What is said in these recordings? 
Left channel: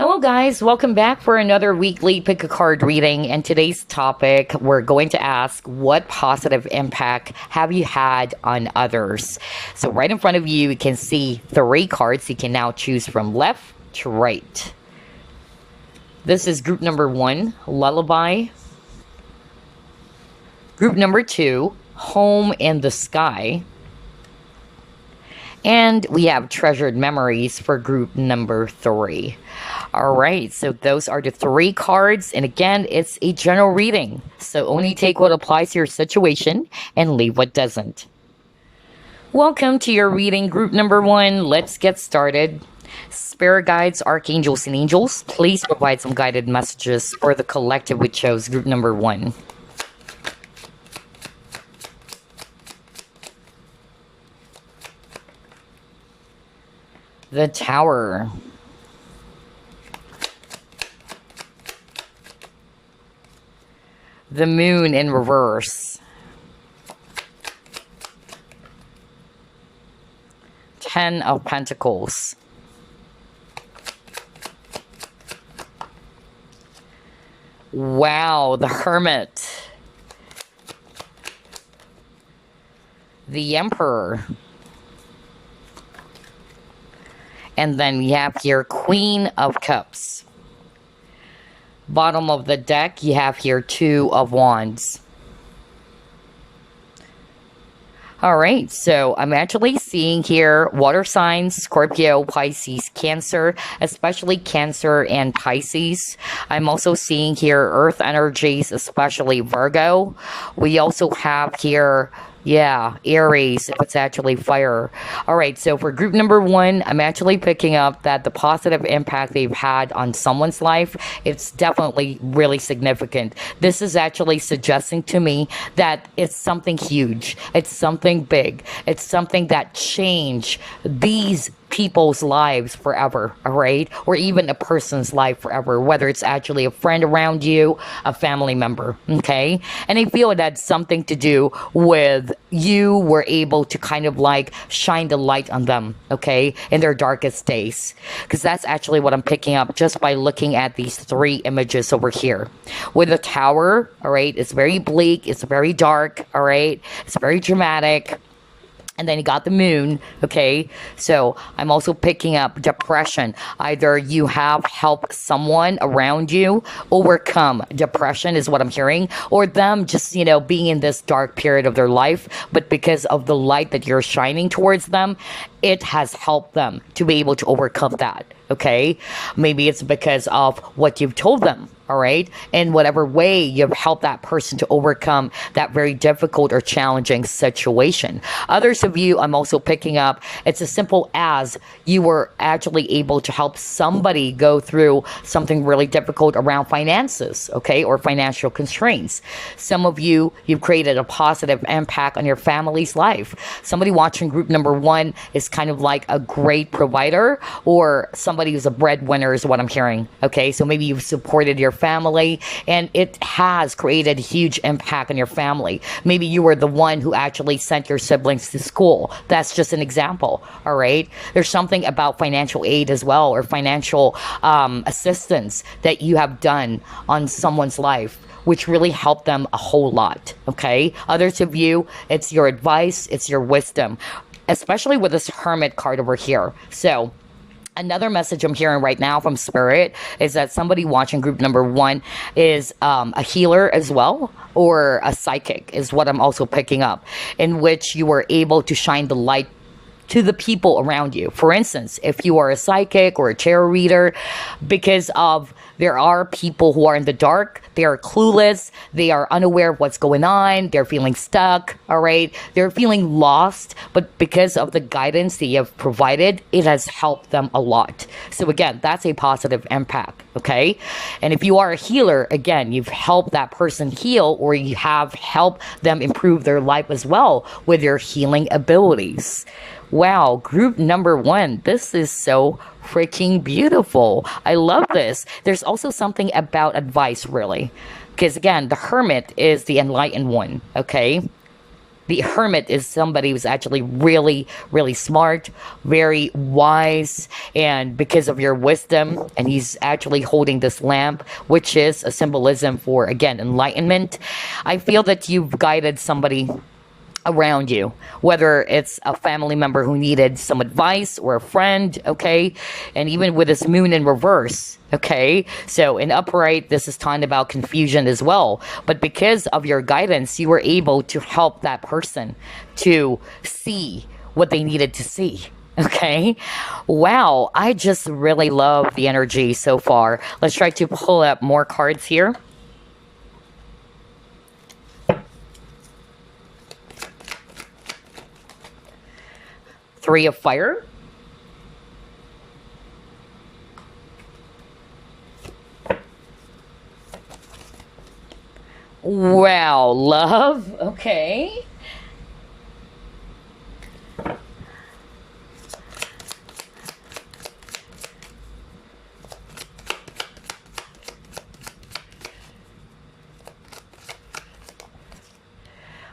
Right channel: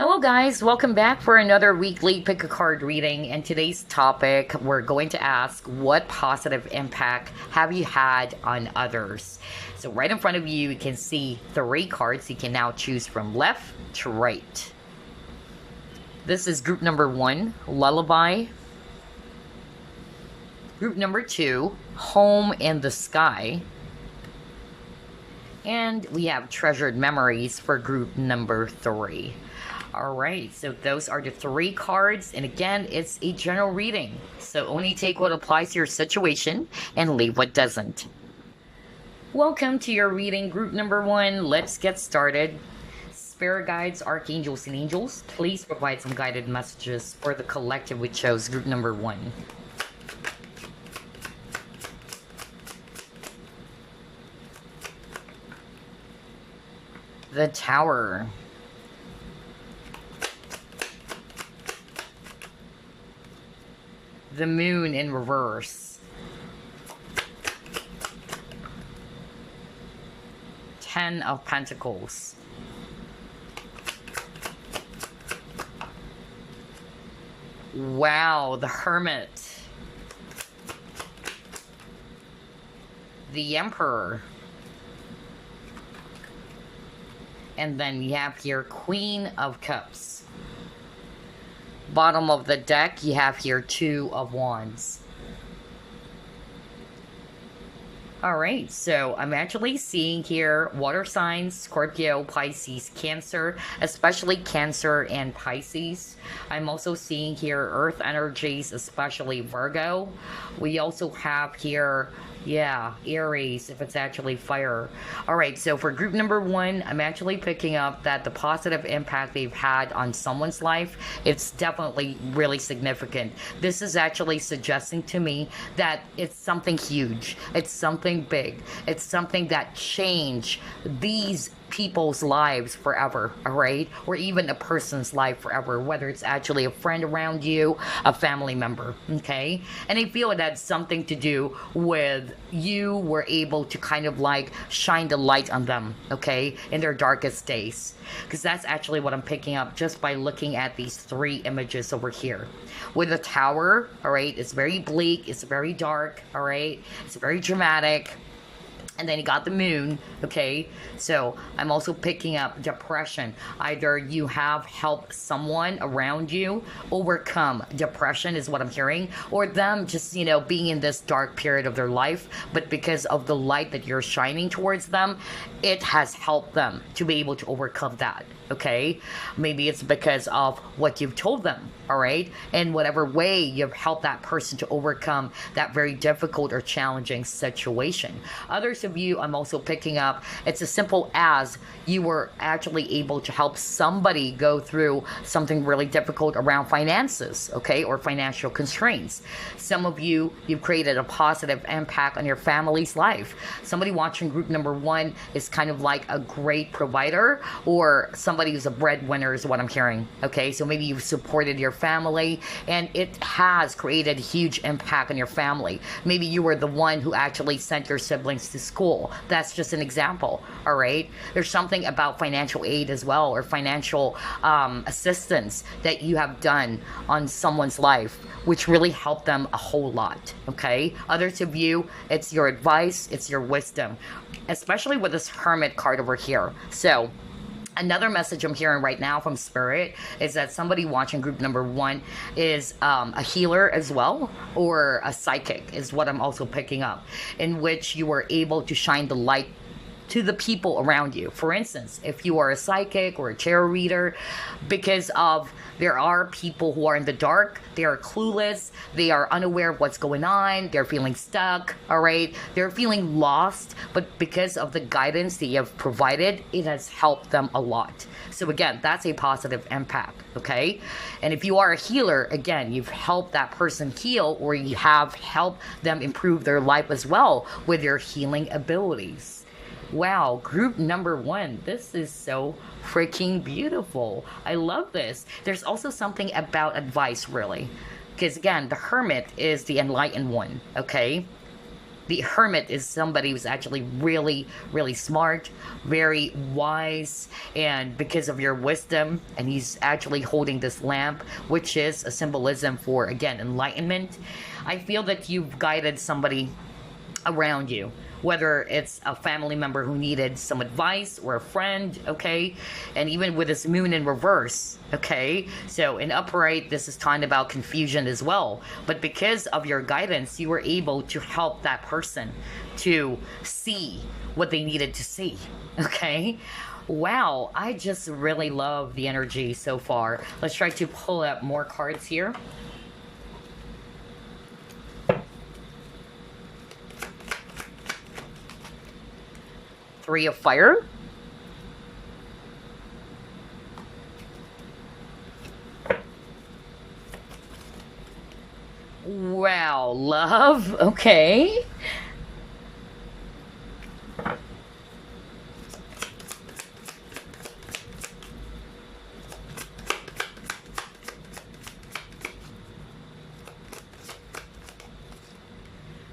Hello, guys. Welcome back for another weekly pick a card reading. And today's topic, we're going to ask what positive impact have you had on others? So, right in front of you, you can see three cards. You can now choose from left to right. This is group number one, Lullaby. Group number two, Home in the Sky. And we have Treasured Memories for group number three. All right, so those are the three cards. And again, it's a general reading. So only take what applies to your situation and leave what doesn't. Welcome to your reading, group number one. Let's get started. Spirit guides, archangels, and angels, please provide some guided messages for the collective we chose, group number one. The Tower. The Moon in reverse. Ten of Pentacles. Wow, the Hermit. The Emperor. And then we have here Queen of Cups. Bottom of the deck, you have here Two of Wands. All right, so I'm actually seeing here water signs, Scorpio, Pisces, Cancer, especially Cancer and Pisces. I'm also seeing here earth energies, especially Virgo. We also have here Aries, if it's actually fire. All right, so for group number one, I'm actually picking up that the positive impact they've had on someone's life, it's definitely really significant. This is actually suggesting to me that it's something huge, it's something big, it's something that changed these people's lives forever, all right? Or even a person's life forever, whether it's actually a friend around you, a family member, okay? And I feel it had something to do with you were able to kind of like shine the light on them, okay, in their darkest days. Because that's actually what I'm picking up just by looking at these three images over here. With the Tower, all right, it's very bleak, it's very dark, all right? It's very dramatic. And then you got the Moon, okay? So I'm also picking up depression. Either you have helped someone around you overcome depression is what I'm hearing, or them just, being in this dark period of their life, but because of the light that you're shining towards them, it has helped them to be able to overcome that, okay? Maybe it's because of what you've told them, all right? In whatever way you've helped that person to overcome that very difficult or challenging situation. Others of you, I'm also picking up, it's as simple as you were actually able to help somebody go through something really difficult around finances, okay? Or financial constraints. Some of you, you've created a positive impact on your family's life. Somebody watching group number one is kind of like a great provider, or somebody who's a breadwinner is what I'm hearing, okay? So maybe you've supported your family and it has created a huge impact on your family. Maybe you were the one who actually sent your siblings to school. That's just an example, all right? There's something about financial aid as well, or financial assistance that you have done on someone's life, which really helped them a whole lot, okay? Others of you, it's your advice, it's your wisdom, especially with this Hermit card over here. So another message I'm hearing right now from Spirit is that somebody watching group number one is a healer as well, or a psychic is what I'm also picking up, in which you were able to shine the light to the people around you. For instance, if you are a psychic or a tarot reader, because of there are people who are in the dark, they are clueless, they are unaware of what's going on, they're feeling stuck, all right? They're feeling lost, but because of the guidance that you have provided, it has helped them a lot. So again, that's a positive impact, okay? And if you are a healer, again, you've helped that person heal, or you have helped them improve their life as well with your healing abilities. Wow, group number one, this is so freaking beautiful. I love this. There's also something about advice, really. Because again, the Hermit is the enlightened one, okay? The Hermit is somebody who's actually really, really smart, very wise, and because of your wisdom, and he's actually holding this lamp, which is a symbolism for, again, enlightenment. I feel that you've guided somebody around you, whether it's a family member who needed some advice or a friend, okay? And even with this moon in reverse, okay? So in upright, this is talking about confusion as well. But because of your guidance, you were able to help that person to see what they needed to see. Okay. Wow. I just really love the energy so far. Let's try to pull up more cards here. Three of Fire. Wow, Love. Okay.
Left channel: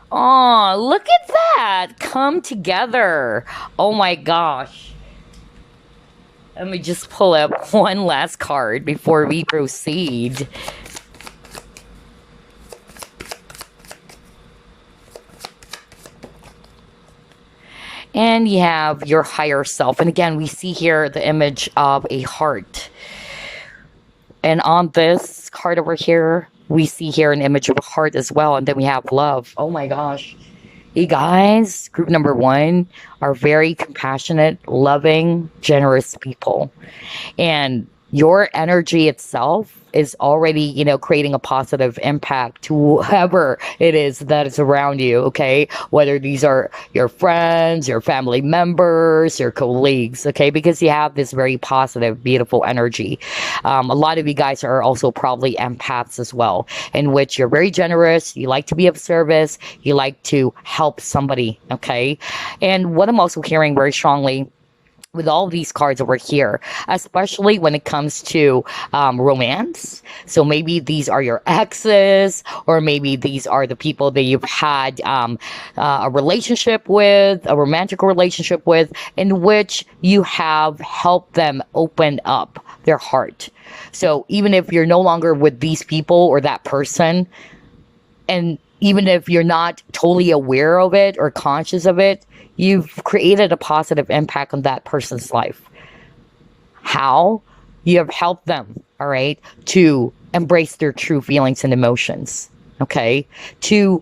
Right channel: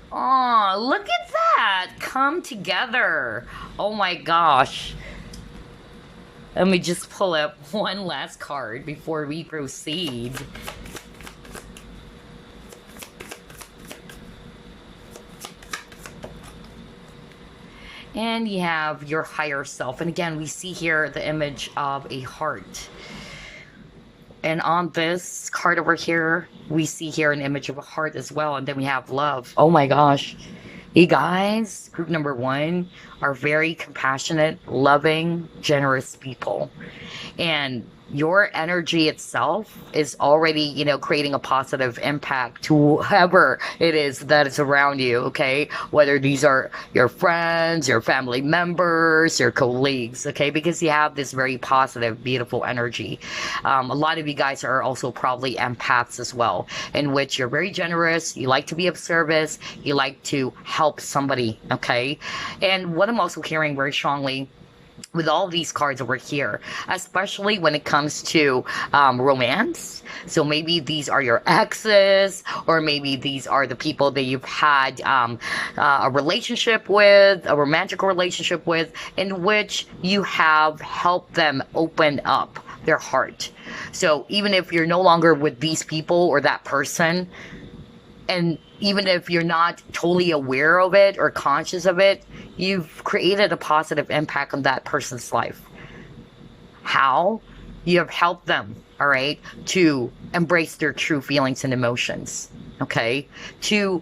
Oh, look at that. Come together. Oh my gosh. Let me just pull up one last card before we proceed. And you have your higher self. And again, we see here the image of a heart. And on this card over here, we see here an image of a heart as well. And then we have love. Oh my gosh. You guys, group number one, are very compassionate, loving, generous people. And your energy itself is already, creating a positive impact to whoever it is that is around you, okay? Whether these are your friends, your family members, your colleagues, okay? Because you have this very positive, beautiful energy. A lot of you guys are also probably empaths as well, in which you're very generous, you like to be of service, you like to help somebody, okay? And what I'm also hearing very strongly with all these cards over here, especially when it comes to romance. So maybe these are your exes, or maybe these are the people that you've had a relationship with, a romantic relationship with, in which you have helped them open up their heart. So even if you're no longer with these people or that person, and even if you're not totally aware of it or conscious of it, you've created a positive impact on that person's life. How? You have helped them, all right, to embrace their true feelings and emotions, okay? To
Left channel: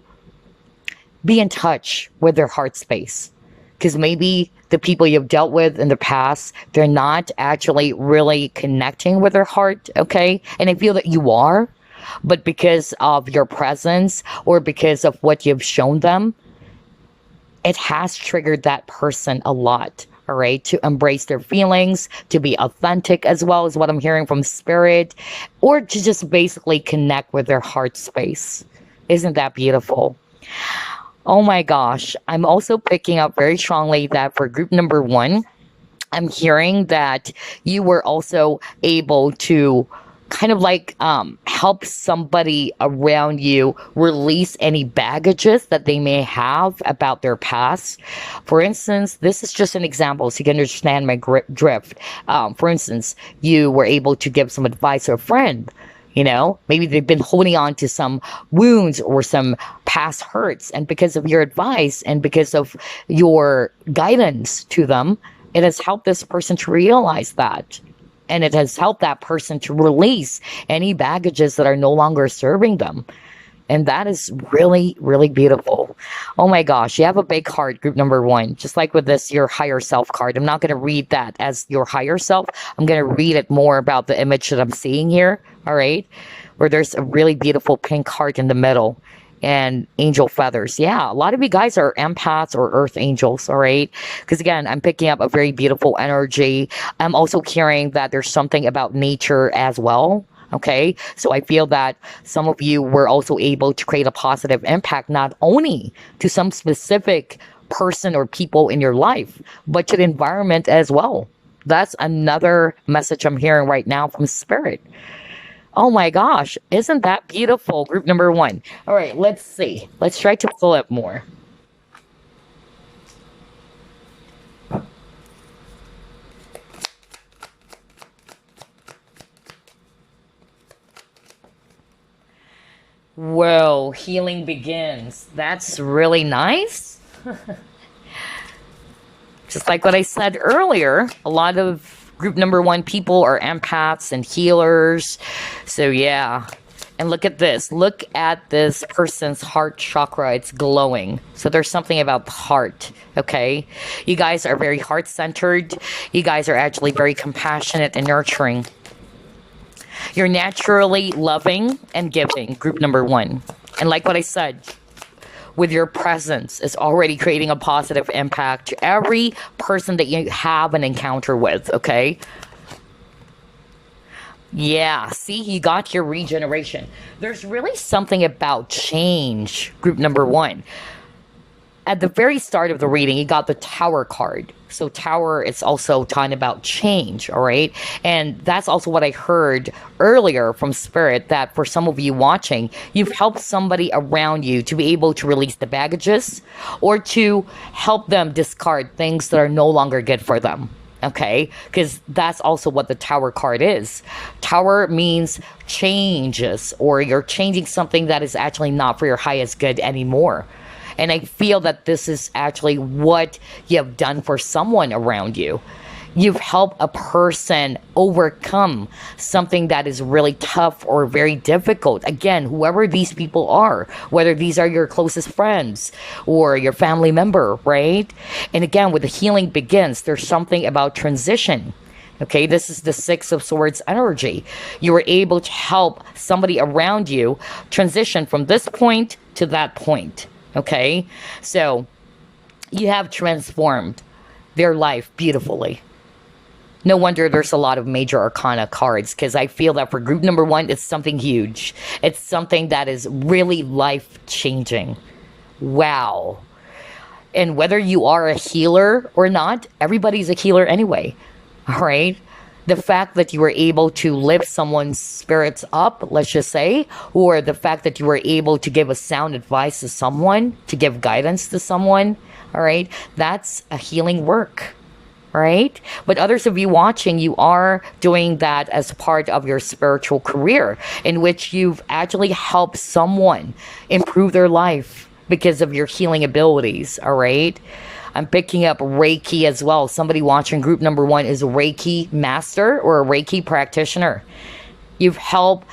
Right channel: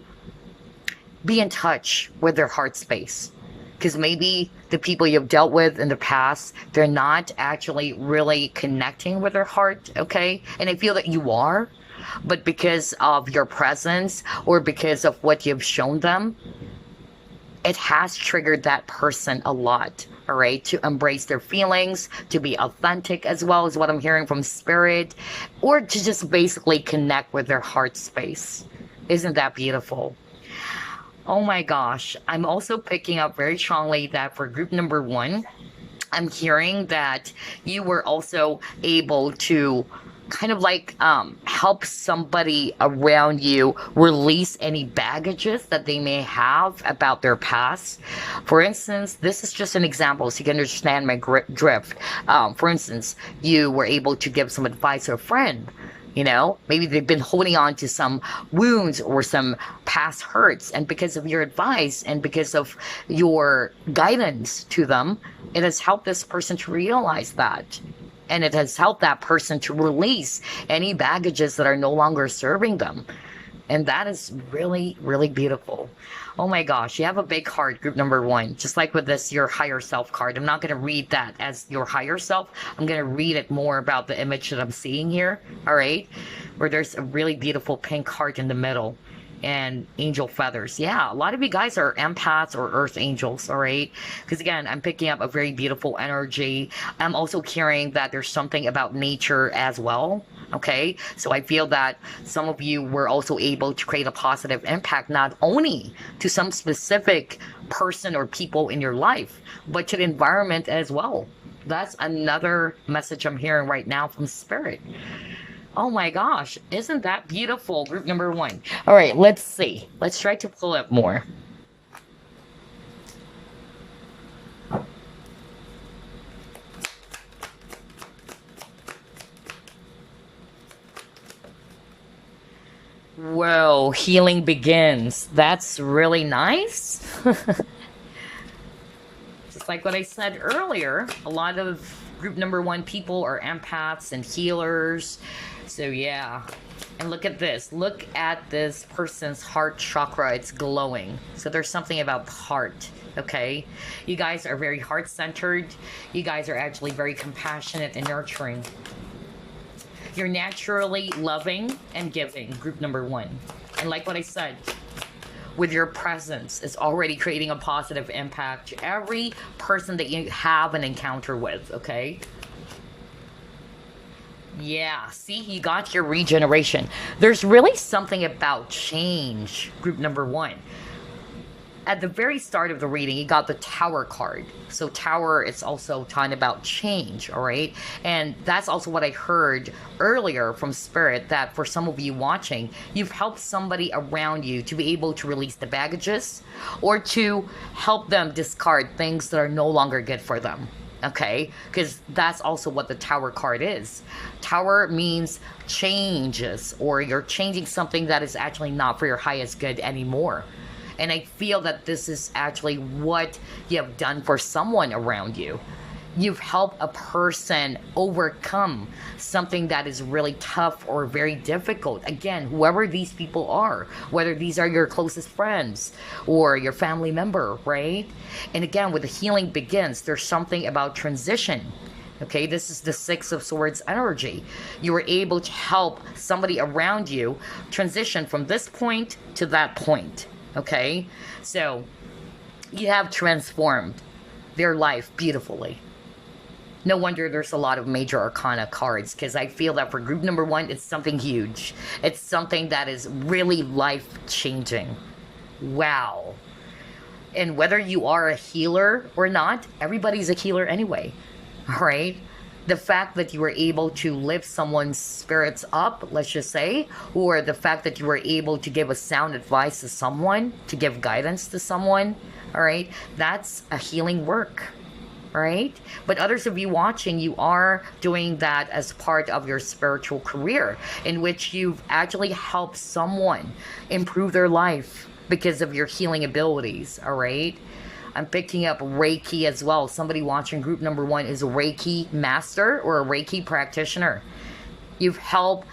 be in touch with their heart space. Because maybe the people you've dealt with in the past, they're not actually really connecting with their heart, okay? And I feel that you are, but because of your presence or because of what you've shown them, it has triggered that person a lot, all right, to embrace their feelings, to be authentic as well as what I'm hearing from spirit, or to just basically connect with their heart space. Isn't that beautiful? Oh my gosh. I'm also picking up very strongly that for group number one, I'm hearing that you were also able to kind of like help somebody around you release any baggages that they may have about their past. For instance, this is just an example so you can understand my drift. For instance, you were able to give some advice to a friend. Maybe they've been holding on to some wounds or some past hurts, and because of your advice and because of your guidance to them, it has helped this person to realize that. And it has helped that person to release any baggages that are no longer serving them. And that is really, really beautiful. Oh my gosh, you have a big heart, group number one. Just like with this, your higher self card. I'm not going to read that as your higher self. I'm going to read it more about the image that I'm seeing here. All right. Where there's a really beautiful pink heart in the middle. And angel feathers. Yeah, a lot of you guys are empaths or earth angels, all right? Because again, I'm picking up a very beautiful energy. I'm also hearing that there's something about nature as well, okay? So I feel that some of you were also able to create a positive impact, not only to some specific person or people in your life, but to the environment as well. That's another message I'm hearing right now from spirit. Oh my gosh, isn't that beautiful? Group number one. All right, let's see. Let's try to pull up more. Whoa, healing begins. That's really nice. Just like what I said earlier, a lot of group number one people are empaths and healers. So, yeah. And look at this. Look at this person's heart chakra. It's glowing. So, there's something about the heart. Okay. You guys are very heart centered. You guys are actually very compassionate and nurturing. You're naturally loving and giving, group number one. And like what I said, with your presence is already creating a positive impact to every person that you have an encounter with, okay? Yeah, see, you got your regeneration. There's really something about change, group number one. At the very start of the reading, you got the Tower card. So Tower, it's also talking about change, all right? And that's also what I heard earlier from Spirit, that for some of you watching, you've helped somebody around you to be able to release the baggages or to help them discard things that are no longer good for them, okay? Because that's also what the Tower card is. Tower means changes, or you're changing something that is actually not for your highest good anymore. And I feel that this is actually what you have done for someone around you. You've helped a person overcome something that is really tough or very difficult. Again, whoever these people are, whether these are your closest friends or your family member, right? And again, with the healing begins, there's something about transition. Okay, this is the Six of Swords energy. You were able to help somebody around you transition from this point to that point. Okay, so you have transformed their life beautifully. No wonder there's a lot of major arcana cards, because I feel that for group number one, it's something huge. It's something that is really life-changing. Wow. And whether you are a healer or not, everybody's a healer anyway. All right? The fact that you were able to lift someone's spirits up, let's just say, or the fact that you were able to give a sound advice to someone, to give guidance to someone, all right, that's a healing work, right? But others of you watching, you are doing that as part of your spiritual career, in which you've actually helped someone improve their life because of your healing abilities, all right? I'm picking up Reiki as well. Somebody watching group number one is a Reiki master or a Reiki practitioner. You've helped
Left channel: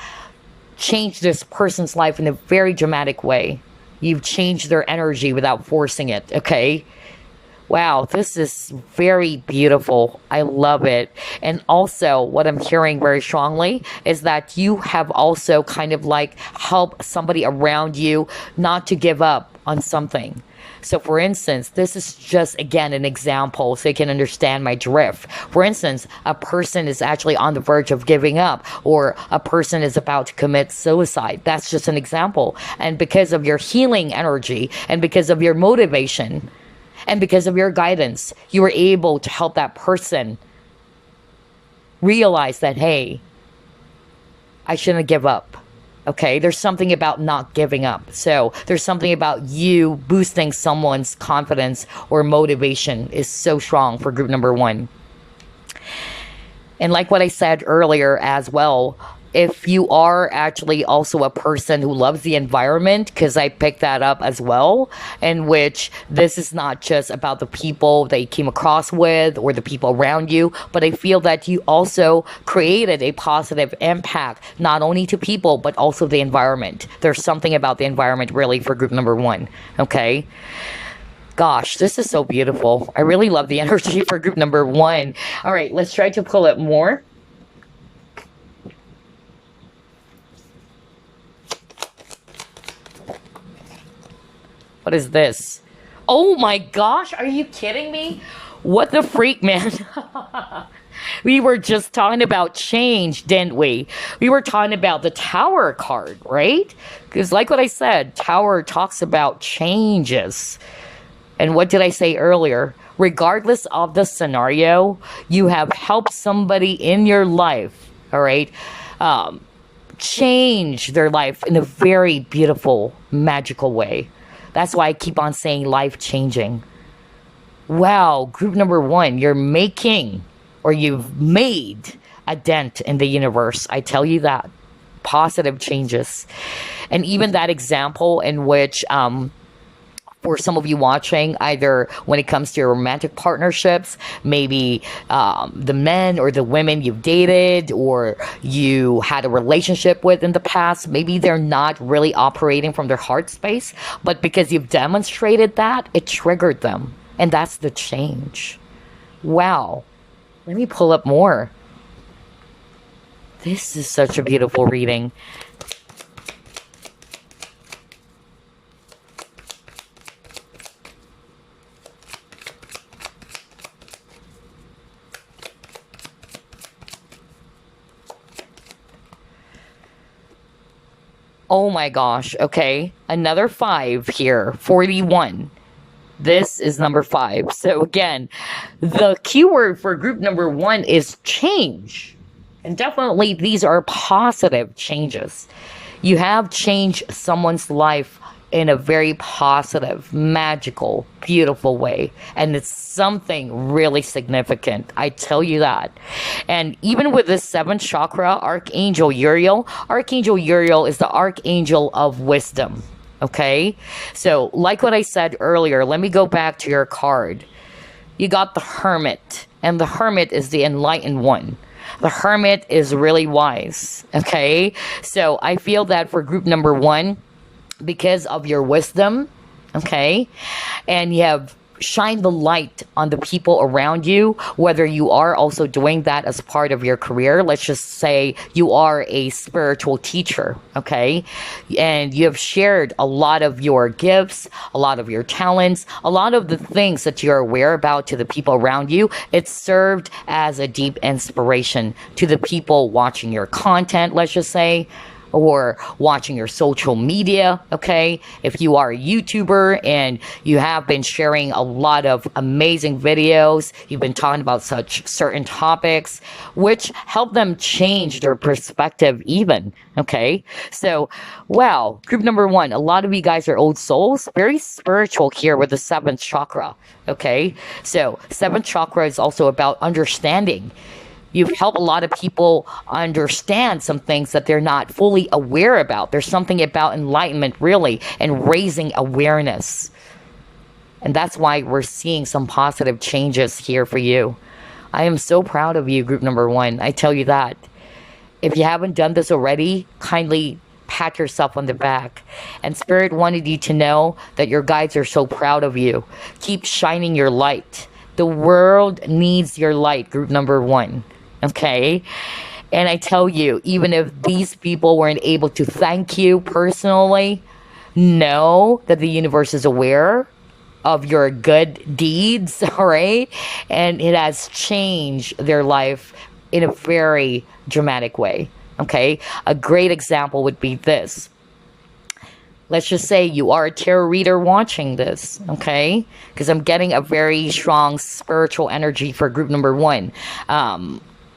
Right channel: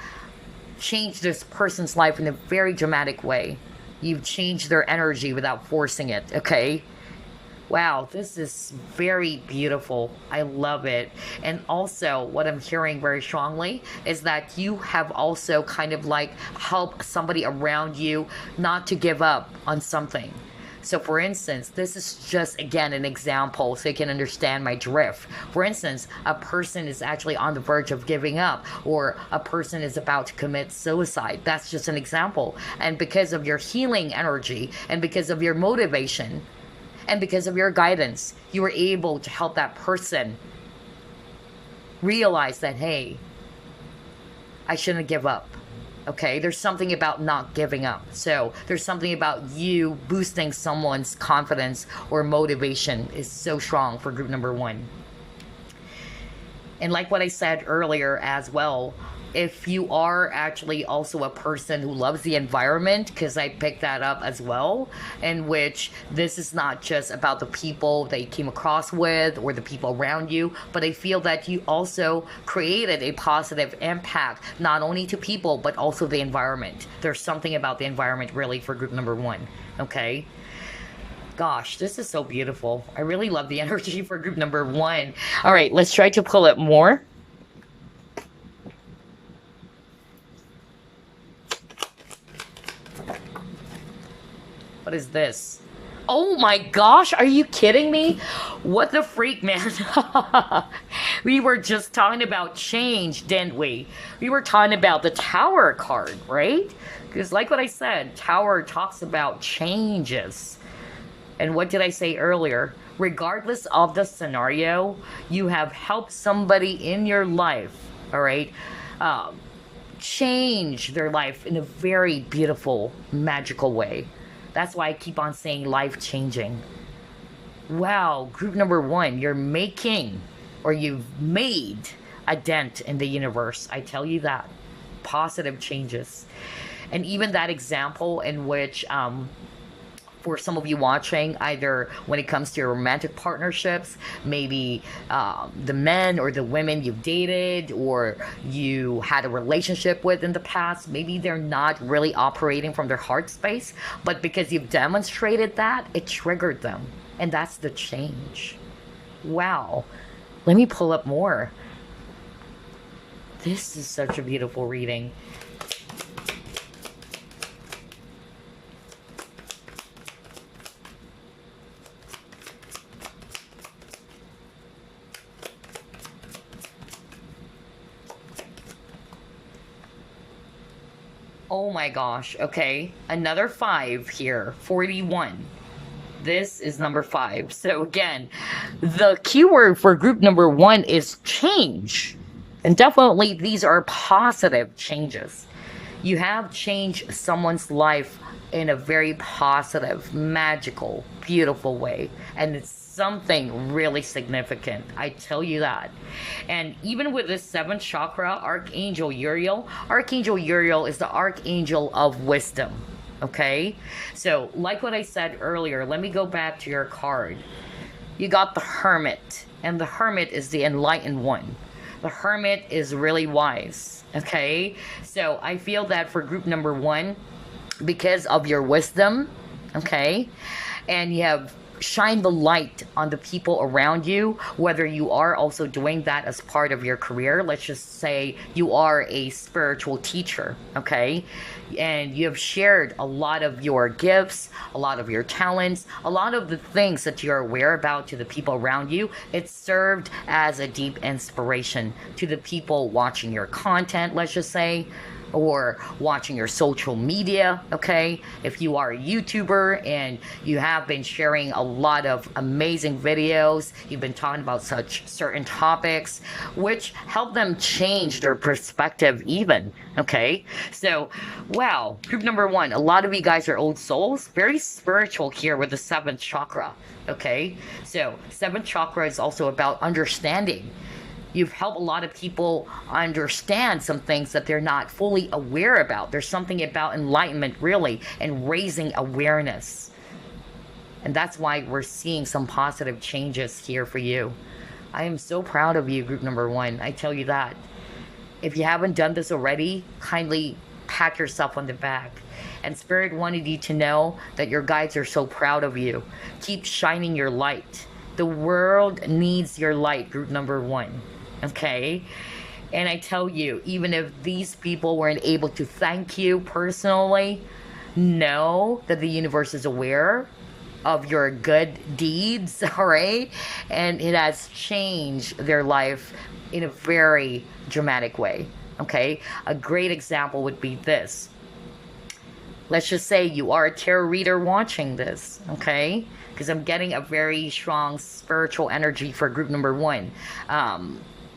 change this person's life in a very dramatic way. You've changed their energy without forcing it, okay? Wow, this is very beautiful. I love it. And also, what I'm hearing very strongly is that you have also kind of like helped somebody around you not to give up on something. So for instance, this is just, again, an example so you can understand my drift. For instance, a person is actually on the verge of giving up, or a person is about to commit suicide. That's just an example. And because of your healing energy, and because of your motivation, and because of your guidance, you were able to help that person realize that, hey, I shouldn't give up. Okay, there's something about not giving up. So there's something about you boosting someone's confidence or motivation is so strong for group number one. And like what I said earlier as well, if you are actually also a person who loves the environment, because I picked that up as well, in which this is not just about the people that you came across with or the people around you, but I feel that you also created a positive impact, not only to people, but also the environment. There's something about the environment really for group number one, okay? Gosh, this is so beautiful. I really love the energy for group number one. All right, let's try to pull it more. What is this? Oh my gosh, are you kidding me? What the freak, man? We were just talking about change, didn't we? We were talking about the Tower card, right? Because like what I said, Tower talks about changes. And what did I say earlier? Regardless of the scenario, you have helped somebody in your life, all right? Change their life in a very beautiful, magical way. That's why I keep on saying life-changing. Wow, group number one, you're making, or you've made a dent in the universe. I tell you that. positive changes. And even that example in which, for some of you watching, either when it comes to your romantic partnerships, maybe the men or the women you've dated or you had a relationship with in the past, maybe they're not really operating from their heart space, but because you've demonstrated that, it triggered them. And that's the change. Wow. Let me pull up more. This is such a beautiful reading. Oh my gosh. Okay. Another 5 here. 41. This is number 5. So again, the keyword for group number 1 is change. And definitely these are positive changes. You have changed someone's life in a very positive, magical, beautiful way. And it's something really significant. I tell you that. And even with this 7th chakra, Archangel Uriel is the Archangel of wisdom. Okay? So, like what I said earlier, let me go back to your card. You got the Hermit. And the Hermit is the enlightened one. The Hermit is really wise. Okay? So, I feel that for group number 1, because of your wisdom, okay, and you have shined the light on the people around you, whether you are also doing that as part of your career. Let's just say you are a spiritual teacher, okay, and you have shared a lot of your gifts, a lot of your talents, a lot of the things that you're aware about to the people around you. It served as a deep inspiration to the people watching your content, let's just say, or watching your social media, okay? If you are a YouTuber and you have been sharing a lot of amazing videos, you've been talking about such certain topics, which help them change their perspective even, okay? So, wow, group number 1, a lot of you guys are old souls, very spiritual here with the 7th chakra, okay? So, 7th chakra is also about understanding. You've helped a lot of people understand some things that they're not fully aware about. There's something about enlightenment, really, and raising awareness. And that's why we're seeing some positive changes here for you. I am so proud of you, group number 1. I tell you that. If you haven't done this already, kindly pat yourself on the back. And Spirit wanted you to know that your guides are so proud of you. Keep shining your light. The world needs your light, group number 1. Okay? And I tell you, even if these people weren't able to thank you personally, know that the universe is aware of your good deeds, all right? And it has changed their life in a very dramatic way, okay? A great example would be this. Let's just say you are a tarot reader watching this, okay? Because I'm getting a very strong spiritual energy for group number 1.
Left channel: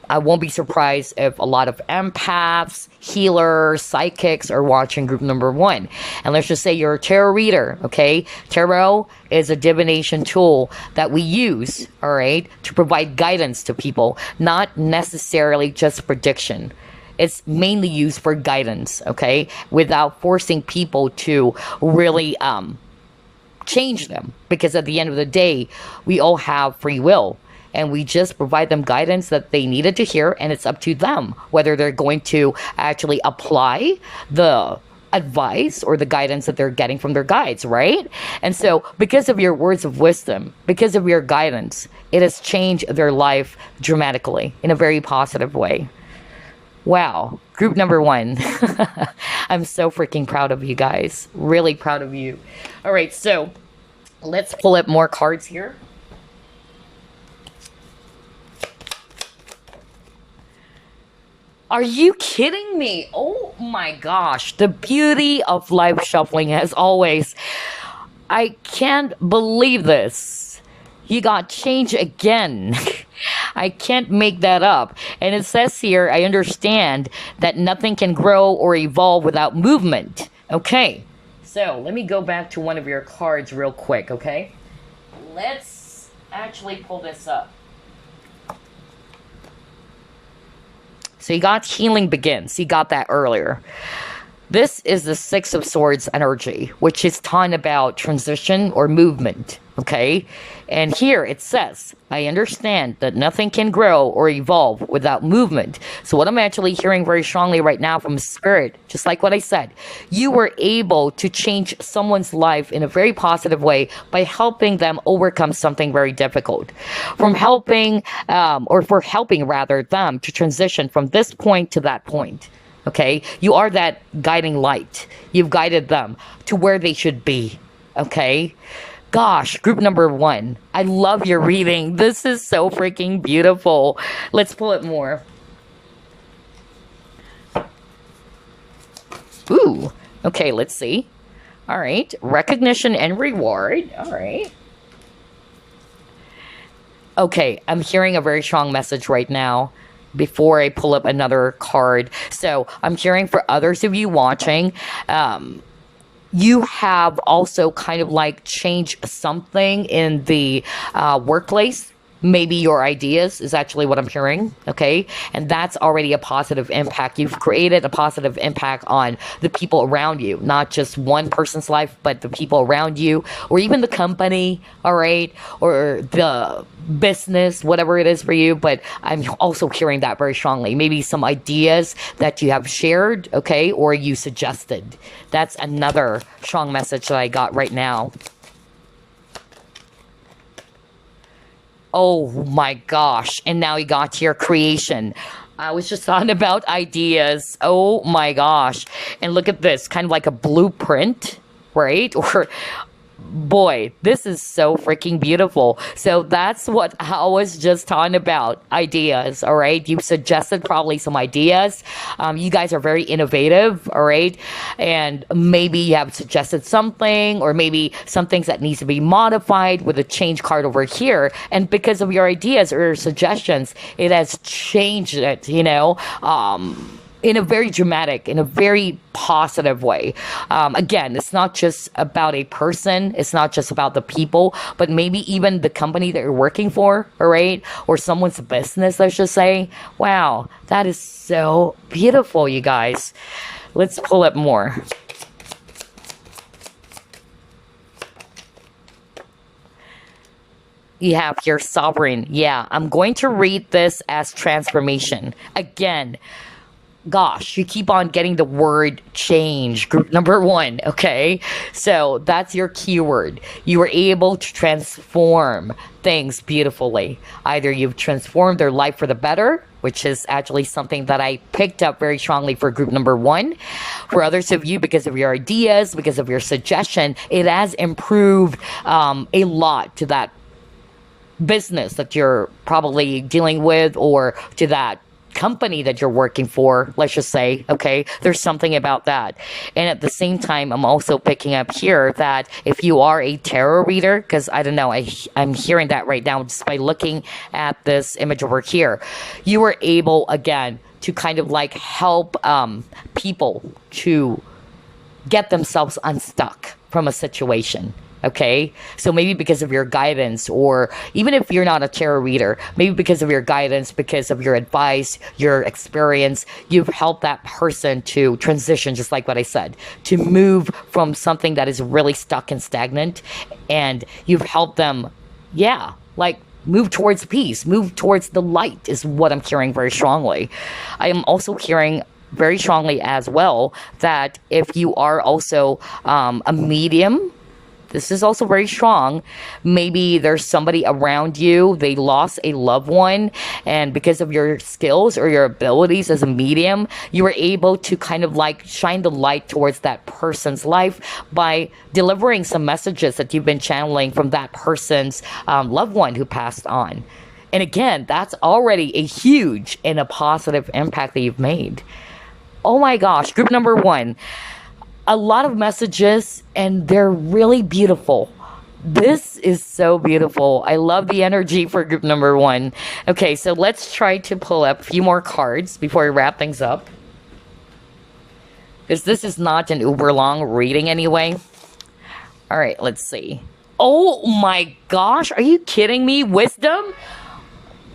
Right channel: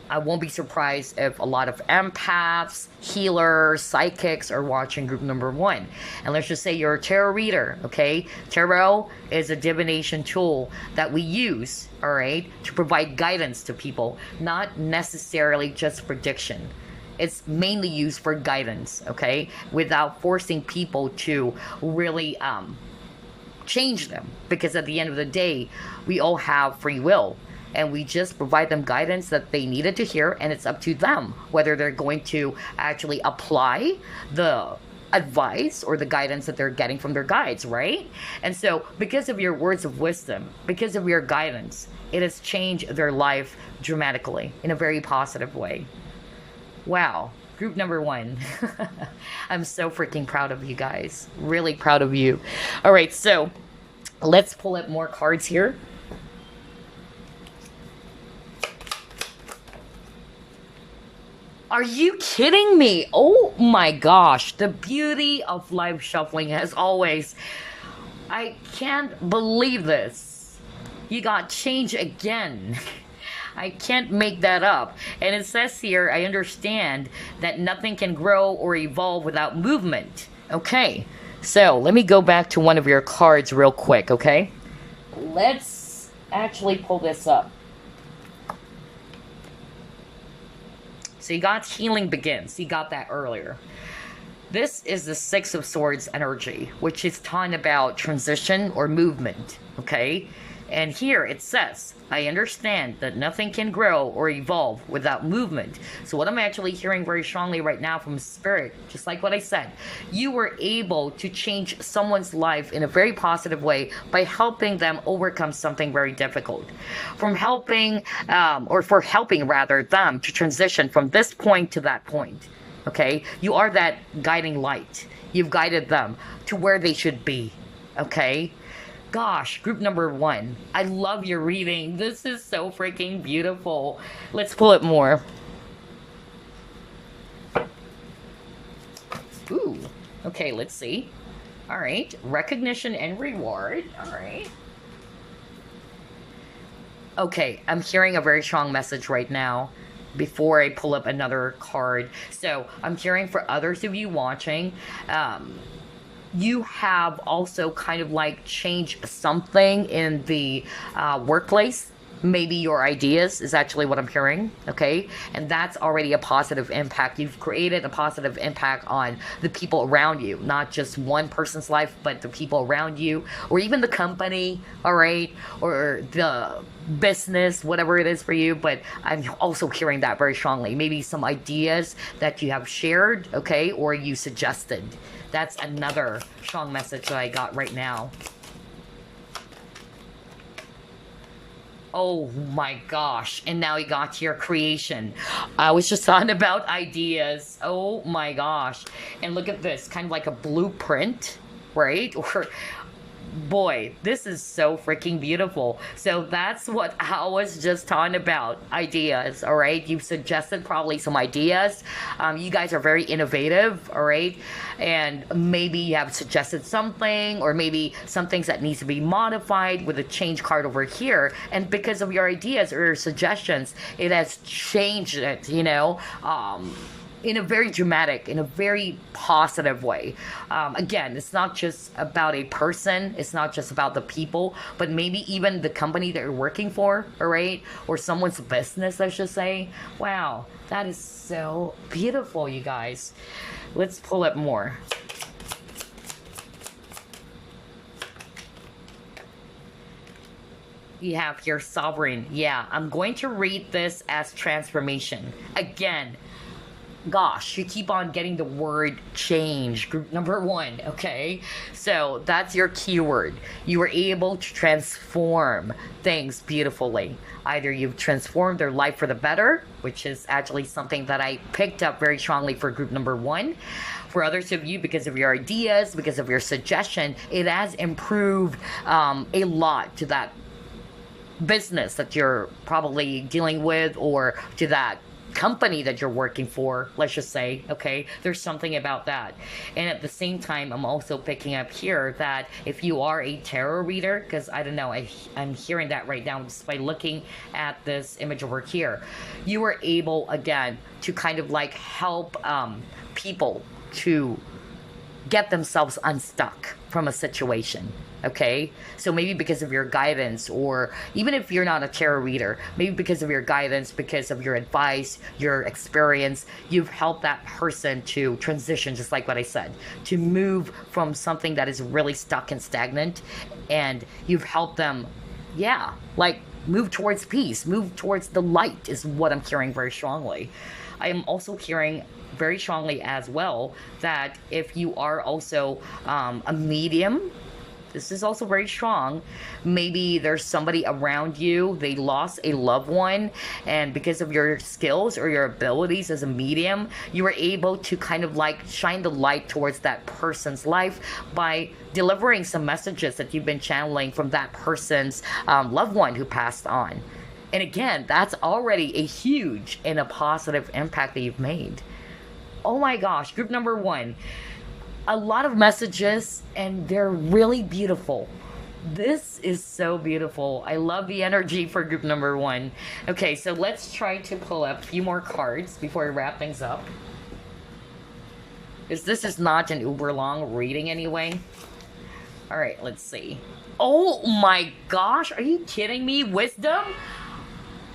I won't be surprised if a lot of empaths, healers, psychics are watching group number 1. And let's just say you're a tarot reader, okay? Tarot is a divination tool that we use, all right, to provide guidance to people, not necessarily just prediction. It's mainly used for guidance, okay, without forcing people to really change them. Because at the end of the day, we all have free will. And we just provide them guidance that they needed to hear, and it's up to them whether they're going to actually apply the advice or the guidance that they're getting from their guides, right? And so, because of your words of wisdom, because of your guidance, it has changed their life dramatically in a very positive way. Wow, group number 1. I'm so freaking proud of you guys. Really proud of you. All right, so let's pull up more cards here. Are you kidding me? Oh my gosh, the beauty of live shuffling as always. I can't believe this. You got change again. I can't make that up. And it says here, I understand that nothing can grow or evolve without movement. Okay, so let me go back to one of your cards real quick, okay? Let's actually pull this up. So you got healing begins. You got that earlier. This is the Six of Swords energy, which is talking about transition or movement, okay? And here it says, I understand that nothing can grow or evolve without movement. So what I'm actually hearing very strongly right now from Spirit, just like what I said, you were able to change someone's life in a very positive way by helping them overcome something very difficult. From helping, or for helping rather, them to transition from this point to that point. Okay? You are that guiding light. You've guided them to where they should be. Okay? Gosh, group number 1. I love your reading. This is so freaking beautiful. Let's pull it more. Ooh. Okay, let's see. All right. Recognition and reward. All right. Okay, I'm hearing a very strong message right now before I pull up another card. So I'm hearing for others of you watching, you have also kind of like changed something in the workplace. Maybe your ideas is actually what I'm hearing, okay? And that's already a positive impact. You've created a positive impact on the people around you, not just one person's life, but the people around you, or even the company, all right? Or the business, whatever it is for you. But I'm also hearing that very strongly. Maybe some ideas that you have shared, okay? Or you suggested. That's another strong message that I got right now. Oh my gosh. And now you got to your creation. I was just talking about ideas. Oh my gosh. And look at this, kind of like a blueprint, right? Or boy, this is so freaking beautiful. So that's what I was just talking about, ideas, all right? You suggested probably some ideas. You guys are very innovative, all right? And maybe you have suggested something, or maybe some things that needs to be modified with a change card over here. And because of your ideas or your suggestions, it has changed it, you know? In a very dramatic, in a very positive way. Again, it's not just about a person, it's not just about the people, but maybe even the company that you're working for, all right? Or someone's business, let's just say. Wow, that is so beautiful, you guys. Let's pull up more. You have your sovereign. Yeah, I'm going to read this as transformation. Again, gosh, you keep on getting the word change, group number 1, okay? So that's your keyword. You were able to transform things beautifully. Either you've transformed their life for the better, which is actually something that I picked up very strongly for group number 1. For others of you, because of your ideas, because of your suggestion, it has improved a lot to that business that you're probably dealing with, or to that company that you're working for, let's just say, okay? There's something about that. And at the same time, I'm also picking up here that if you are a tarot reader, because I don't know, I'm hearing that right now just by looking at this image over here, you were able, again, to kind of like help people to get themselves unstuck from a situation. Okay, so maybe because of your guidance, or even if you're not a tarot reader, maybe because of your guidance, because of your advice, your experience, you've helped that person to transition, just like what I said, to move from something that is really stuck and stagnant, and you've helped them, yeah, like move towards peace, move towards the light is what I'm hearing very strongly. I am also hearing very strongly as well that if you are also a medium, this is also very strong. Maybe there's somebody around you, they lost a loved one, and because of your skills or your abilities as a medium, you were able to kind of like shine the light towards that person's life by delivering some messages that you've been channeling from that person's loved one who passed on. And again, that's already a huge and a positive impact that you've made. Oh my gosh, group number 1. A lot of messages, and they're really beautiful. This is so beautiful. I love the energy for group number 1. Okay, so let's try to pull up a few more cards before we wrap things up, because this is not an uber long reading anyway. All right, let's see. Oh my gosh, are you kidding me? Wisdom?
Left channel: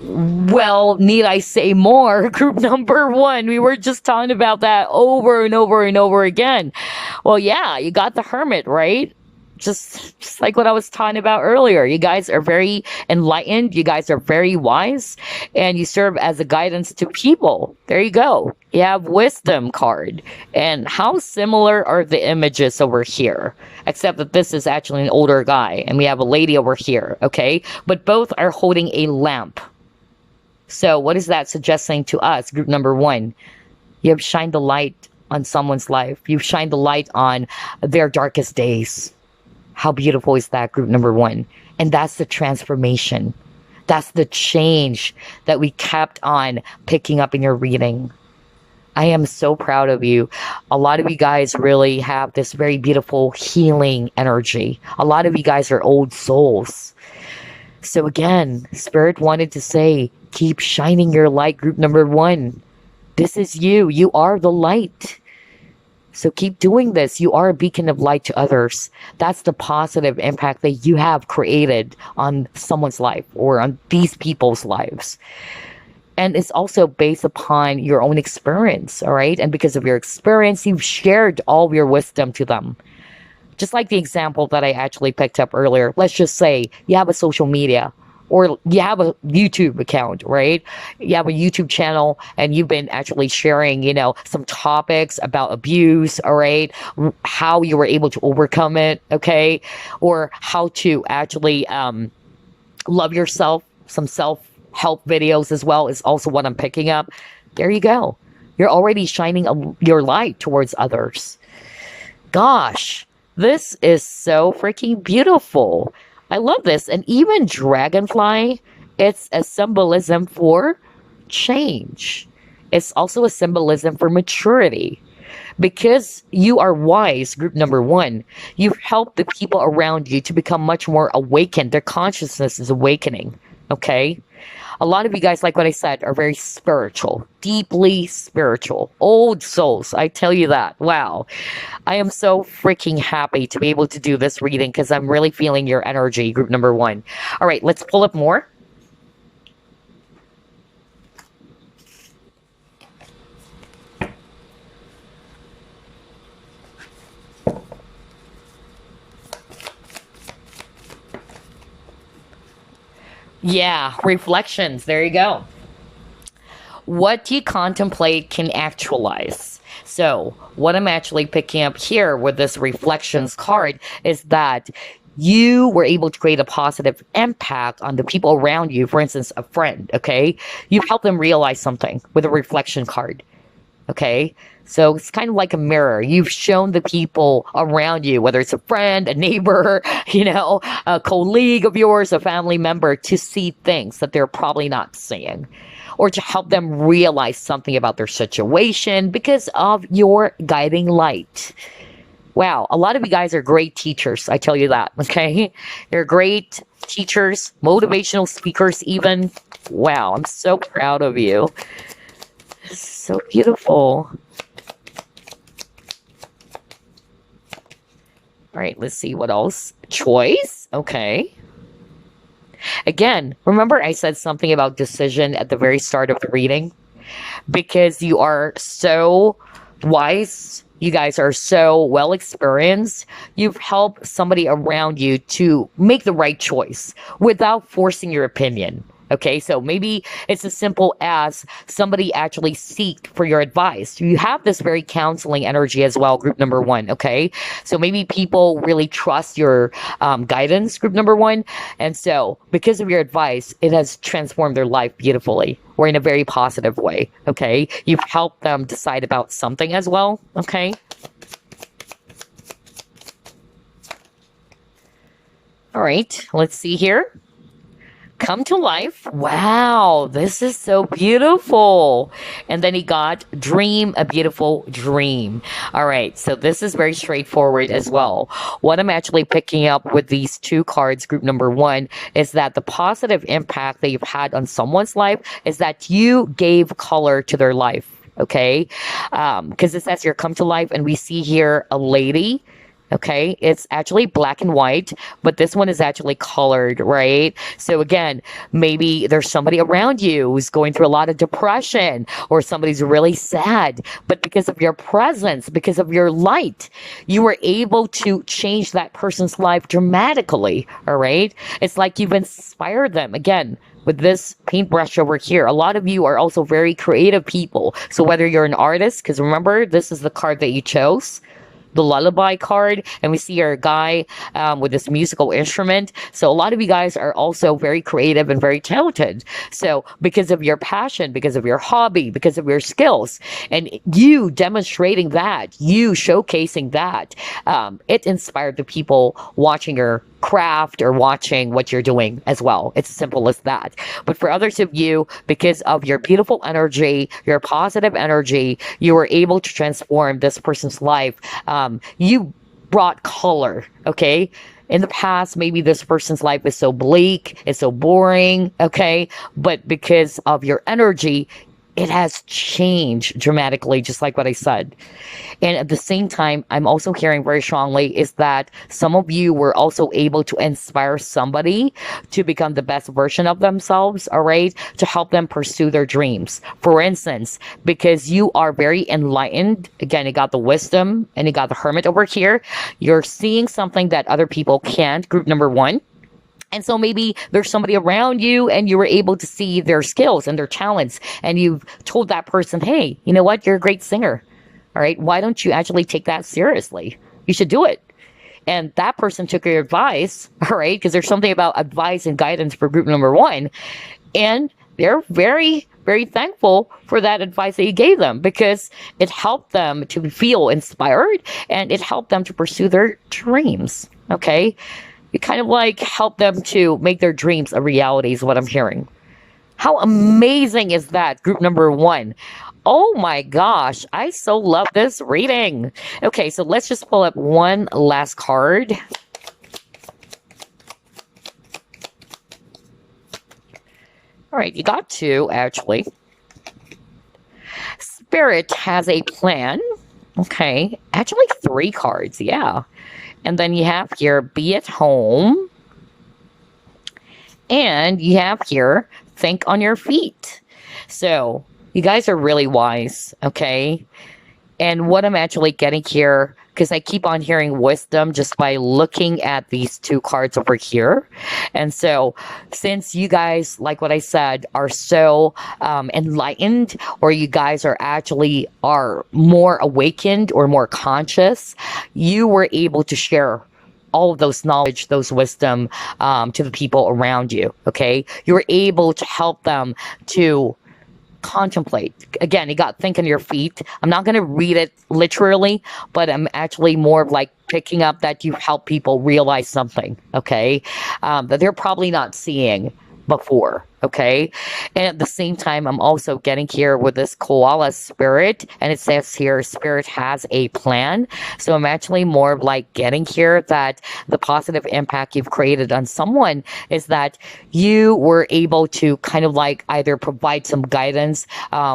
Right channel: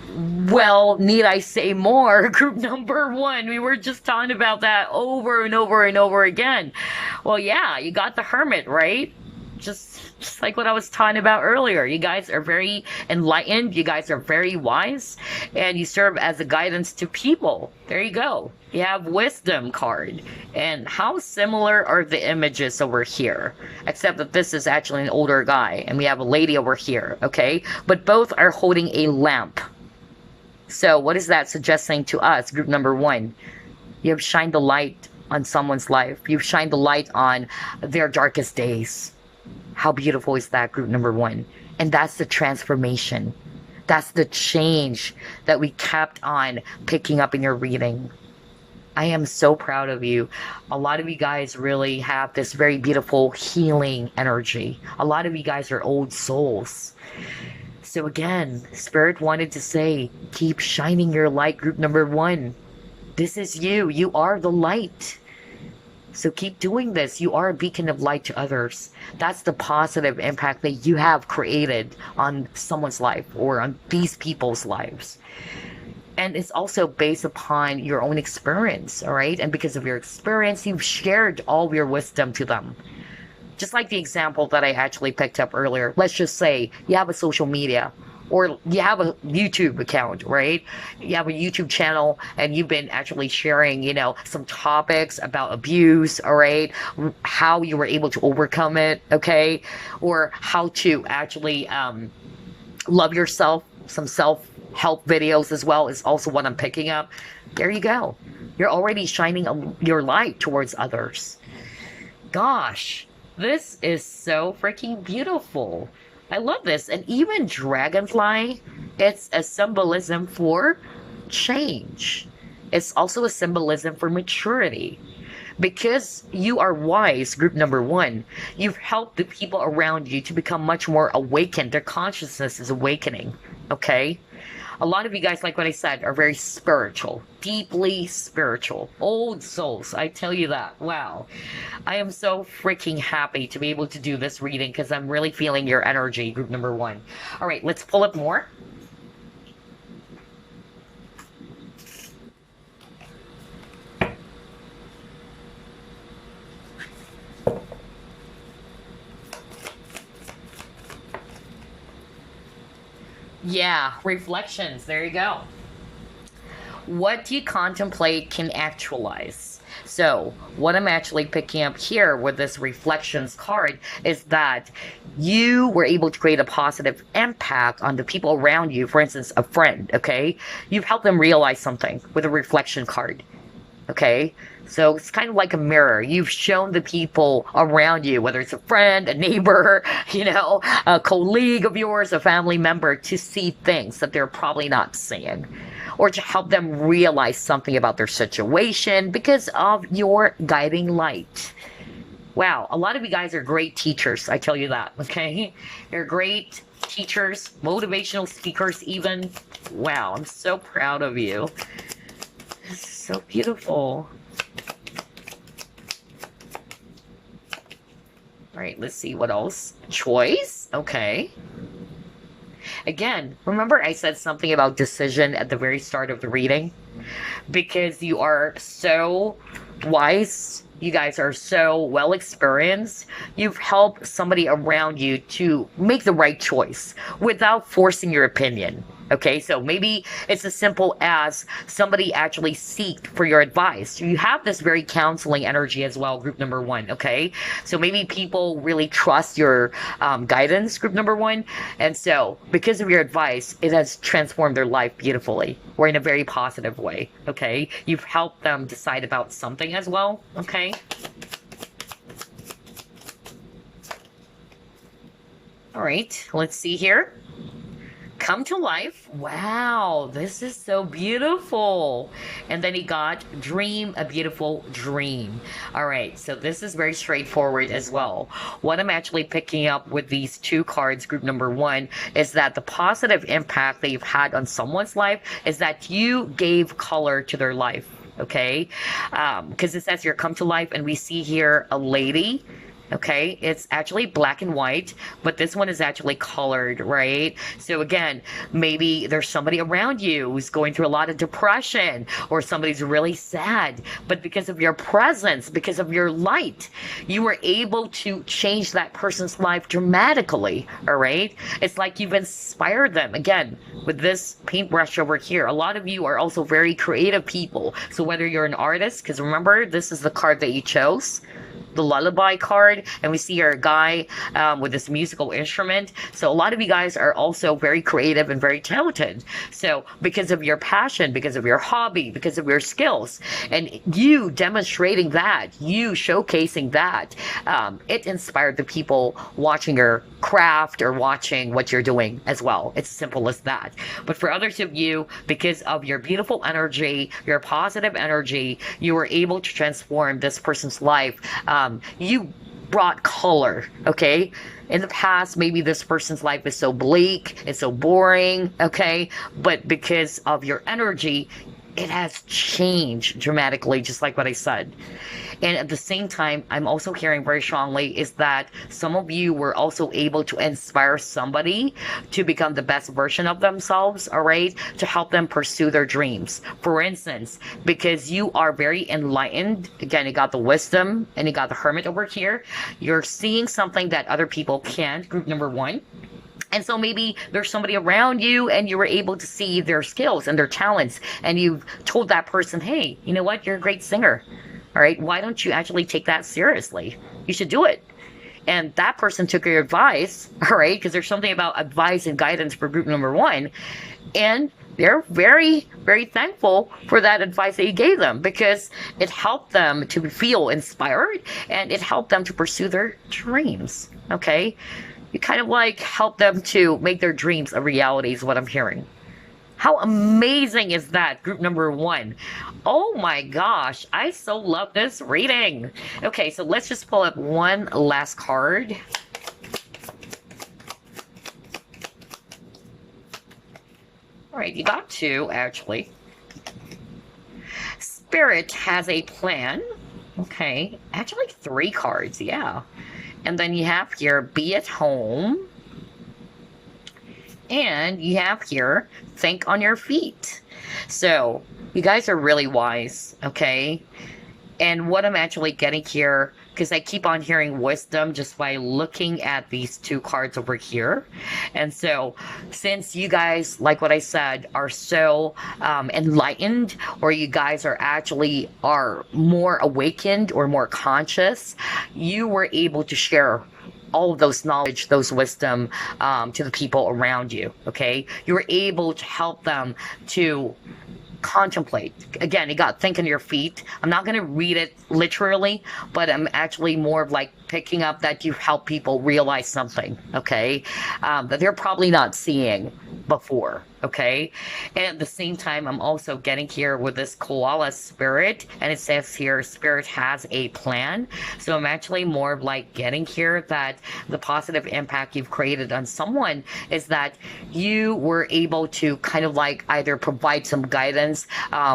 Well, need I say more? Group number one. We were just talking about that over and over and over again. Well, yeah, you got the Hermit, right? Just like what I was talking about earlier. You guys are very enlightened. You guys are very wise. And you serve as a guidance to people. There you go. You have Wisdom card. And how similar are the images over here? Except that this is actually an older guy. And we have a lady over here, okay? But both are holding a lamp. So what is that suggesting to us? Group number one, you have shined the light on someone's life. You've shined the light on their darkest days. How beautiful is that, group number one? And that's the transformation. That's the change that we kept on picking up in your reading. I am so proud of you. A lot of you guys really have this very beautiful healing energy. A lot of you guys are old souls. So again, Spirit wanted to say, keep shining your light, group number one. This is you. You are the light. So keep doing this. You are a beacon of light to others. That's the positive impact that you have created on someone's life or on these people's lives. And it's also based upon your own experience, all right? And because of your experience, you've shared all of your wisdom to them. Just like the example that I actually picked up earlier. Let's just say you have a social media or you have a YouTube account, right? You have a YouTube channel and you've been actually sharing, some topics about abuse, all right? How you were able to overcome it, okay? Or how to actually love yourself. Some self-help videos as well is also what I'm picking up. There you go. You're already shining your light towards others. Gosh. This is so freaking beautiful. I love this. And even dragonfly, it's a symbolism for change. It's also a symbolism for maturity. Because you are wise, group number one, you've helped the people around you to become much more awakened. Their consciousness is awakening, okay? A lot of you guys, like what I said, are very spiritual, deeply spiritual, old souls. I tell you that. Wow. I am so freaking happy to be able to do this reading because I'm really feeling your energy, group number one. All right, let's pull up more. Yeah, reflections. There you go. What you contemplate can actualize. So what I'm actually picking up here with this reflections card is that you were able to create a positive impact on the people around you. For instance, a friend, okay? You help them realize something with a reflection card, okay? So it's kind of like a mirror. You've shown the people around you, whether it's a friend, a neighbor, a colleague of yours, a family member, to see things that they're probably not seeing, or to help them realize something about their situation because of your guiding light. Wow, a lot of you guys are great teachers, I tell you that, okay? You're great teachers, motivational speakers even. Wow, I'm so proud of you. This is so beautiful. All right, let's see what else. Choice, okay. Again, remember I said something about decision at the very start of the reading? Because you are so wise, you guys are so well experienced, you've helped somebody around you to make the right choice without forcing your opinion. Okay, so maybe it's as simple as somebody actually seeked for your advice. You have this very counseling energy as well, group number one, okay? So maybe people really trust your guidance, group number one. And so because of your advice, it has transformed their life beautifully or in a very positive way, okay? You've helped them decide about something as well, okay? All right, let's see here. Come to life. Wow, this is so beautiful. And then he got dream a beautiful dream. All right, so this is very straightforward as well. What I'm actually picking up with these two cards, group number one, is that the positive impact that you've had on someone's life is that you gave color to their life, okay? Because it says here, come to life, and we see here a lady Okay, it's actually black and white, but this one is actually colored, right? So again, maybe there's somebody around you who's going through a lot of depression, or somebody's really sad, but because of your presence, because of your light, you were able to change that person's life dramatically. All right, it's like you've inspired them. Again, with this paintbrush over here, a lot of you are also very creative people. So whether you're an artist, because remember, this is the card that you chose, the lullaby card, and we see our guy with this musical instrument. So a lot of you guys are also very creative and very talented. So because of your passion, because of your hobby, because of your skills, and you demonstrating that, you showcasing that, it inspired the people watching your craft or watching what you're doing as well. It's as simple as that. But for others of you, because of your beautiful energy, your positive energy, you were able to transform this person's life. You brought color, okay? In the past, maybe this person's life is so bleak, it's so boring, okay? But because of your energy, it has changed dramatically, just like what I said. And at the same time, I'm also hearing very strongly is that some of you were also able to inspire somebody to become the best version of themselves, all right, to help them pursue their dreams. For instance, because you are very enlightened, again, you got the wisdom and you got the hermit over here, you're seeing something that other people can't, group number one. And so maybe there's somebody around you and you were able to see their skills and their talents, and you've told that person, hey, you know what, you're a great singer. All right, why don't you actually take that seriously? You should do it. And that person took your advice, all right, because there's something about advice and guidance for group number one. And they're very, very thankful for that advice that you gave them, because it helped them to feel inspired and it helped them to pursue their dreams, okay? You kind of like help them to make their dreams a reality is what I'm hearing. How amazing is that, group number one? Oh my gosh, I so love this reading. Okay, so let's just pull up one last card. All right, you got two, actually. Spirit has a plan. Okay, actually three cards, yeah. And then you have here, be at home. And you have here, think on your feet. So you guys are really wise, okay? And what I'm actually getting here, because I keep on hearing wisdom just by looking at these two cards over here. And so since you guys, like what I said, are so enlightened, or you guys are more awakened or more conscious, you were able to share all of those knowledge, those wisdom to the people around you, okay? You were able to help them to contemplate. Again, you got think on your feet. I'm not going to read it literally, but I'm actually more of like picking up that you help people realize something, okay, that they're probably not seeing before, okay? And at the same time, I'm also getting here with this koala spirit, and it says here, spirit has a plan. So I'm actually more of like getting here that the positive impact you've created on someone is that you were able to kind of like either provide some guidance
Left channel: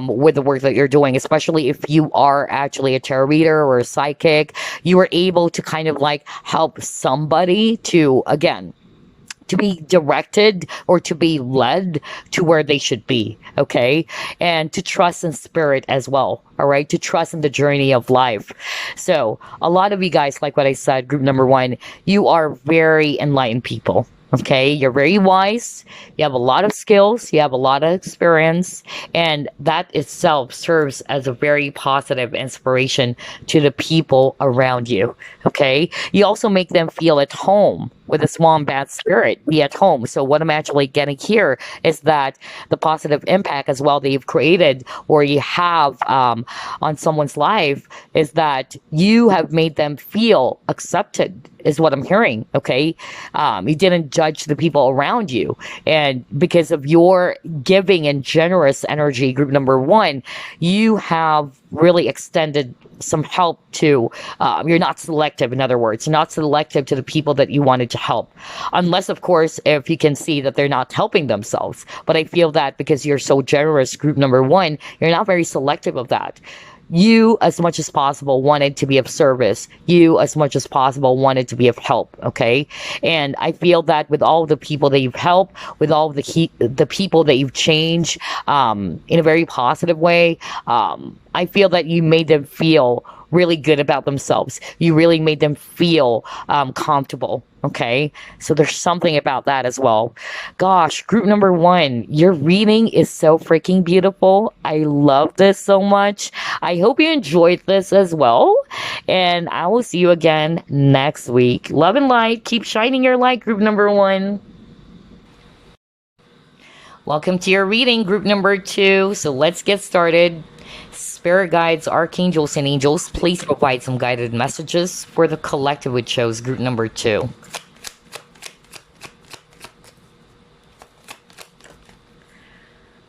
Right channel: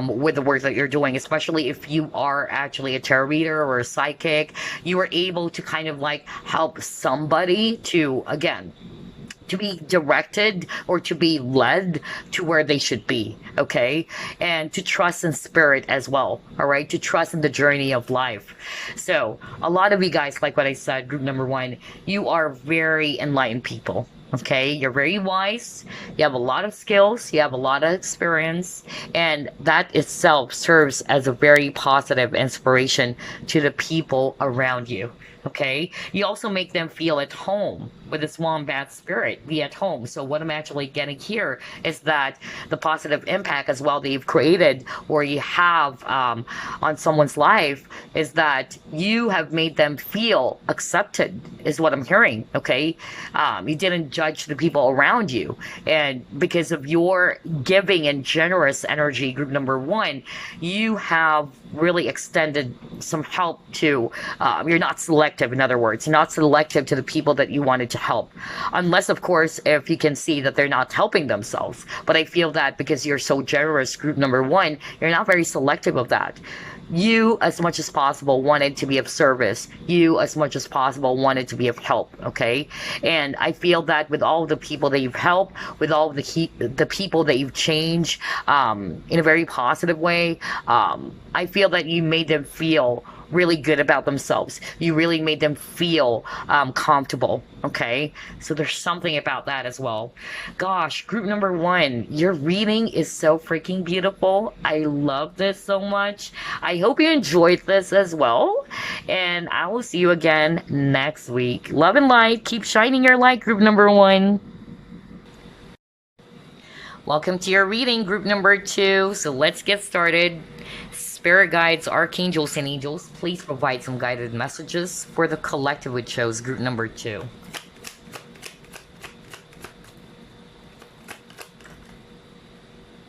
with the work that you're doing, especially if you are actually a tarot reader or a psychic. You were able to kind of like help somebody to, again, to be directed or to be led to where they should be, okay? And to trust in spirit as well, all right? To trust in the journey of life. So a lot of you guys, like what I said, group number one, you are very enlightened people, okay? You're very wise. You have a lot of skills. You have a lot of experience. And that itself serves as a very positive inspiration to the people around you, okay? You also make them feel at home with a wombat spirit, be at home. So what I'm actually getting here is that the positive impact as well that you've created or you have on someone's life is that you have made them feel accepted is what I'm hearing, okay? You didn't judge the people around you. And because of your giving and generous energy, group number one, you have really extended some help to, you're not selective, in other words, you're not selective to the people that you wanted to help. Unless, of course, if you can see that they're not helping themselves. But I feel that because you're so generous, group number one, you're not very selective of that. you as much as possible wanted to be of service. You as much as possible wanted to be of help. Okay. And I feel that with all the people that you've helped, with all the people that you've changed, in a very positive way, I feel that you made them feel really good about themselves. You really made them feel comfortable. Okay, so there's something about that as well. Gosh, group number one, your reading is so freaking beautiful. I love this so much. I hope you enjoyed this as well, and I will see you again next week. Love and light. Keep shining your light, group number one. Welcome to your reading, group number two. So let's get started. Spirit guides, archangels, and angels, please provide some guided messages for the collective which chose group number two.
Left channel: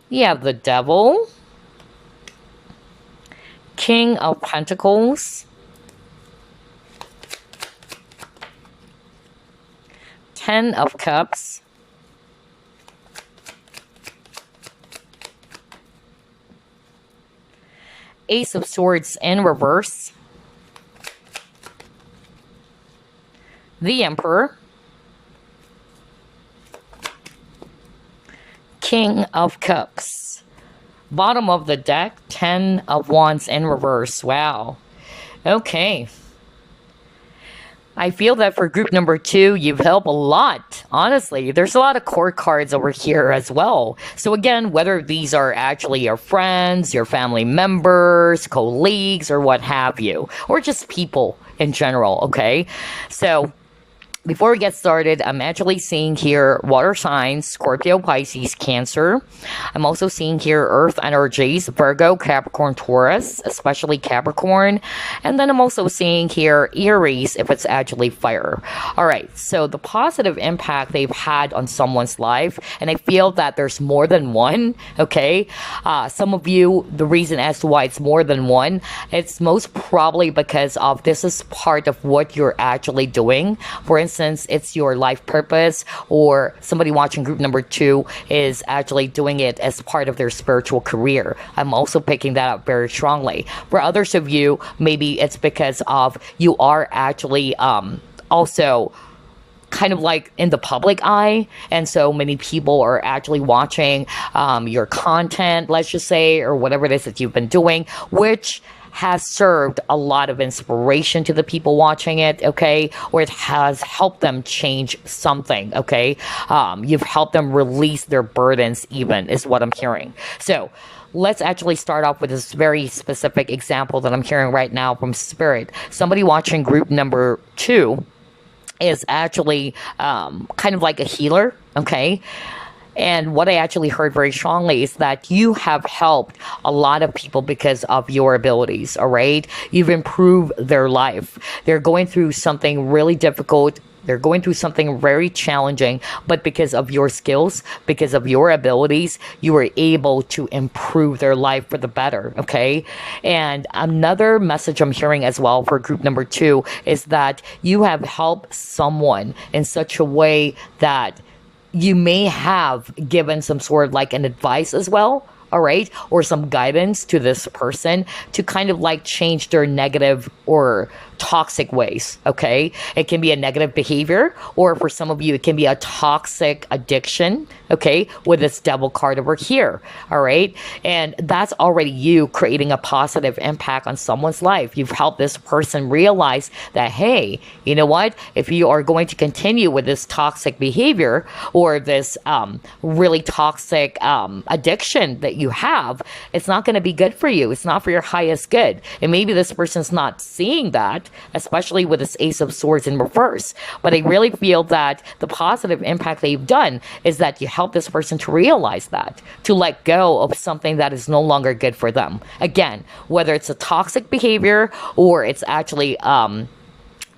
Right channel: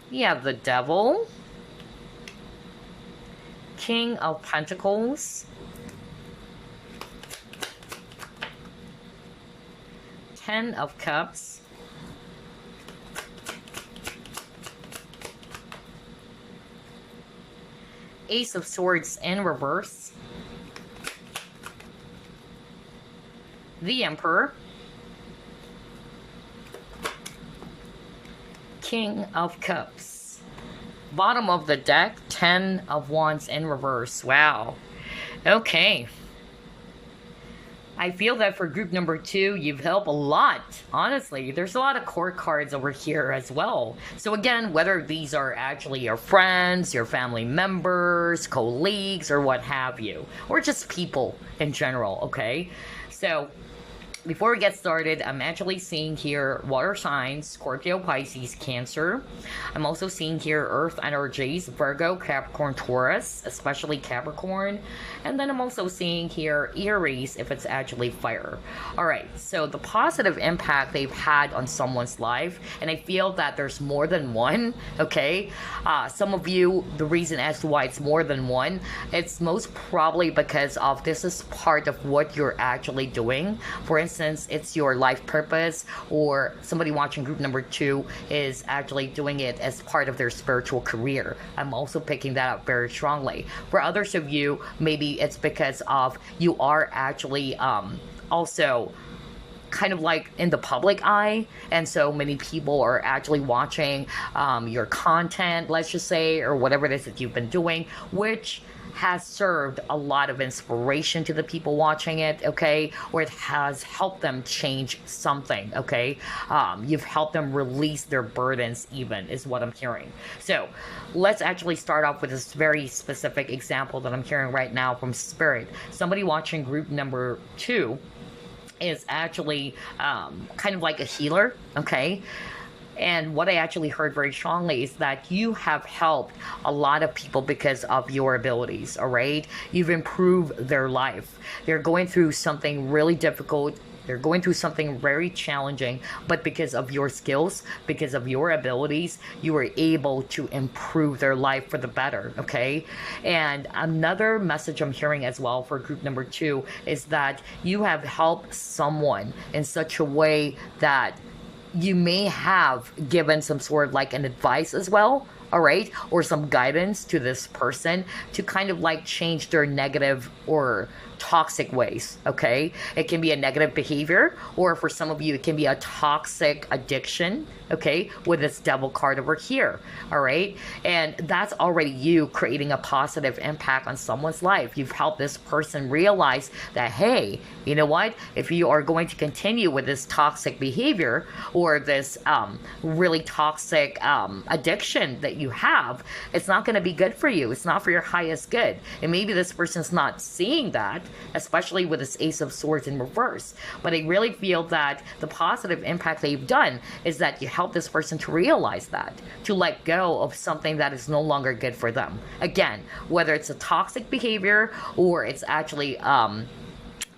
You have the Devil, King of Pentacles, Ten of Cups, Ace of Swords in reverse, the Emperor, King of Cups. Bottom of the deck, Ten of Wands in reverse. Wow. Okay. I feel that for group number two, you've helped a lot. Honestly, there's a lot of court cards over here as well. So again, whether these are actually your friends, your family members, colleagues, or what have you, or just people in general, okay? So before we get started, I'm actually seeing here water signs, Scorpio, Pisces, Cancer. I'm also seeing here earth energies, Virgo, Capricorn, Taurus, especially Capricorn. And then I'm also seeing here Aries, if it's actually fire. All right, so the positive impact they've had on someone's life, and I feel that there's more than one, okay? Some of you, the reason as to why it's more than one, it's most probably because of this is part of what you're actually doing. For instance, it's your life purpose, or somebody watching group number two is actually doing it as part of their spiritual career. I'm also picking that up very strongly. For others of you, maybe it's because of you are actually also kind of like in the public eye, and so many people are actually watching your content, let's just say, or whatever it is that you've been doing, which has served a lot of inspiration to the people watching it, okay? Or it has helped them change something, okay? You've helped them release their burdens even, is what I'm hearing. So let's actually start off with this very specific example that I'm hearing right now from Spirit. Somebody watching group number two is actually kind of like a healer, okay? And what I actually heard very strongly is that you have helped a lot of people because of your abilities, all right? You've improved their life. They're going through something really difficult. They're going through something very challenging, but because of your skills, because of your abilities, you were able to improve their life for the better, okay? And another message I'm hearing as well for group number two is that you have helped someone in such a way that you may have given some sort of like an advice as well, all right, or some guidance to this person to kind of like change their negative or toxic ways, okay? It can be a negative behavior, or for some of you, it can be a toxic addiction, okay, with this devil card over here, all right? And that's already you creating a positive impact on someone's life. You've helped this person realize that, hey, you know what? If you are going to continue with this toxic behavior or this really toxic addiction that you have, it's not going to be good for you. It's not for your highest good. And maybe this person's not seeing that, especially with this Ace of Swords in reverse. But I really feel that the positive impact they've done is that you help this person to realize that, to let go of something that is no longer good for them. Again, whether it's a toxic behavior or it's actually an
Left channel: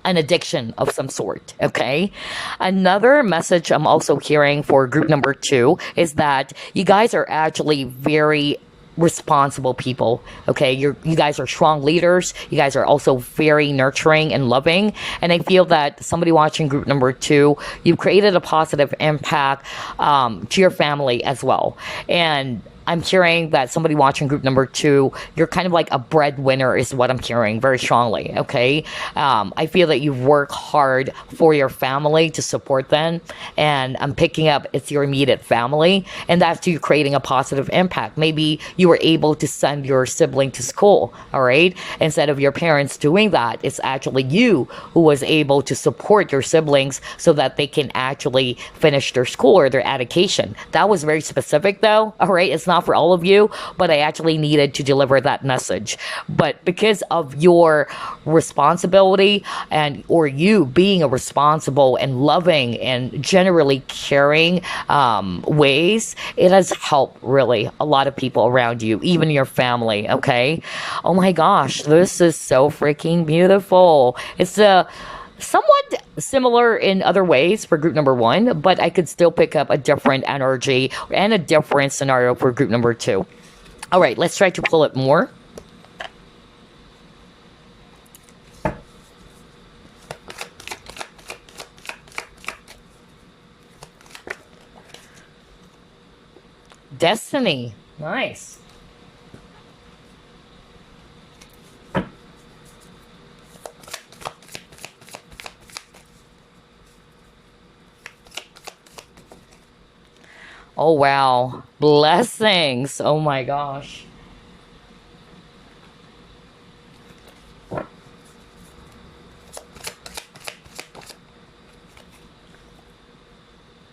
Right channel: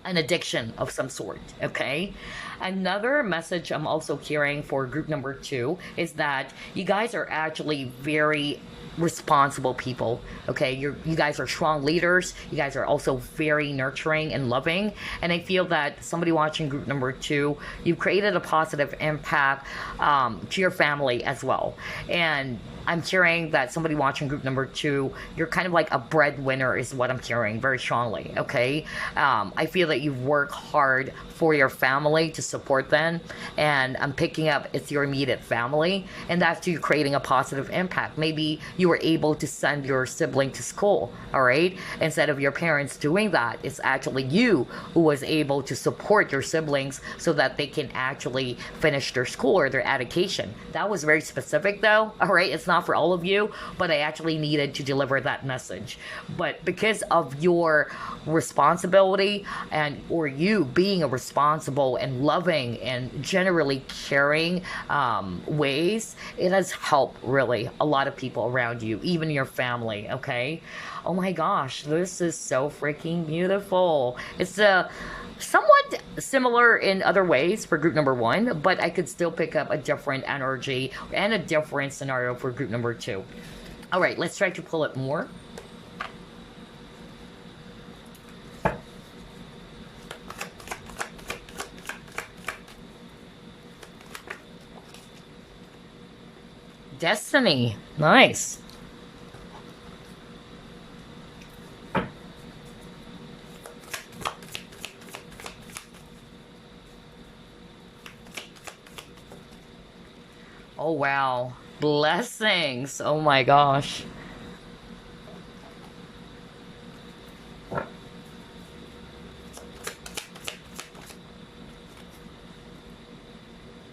addiction of some sort, okay? Another message I'm also hearing for group number two is that you guys are actually very responsible people, okay? You guys are strong leaders. You guys are also very nurturing and loving. And I feel that somebody watching group number two, you've created a positive impact to your family as well. And I'm hearing that somebody watching group number 2, you're kind of like a breadwinner is what I'm hearing very strongly, okay? I feel that you work hard for your family to support them, and I'm picking up it's your immediate family, and that's you creating a positive impact. Maybe you were able to send your sibling to school, all right? Instead of your parents doing that, it's actually you who was able to support your siblings so that they can actually finish their school or their education. That was very specific though, all right? It's not for all of you, but I actually needed to deliver that message. But because of your responsibility and or you being a responsible and loving and generally caring ways, it has helped really a lot of people around you, even your family, okay? Oh my gosh, this is so freaking beautiful. It's a somewhat similar in other ways for group number 1, but I could still pick up a different energy and a different scenario for group number 2. All right, let's try to pull it more. Destiny. Nice. Oh, wow. Blessings. Oh, my gosh.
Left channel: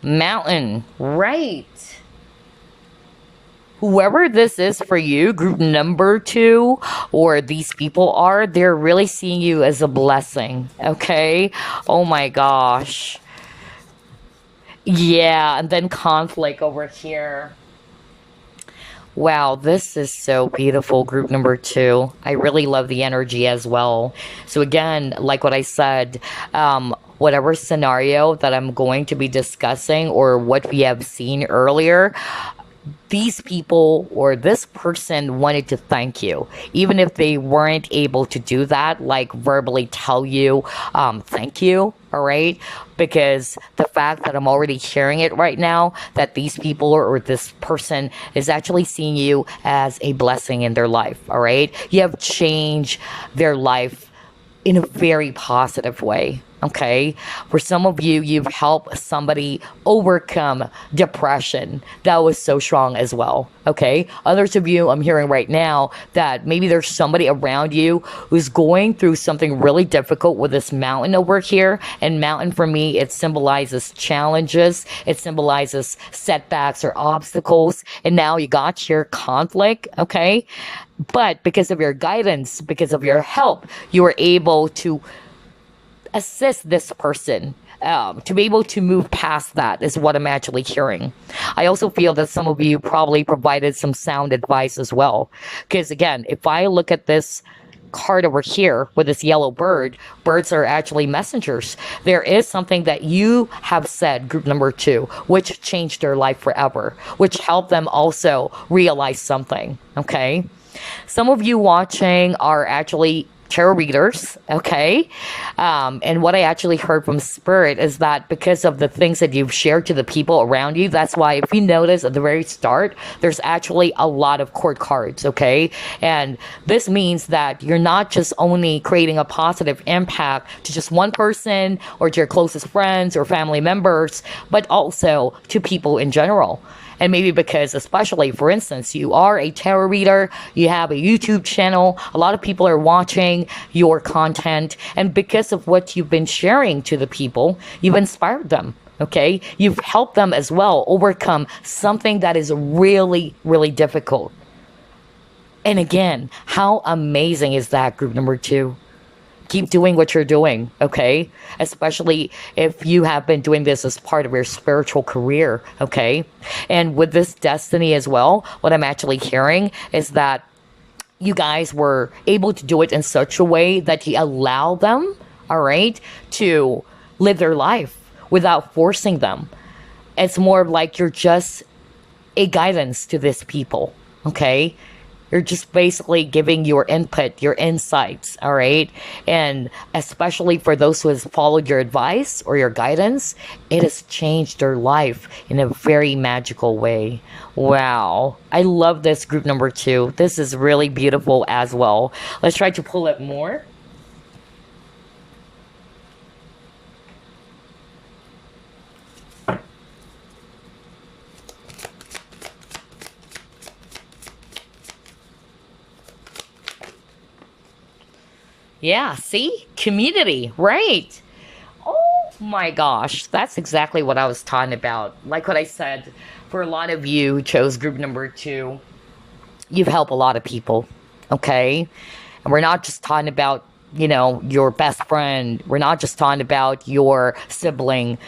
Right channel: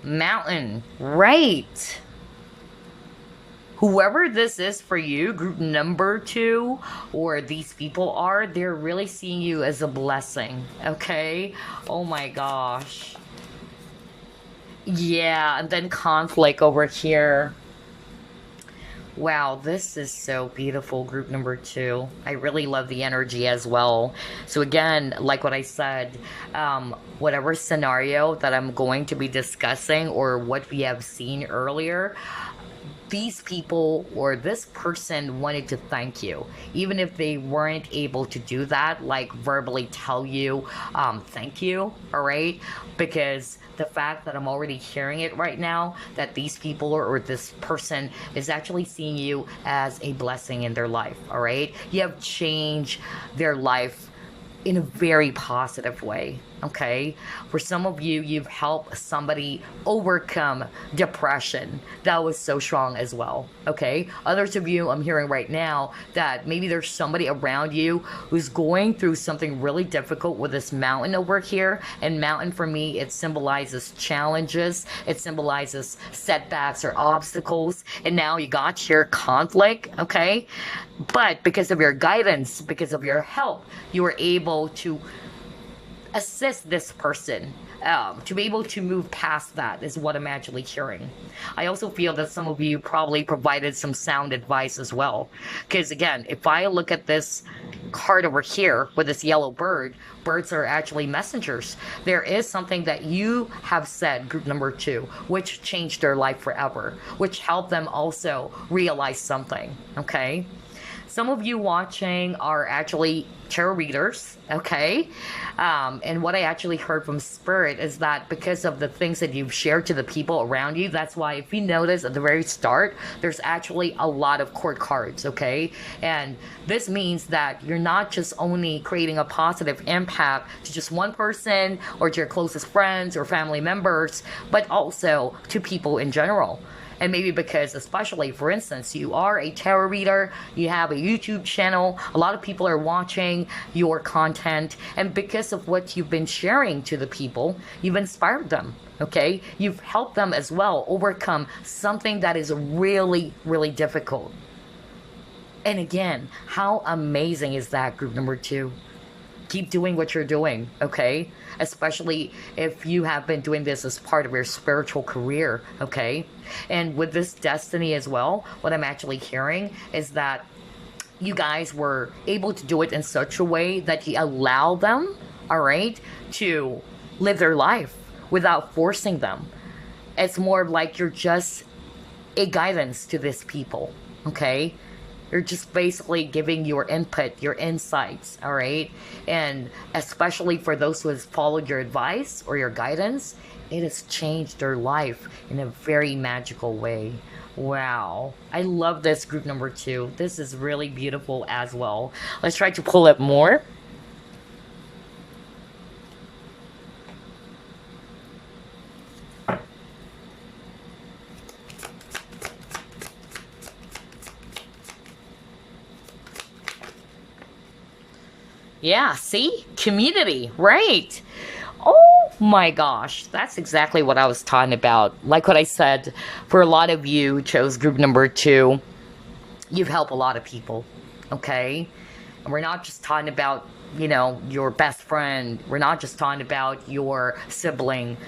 Mountain. Right. Whoever this is for you, group number 2, or these people are, they're really seeing you as a blessing. Okay? Oh, my gosh. Yeah, and then conflict over here. Wow, this is so beautiful, group number 2. I really love the energy as well. So again, like what I said, whatever scenario that I'm going to be discussing or what we have seen earlier, these people or this person wanted to thank you, even if they weren't able to do that, like verbally tell you thank you, all right? Because the fact that I'm already hearing it right now, that these people or this person is actually seeing you as a blessing in their life, all right? You have changed their life in a very positive way. Okay, for some of you, you've helped somebody overcome depression. That was so strong as well. Okay, others of you, I'm hearing right now that maybe there's somebody around you who's going through something really difficult with this mountain over here. And mountain for me, it symbolizes challenges, it symbolizes setbacks or obstacles. And now you got your conflict. Okay, but because of your guidance, because of your help, you were able to assist this person to be able to move past that is what I'm actually hearing. I also feel that some of you probably provided some sound advice as well. Because again, if I look at this card over here with this yellow bird, birds are actually messengers. There is something that you have said, group number 2, which changed their life forever, which helped them also realize something, okay? Some of you watching are actually tarot readers, okay? And what I actually heard from Spirit is that because of the things that you've shared to the people around you, that's why if you notice at the very start, there's actually a lot of court cards, okay? And this means that you're not just only creating a positive impact to just one person or to your closest friends or family members, but also to people in general. And maybe because, especially, for instance, you are a tarot reader, you have a YouTube channel, a lot of people are watching your content, and because of what you've been sharing to the people, you've inspired them, okay? You've helped them as well overcome something that is really, really difficult. And again, how amazing is that, group number 2? Keep doing what you're doing, okay? Especially if you have been doing this as part of your spiritual career, okay? And with this destiny as well, what I'm actually hearing is that you guys were able to do it in such a way that you allow them, all right, to live their life without forcing them. It's more like you're just a guidance to these people, okay? You're just basically giving your input, your insights, all right? And especially for those who has followed your advice or your guidance, it has changed their life in a very magical way. Wow. I love this group number two. This is really beautiful as well. Let's try to pull it more. Yeah, see? Community, right? Oh my gosh, that's exactly what I was talking about. Like what I said, for a lot of you who chose group number two, you've helped a lot of people, okay? And we're not just talking about, your best friend. We're not just talking about your sibling.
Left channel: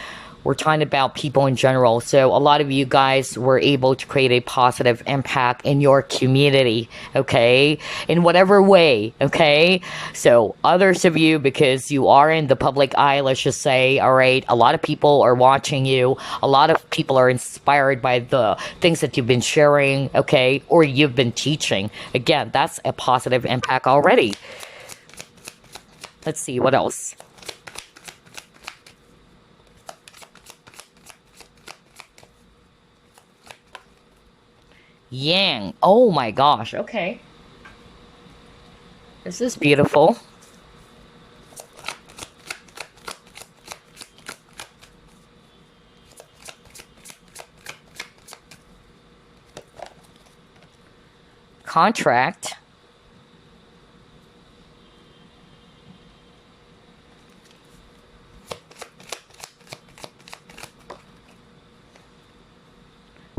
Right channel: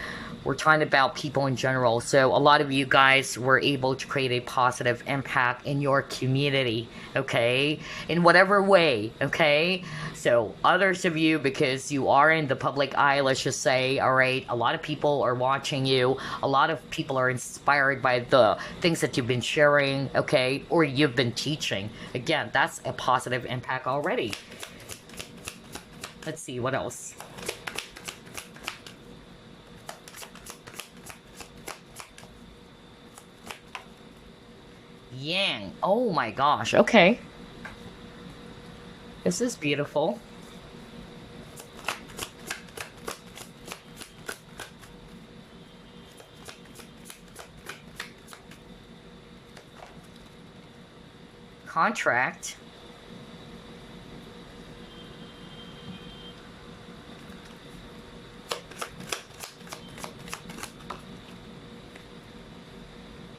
We're talking about people in general. So a lot of you guys were able to create a positive impact in your community, okay? In whatever way, okay? So others of you, because you are in the public eye, let's just say, all right, a lot of people are watching you. A lot of people are inspired by the things that you've been sharing, okay? Or you've been teaching. Again, that's a positive impact already. Let's see, what else? Yang. Oh my gosh. Okay. This is beautiful. Contract.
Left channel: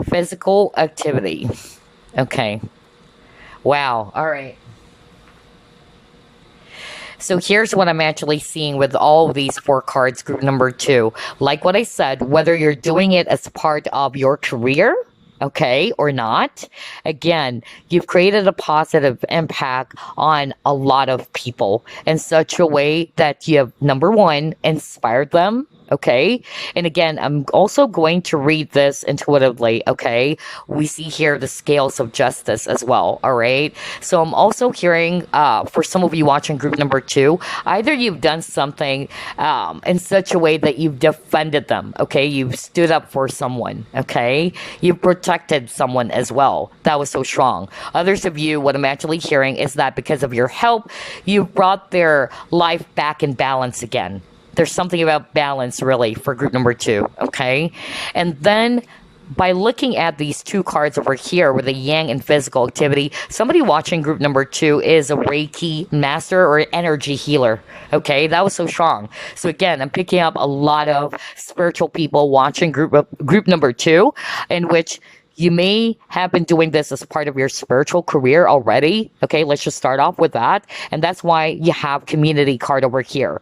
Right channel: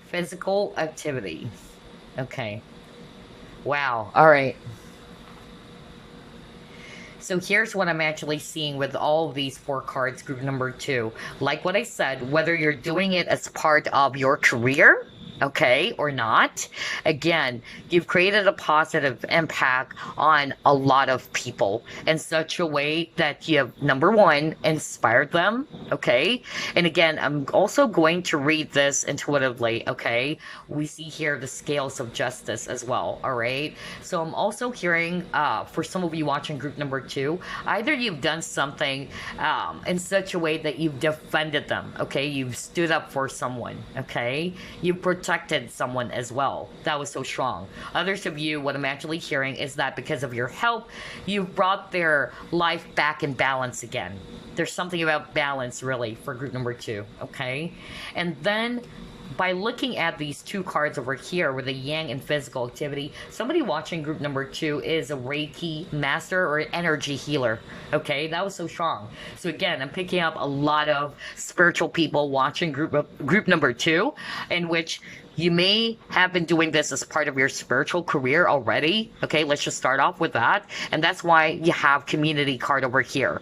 Physical activity. Okay. Wow. All right. So here's what I'm actually seeing with all of these four cards, group number two. Like what I said, whether you're doing it as part of your career, okay, or not, again, you've created a positive impact on a lot of people in such a way that you have, number one, inspired them, okay? And again, I'm also going to read this intuitively, okay? We see here the scales of justice as well, all right? So I'm also hearing, for some of you watching group number two, either you've done something in such a way that you've defended them, okay? You've stood up for someone, okay? You've protected someone as well. That was so strong. Others of you, what I'm actually hearing is that because of your help, you've brought their life back in balance again. There's something about balance really for group number two, okay? And then by looking at these two cards over here with the yang and physical activity, somebody watching group number two is a Reiki master or an energy healer. Okay, that was so strong. So again, I'm picking up a lot of spiritual people watching group number two, in which you may have been doing this as part of your spiritual career already. Okay, let's just start off with that. And that's why you have community card over here.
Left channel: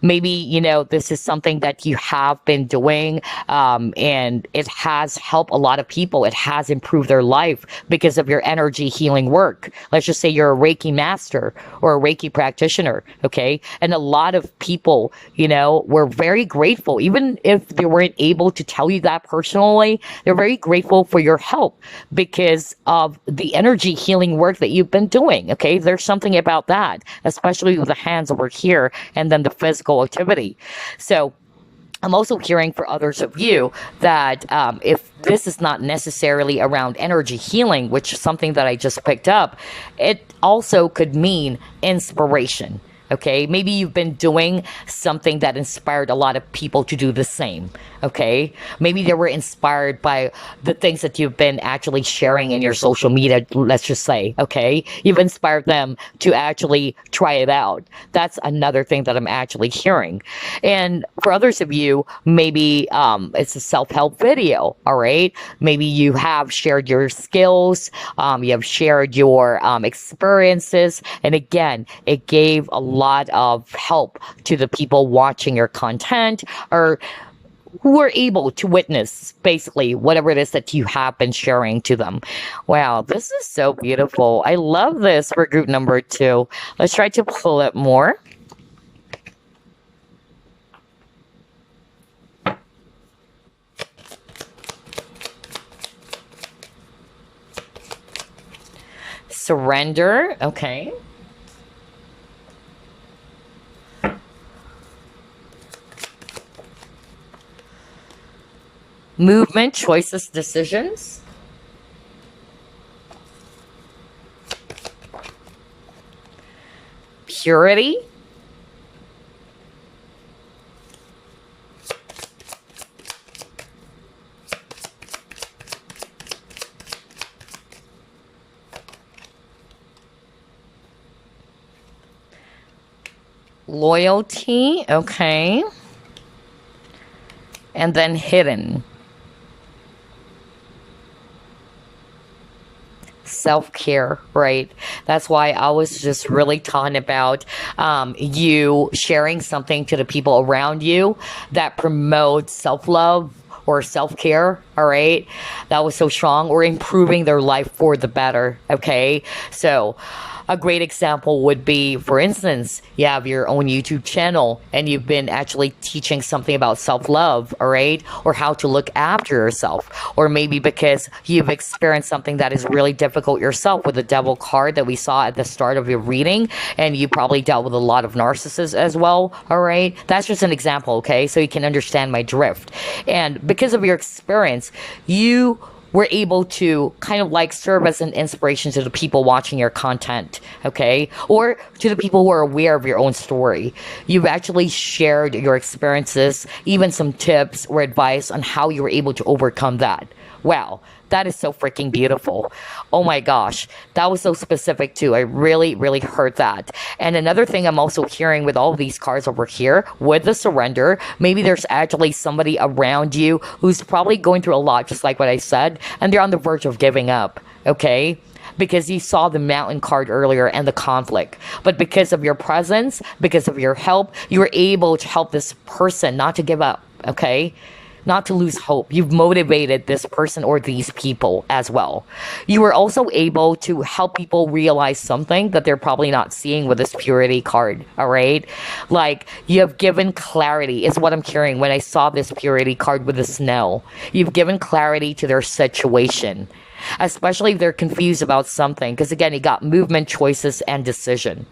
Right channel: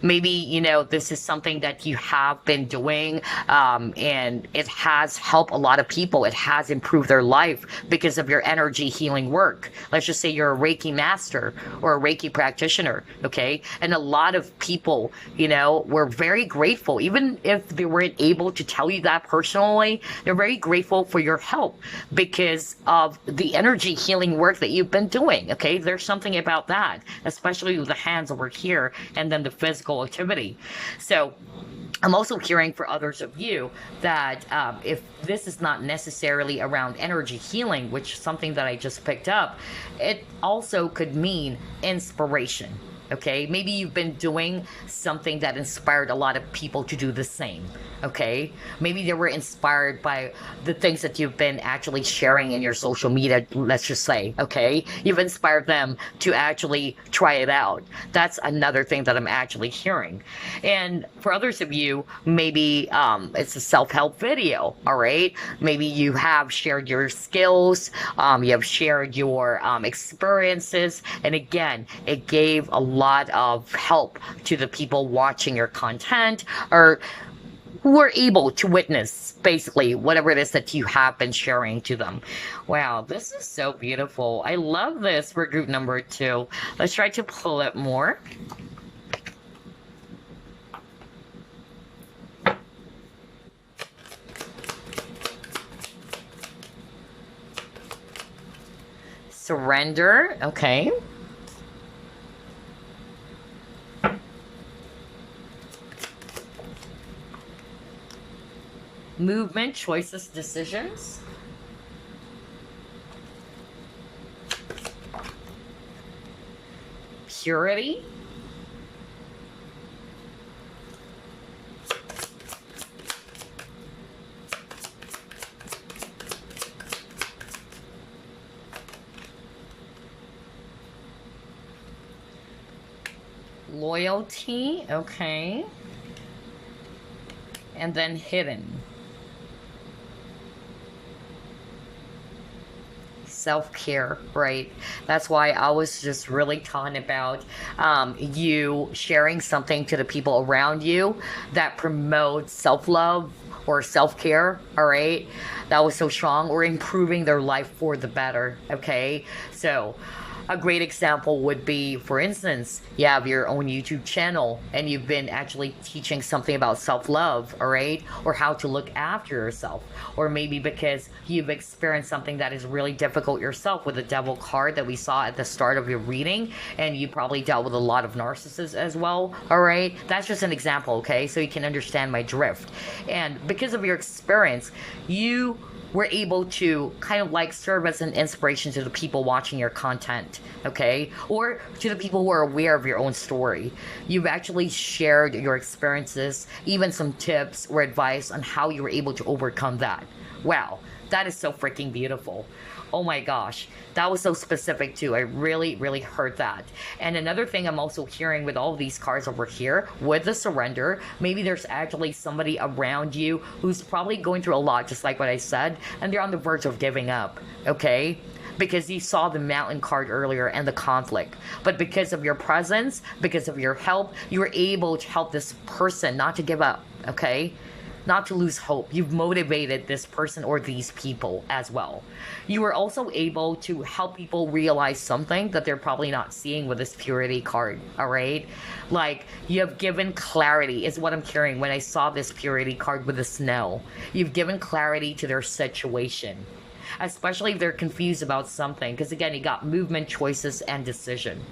Maybe, this is something that you have been doing and it has helped a lot of people. It has improved their life because of your energy healing work. Let's just say you're a Reiki master or a Reiki practitioner. Okay. And a lot of people, were very grateful. Even if they weren't able to tell you that personally, they're very grateful for your help because of the energy healing work that you've been doing. Okay, there's something about that, especially with the hands over here and then the physical activity. So I'm also hearing for others of you that if this is not necessarily around energy healing, which is something that I just picked up, it also could mean inspiration. Okay, maybe you've been doing something that inspired a lot of people to do the same. Okay, maybe they were inspired by the things that you've been actually sharing in your social media, let's just say. Okay, you've inspired them to actually try it out. That's another thing that I'm actually hearing. And for others of you, maybe it's a self-help video. All right, maybe you have shared your skills, you have shared your experiences, and again, it gave a lot of help to the people watching your content, or who were able to witness basically whatever it is that you have been sharing to them. Wow, this is so beautiful. I love this for group number two. Let's try to pull it more. Surrender. Okay. Movement, choices, decisions. Purity. Loyalty. Okay. And then hidden. Self-care, right? That's why I was just really talking about you sharing something to the people around you that promotes self-love or self-care. All right, that was so strong. Or improving their life for the better. Okay, so a great example would be, for instance, you have your own YouTube channel and you've been actually teaching something about self-love, all right? Or how to look after yourself. Or maybe because you've experienced something that is really difficult yourself with the devil card that we saw at the start of your reading, and you probably dealt with a lot of narcissists as well, all right? That's just an example, okay? So you can understand my drift. And because of your experience, you were able to kind of like serve as an inspiration to the people watching your content, okay? Or to the people who are aware of your own story. You've actually shared your experiences, even some tips or advice on how you were able to overcome that. Wow, that is so freaking beautiful. Oh my gosh, that was so specific too. I really, really heard that. And another thing I'm also hearing with all of these cards over here, with the surrender, maybe there's actually somebody around you who's probably going through a lot, just like what I said, and they're on the verge of giving up, okay? Because you saw the mountain card earlier and the conflict. But because of your presence, because of your help, you were able to help this person not to give up, okay? Not to lose hope. You've motivated this person or these people as well. You were also able to help people realize something that they're probably not seeing with this purity card, all right? Like, you have given clarity, is what I'm hearing when I saw this purity card with the snow. You've given clarity to their situation, especially if they're confused about something. Because again, you got movement, choices, and decision.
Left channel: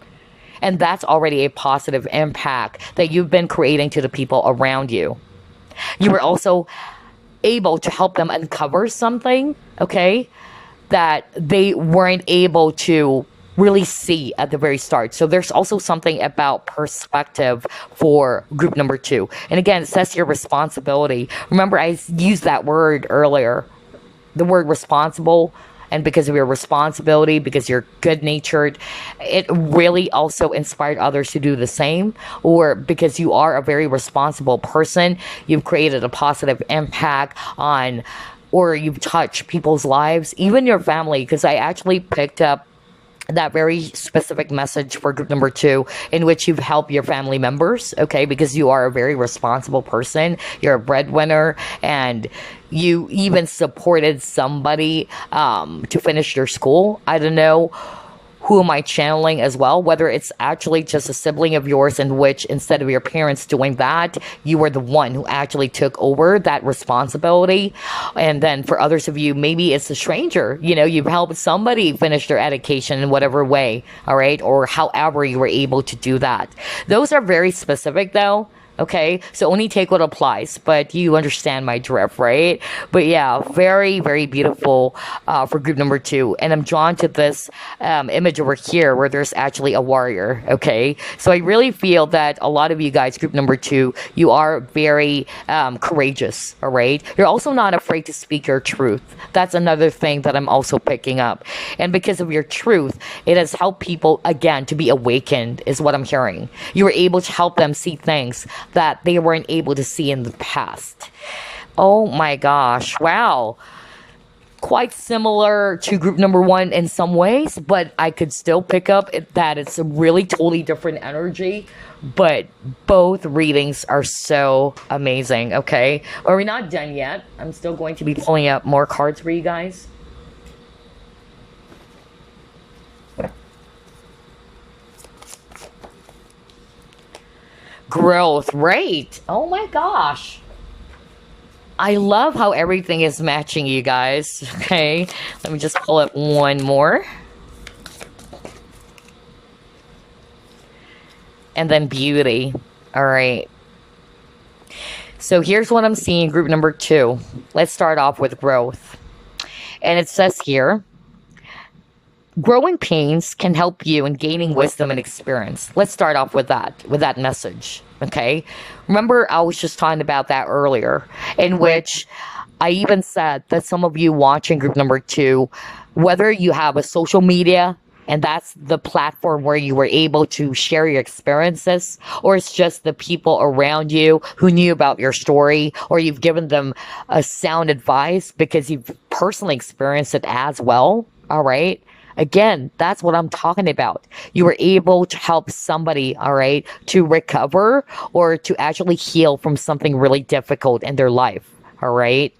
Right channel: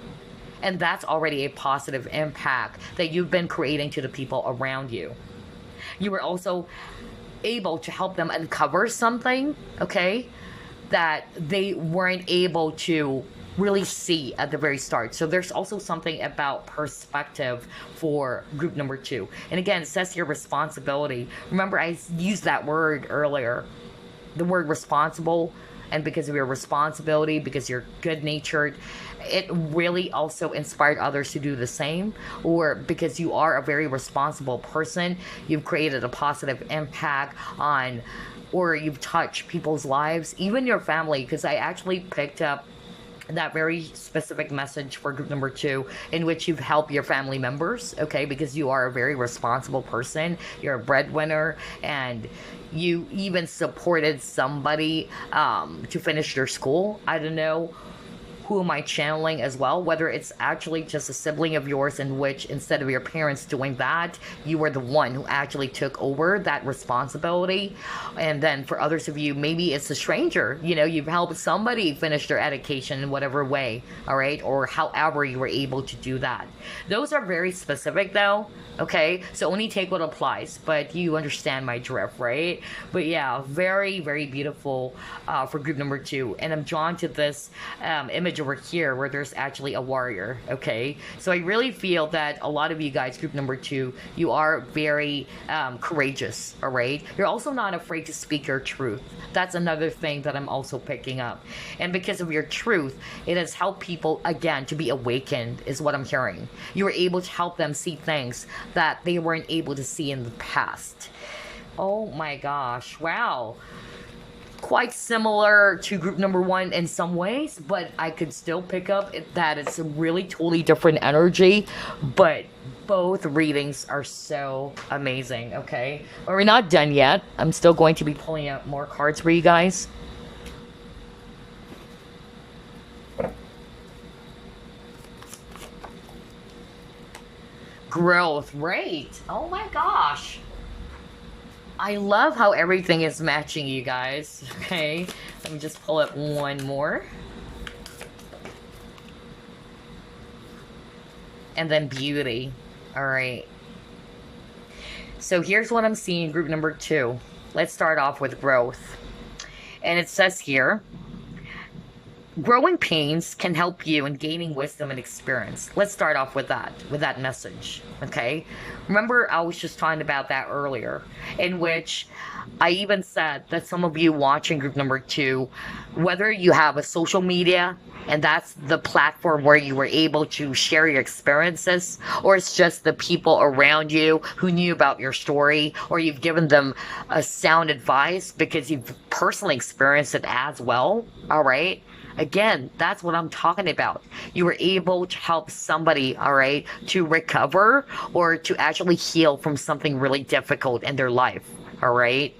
And that's already a positive impact that you've been creating to the people around you. You were also able to help them uncover something, okay, that they weren't able to really see at the very start. So there's also something about perspective for group number 2. And again, it says your responsibility. Remember, I used that word earlier, the word responsible. And because of your responsibility, because you're good-natured, it really also inspired others to do the same. Or because you are a very responsible person, you've created a positive impact on, or you've touched people's lives, even your family. Because I actually picked up that very specific message for group number 2, in which you've helped your family members, okay, because you are a very responsible person, you're a breadwinner, and you even supported somebody to finish their school. I don't know who am I channeling as well, whether it's actually just a sibling of yours in which instead of your parents doing that, you were the one who actually took over that responsibility. And then for others of you, maybe it's a stranger, you know, you've helped somebody finish their education in whatever way, all right, or however you were able to do that. Those are very specific though. Okay, so only take what applies, but you understand my drift, right? But yeah, very, very beautiful for group number 2. And I'm drawn to this image over here where there's actually a warrior, okay? So I really feel that a lot of you guys, group number 2, you are very courageous, all right? You're also not afraid to speak your truth. That's another thing that I'm also picking up. And because of your truth, it has helped people, again, to be awakened, is what I'm hearing. You were able to help them see things that they weren't able to see in the past. Oh my gosh, wow. Quite similar to group number 1 in some ways, but I could still pick up that it's a really totally different energy, but both readings are so amazing, okay? But we're not done yet. I'm still going to be pulling up more cards for you guys. Growth, right? Oh my gosh. I love how everything is matching, you guys. Okay, let me just pull up one more. and then beauty. All right. So here's what I'm seeing, group number 2. Let's start off with growth. And it says here, growing pains can help you in gaining wisdom and experience. Let's start off with that message. Okay. Remember, I was just talking about that earlier, in which I even said that some of you watching group number 2, whether you have a social media and that's the platform where you were able to share your experiences, or it's just the people around you who knew about your story, or you've given them a sound advice because you've personally experienced it as well. All right. Again, that's what I'm talking about. You were able to help somebody, all right, to recover or to actually heal from something really difficult in their life, all right?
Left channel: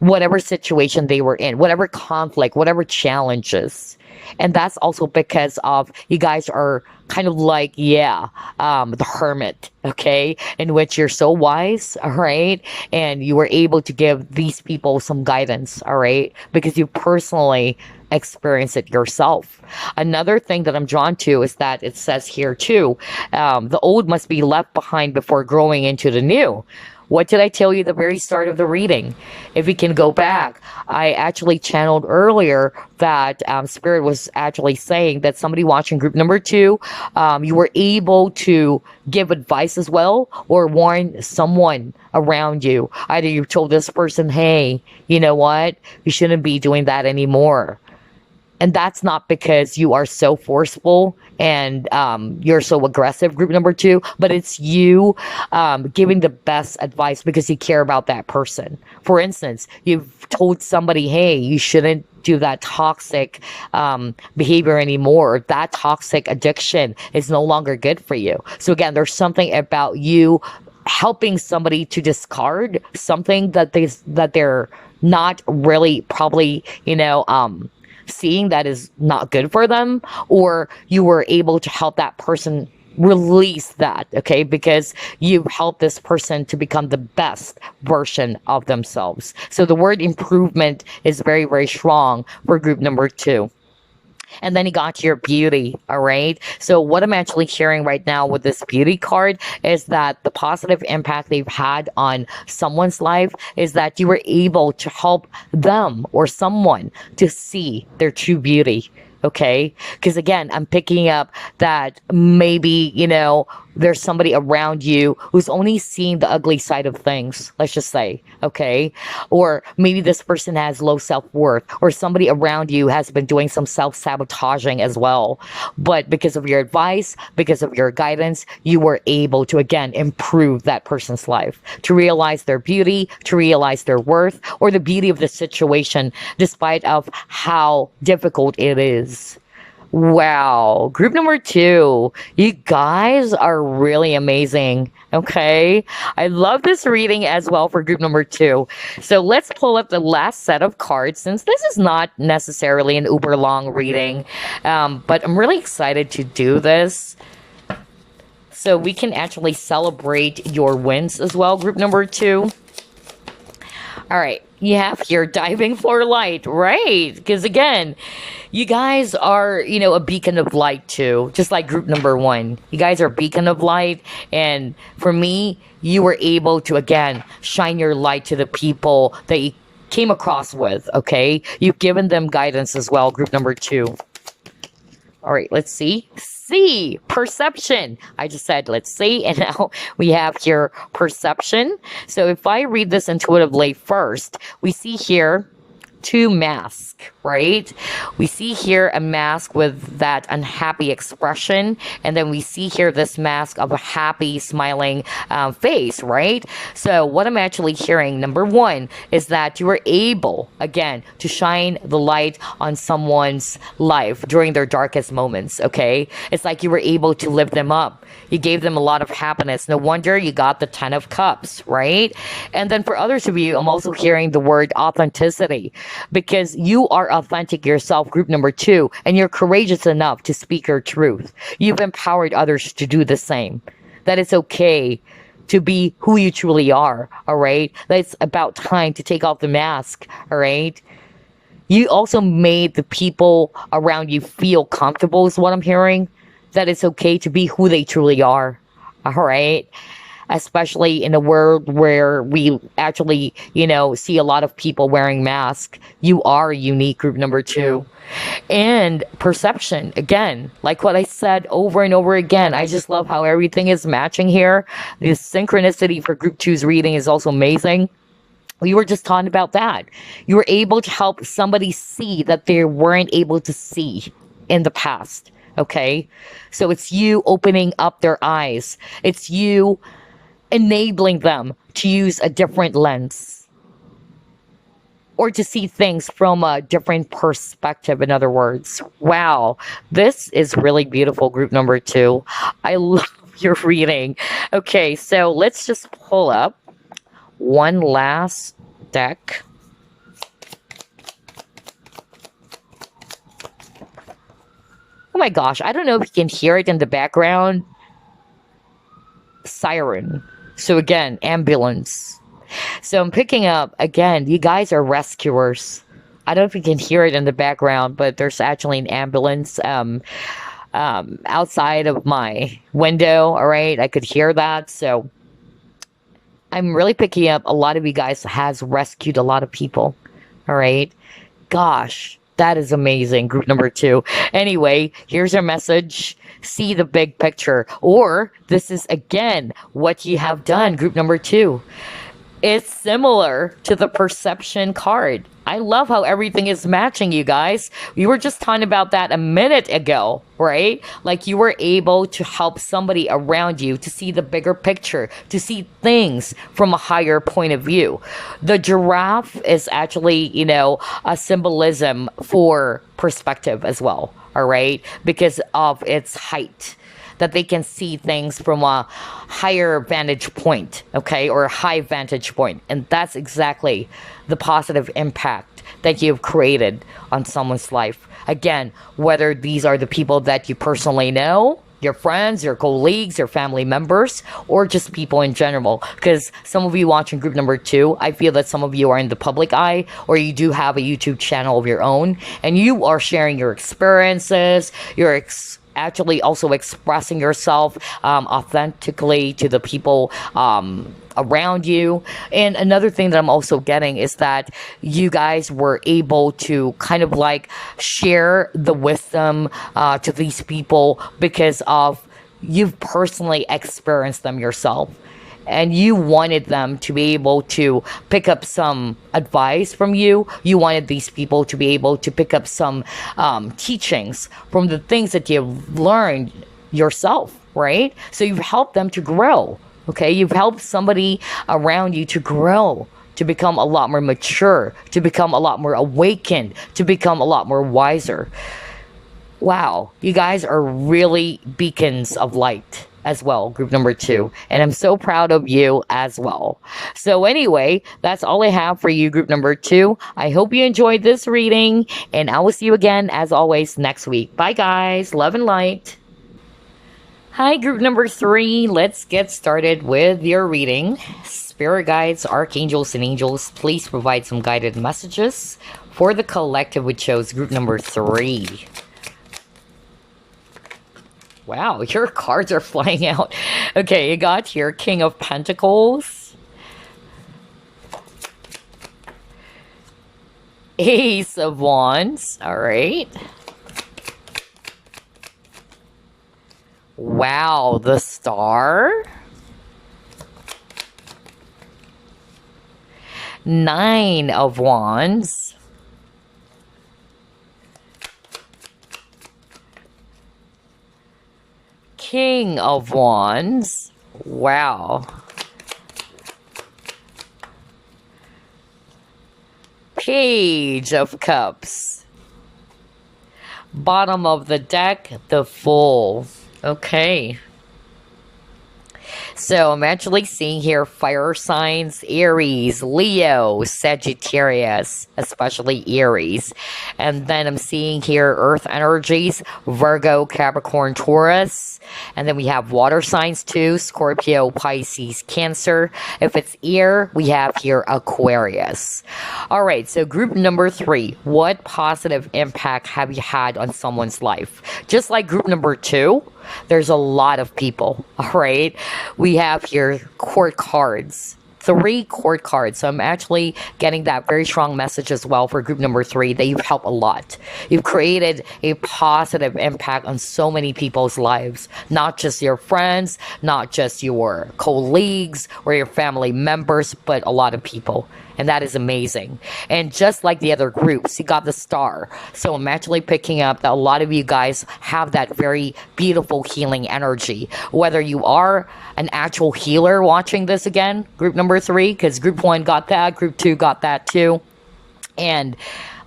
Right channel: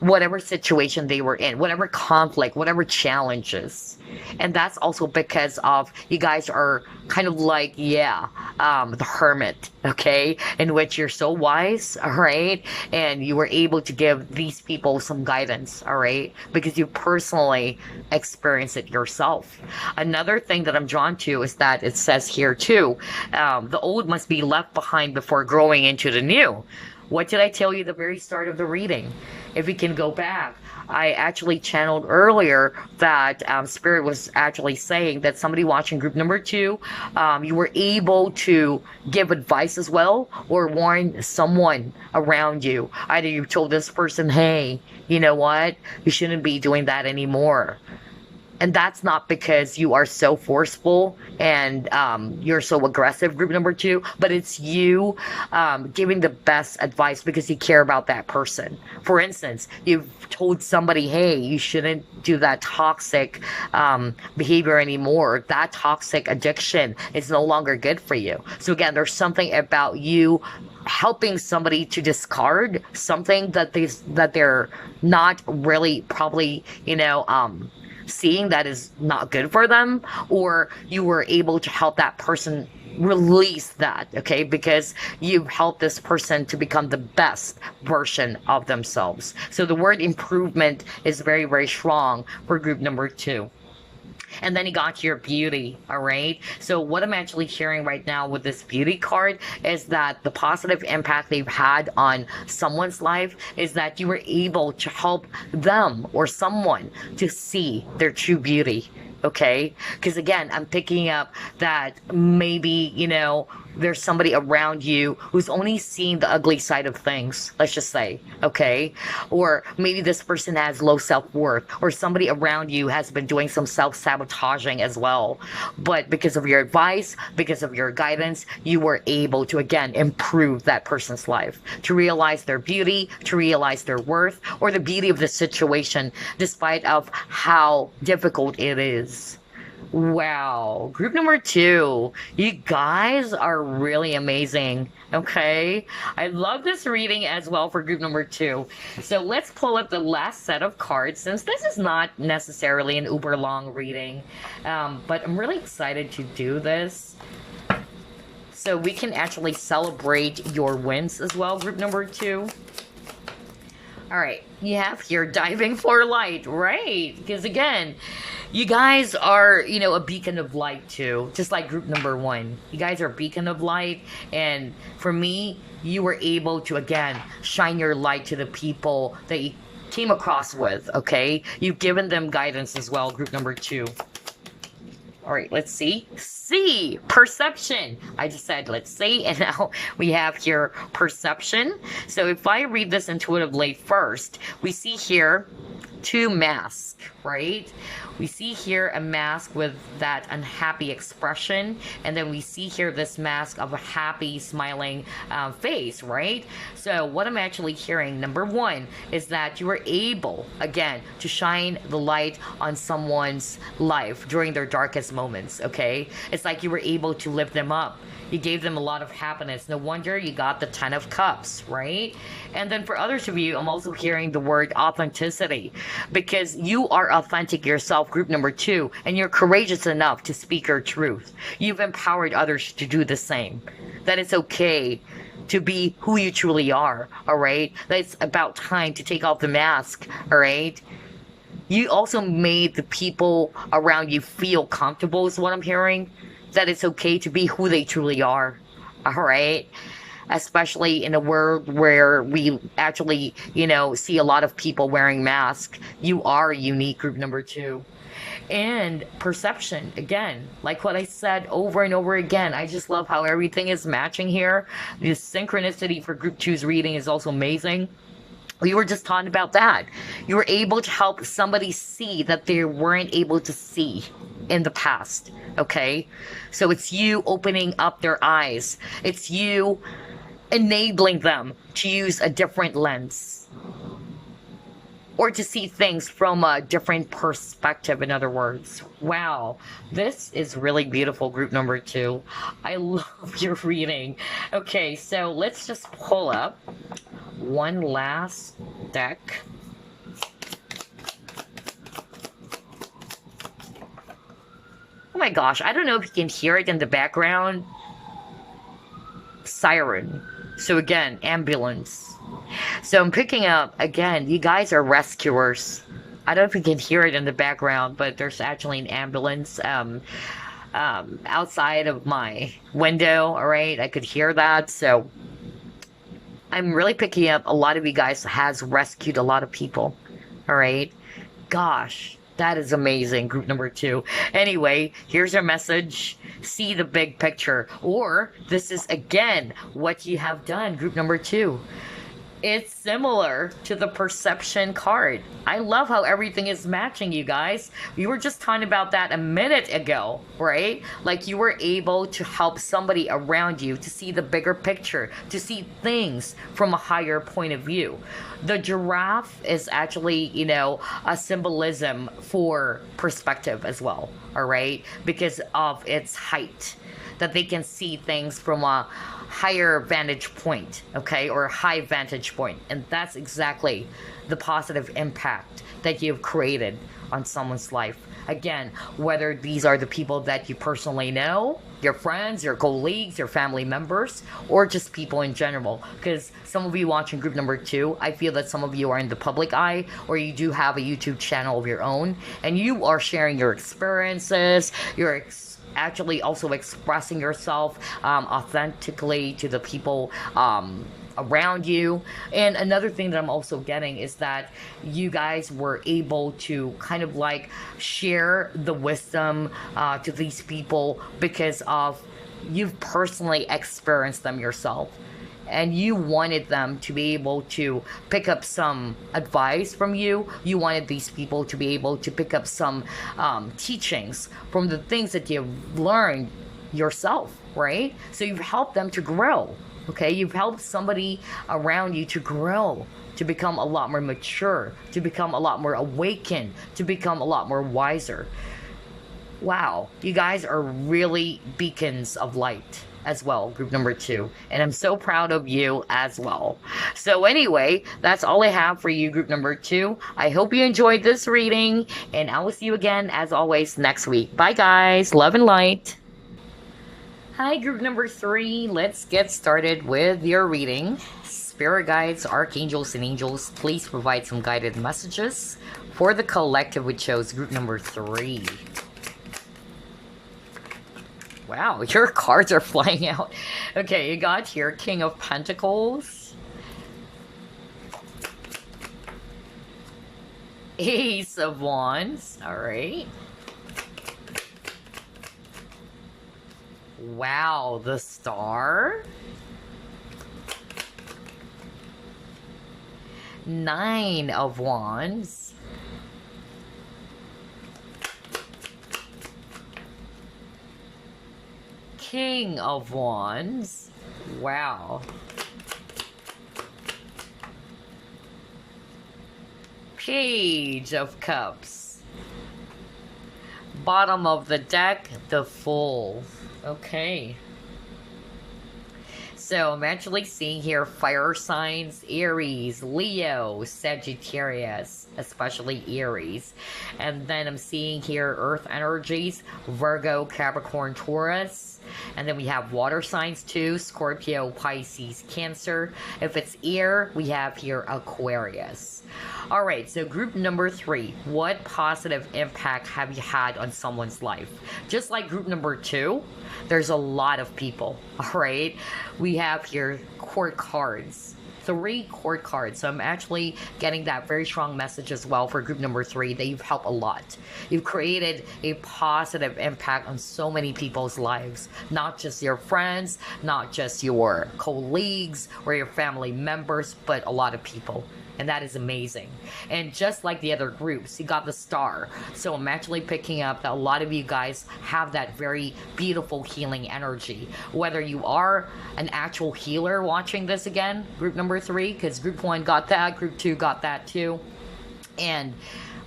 Whatever situation they were in, whatever conflict, whatever challenges. And that's also because of you guys are kind of like, the hermit, okay? In which you're so wise, all right? And you were able to give these people some guidance, all right? Because you personally experience it yourself. Another thing that I'm drawn to is that it says here too, the old must be left behind before growing into the new. What did I tell you at the very start of the reading? If we can go back, I actually channeled earlier that Spirit was actually saying that somebody watching group number 2, you were able to give advice as well or warn someone around you. Either you told this person, hey, you know what? You shouldn't be doing that anymore. And that's not because you are so forceful and you're so aggressive, group number 2, but it's you giving the best advice because you care about that person. For instance, you've told somebody, hey, you shouldn't do that toxic behavior anymore. That toxic addiction is no longer good for you. So again, there's something about you helping somebody to discard something that they're not really probably, seeing that is not good for them, or you were able to help that person release that, okay, because you've helped this person to become the best version of themselves. So the word improvement is very, very strong for group number 2. And then you got your beauty, all right? So what I'm actually hearing right now with this beauty card is that the positive impact they've had on someone's life is that you were able to help them or someone to see their true beauty, okay? Because again, I'm picking up that maybe, there's somebody around you who's only seeing the ugly side of things, let's just say, okay? Or maybe this person has low self-worth, or somebody around you has been doing some self-sabotaging as well. But because of your advice, because of your guidance, you were able to, again, improve that person's life, to realize their beauty, to realize their worth, or the beauty of the situation, despite of how difficult it is. Wow, group number 2, you guys are really amazing. Okay, I love this reading as well for group number 2. So let's pull up the last set of cards, since this is not necessarily an uber long reading, but I'm really excited to do this so we can actually celebrate your wins as well, group number 2. All right, you have here diving for light, right? Because again, you guys are, a beacon of light too, just like group number 1. You guys are a beacon of light. And for me, you were able to, again, shine your light to the people that you came across with, okay? You've given them guidance as well, group number 2. All right, let's see. See, perception. I just said, let's see. And now we have here perception. So if I read this intuitively first, we see here 2 masks, right? We see here a mask with that unhappy expression, and then we see here this mask of a happy, smiling face, right? So what I'm actually hearing, number 1, is that you were able, again, to shine the light on someone's life during their darkest moments, okay? It's like you were able to lift them up. You gave them a lot of happiness. No wonder you got the 10 of Cups, right? And then for others of you, I'm also hearing the word authenticity, because you are authentic yourself, group number 2, and you're courageous enough to speak your truth. You've empowered others to do the same. That it's okay to be who you truly are, all right? That it's about time to take off the mask, all right? You also made the people around you feel comfortable, is what I'm hearing. that it's okay to be who they truly are. All right. Especially in a world where we actually, see a lot of people wearing masks. You are unique, group number two. And perception, again, like what I said over and over again, I just love how everything is matching here. The synchronicity for group two's reading is also amazing. We were just talking about that. You were able to help somebody see that they weren't able to see in the past. Okay. So it's you opening up their eyes. It's you enabling them to use a different lens or to see things from a different perspective. In other words, wow, this is really beautiful, group number two. I love your reading. Okay, so let's just pull up one last deck. Oh my gosh, I don't know if you can hear it in the background. Siren. So again, ambulance. So I'm picking up, again, you guys are rescuers. I don't know if you can hear it in the background, but there's actually an ambulance outside of my window, all right? I could hear that, so I'm really picking up a lot of you guys has rescued a lot of people, all right? Gosh, that is amazing, group number two. Anyway, here's our message. See the big picture. Or this is, again, what you have done, group number two. It's similar to the perception card. I love how everything is matching, you guys. We were just talking about that a minute ago, right? Like you were able to help somebody around you to see the bigger picture, to see things from a higher point of view. The giraffe is actually, a symbolism for perspective as well, all right? Because of its height, that they can see things from a higher vantage point, okay, or a high vantage point. And that's exactly the positive impact that you've created on someone's life. Again, whether these are the people that you personally know, your friends, your colleagues, your family members, or just people in general. Because some of you watching group number two, I feel that some of you are in the public eye, or you do have a YouTube channel of your own, and you are sharing your experiences, your actually also expressing yourself authentically to the people around you. And another thing that I'm also getting is that you guys were able to kind of like share the wisdom to these people because of you've personally experienced them yourself. And you wanted them to be able to pick up some advice from you. You wanted these people to be able to pick up some teachings from the things that you've learned yourself, right? So you've helped them to grow, okay? You've helped somebody around you to grow, to become a lot more mature, to become a lot more awakened, to become a lot more wiser. Wow, you guys are really beacons of light as well, group number two, and I'm so proud of you as well. So anyway, that's all I have for you, group number two. I hope you enjoyed this reading, and I will see you again as always next week. Bye guys, love and light. Hi, group number three. Let's get started with your reading. Spirit guides, archangels, and angels, please provide some guided messages for the collective, which shows group number three. Wow, your cards are flying out. Okay, you got here King of Pentacles, Ace of Wands, all right. Wow, the Star, Nine of Wands, King of Wands. Wow. Page of Cups. Bottom of the deck, the Fool. Okay. So I'm actually seeing here fire signs, Aries, Leo, Sagittarius, especially Aries. And then I'm seeing here earth energies, Virgo, Capricorn, Taurus. And then we have water signs too, Scorpio, Pisces, Cancer. If it's air, we have here Aquarius. All right, so group number 3, what positive impact have you had on someone's life? Just like group number 2, there's a lot of people, all right? We have here court cards. 3 court cards. So I'm actually getting that very strong message as well for group number 3 that you've helped a lot. You've created a positive impact on so many people's lives, not just your friends, not just your colleagues or your family members, but a lot of people. And that is amazing. And just like the other groups, you got the star. So I'm actually picking up that a lot of you guys have that very beautiful healing energy. Whether you are an actual healer watching this again, group number 3, because group 1 got that, group 2 got that too. And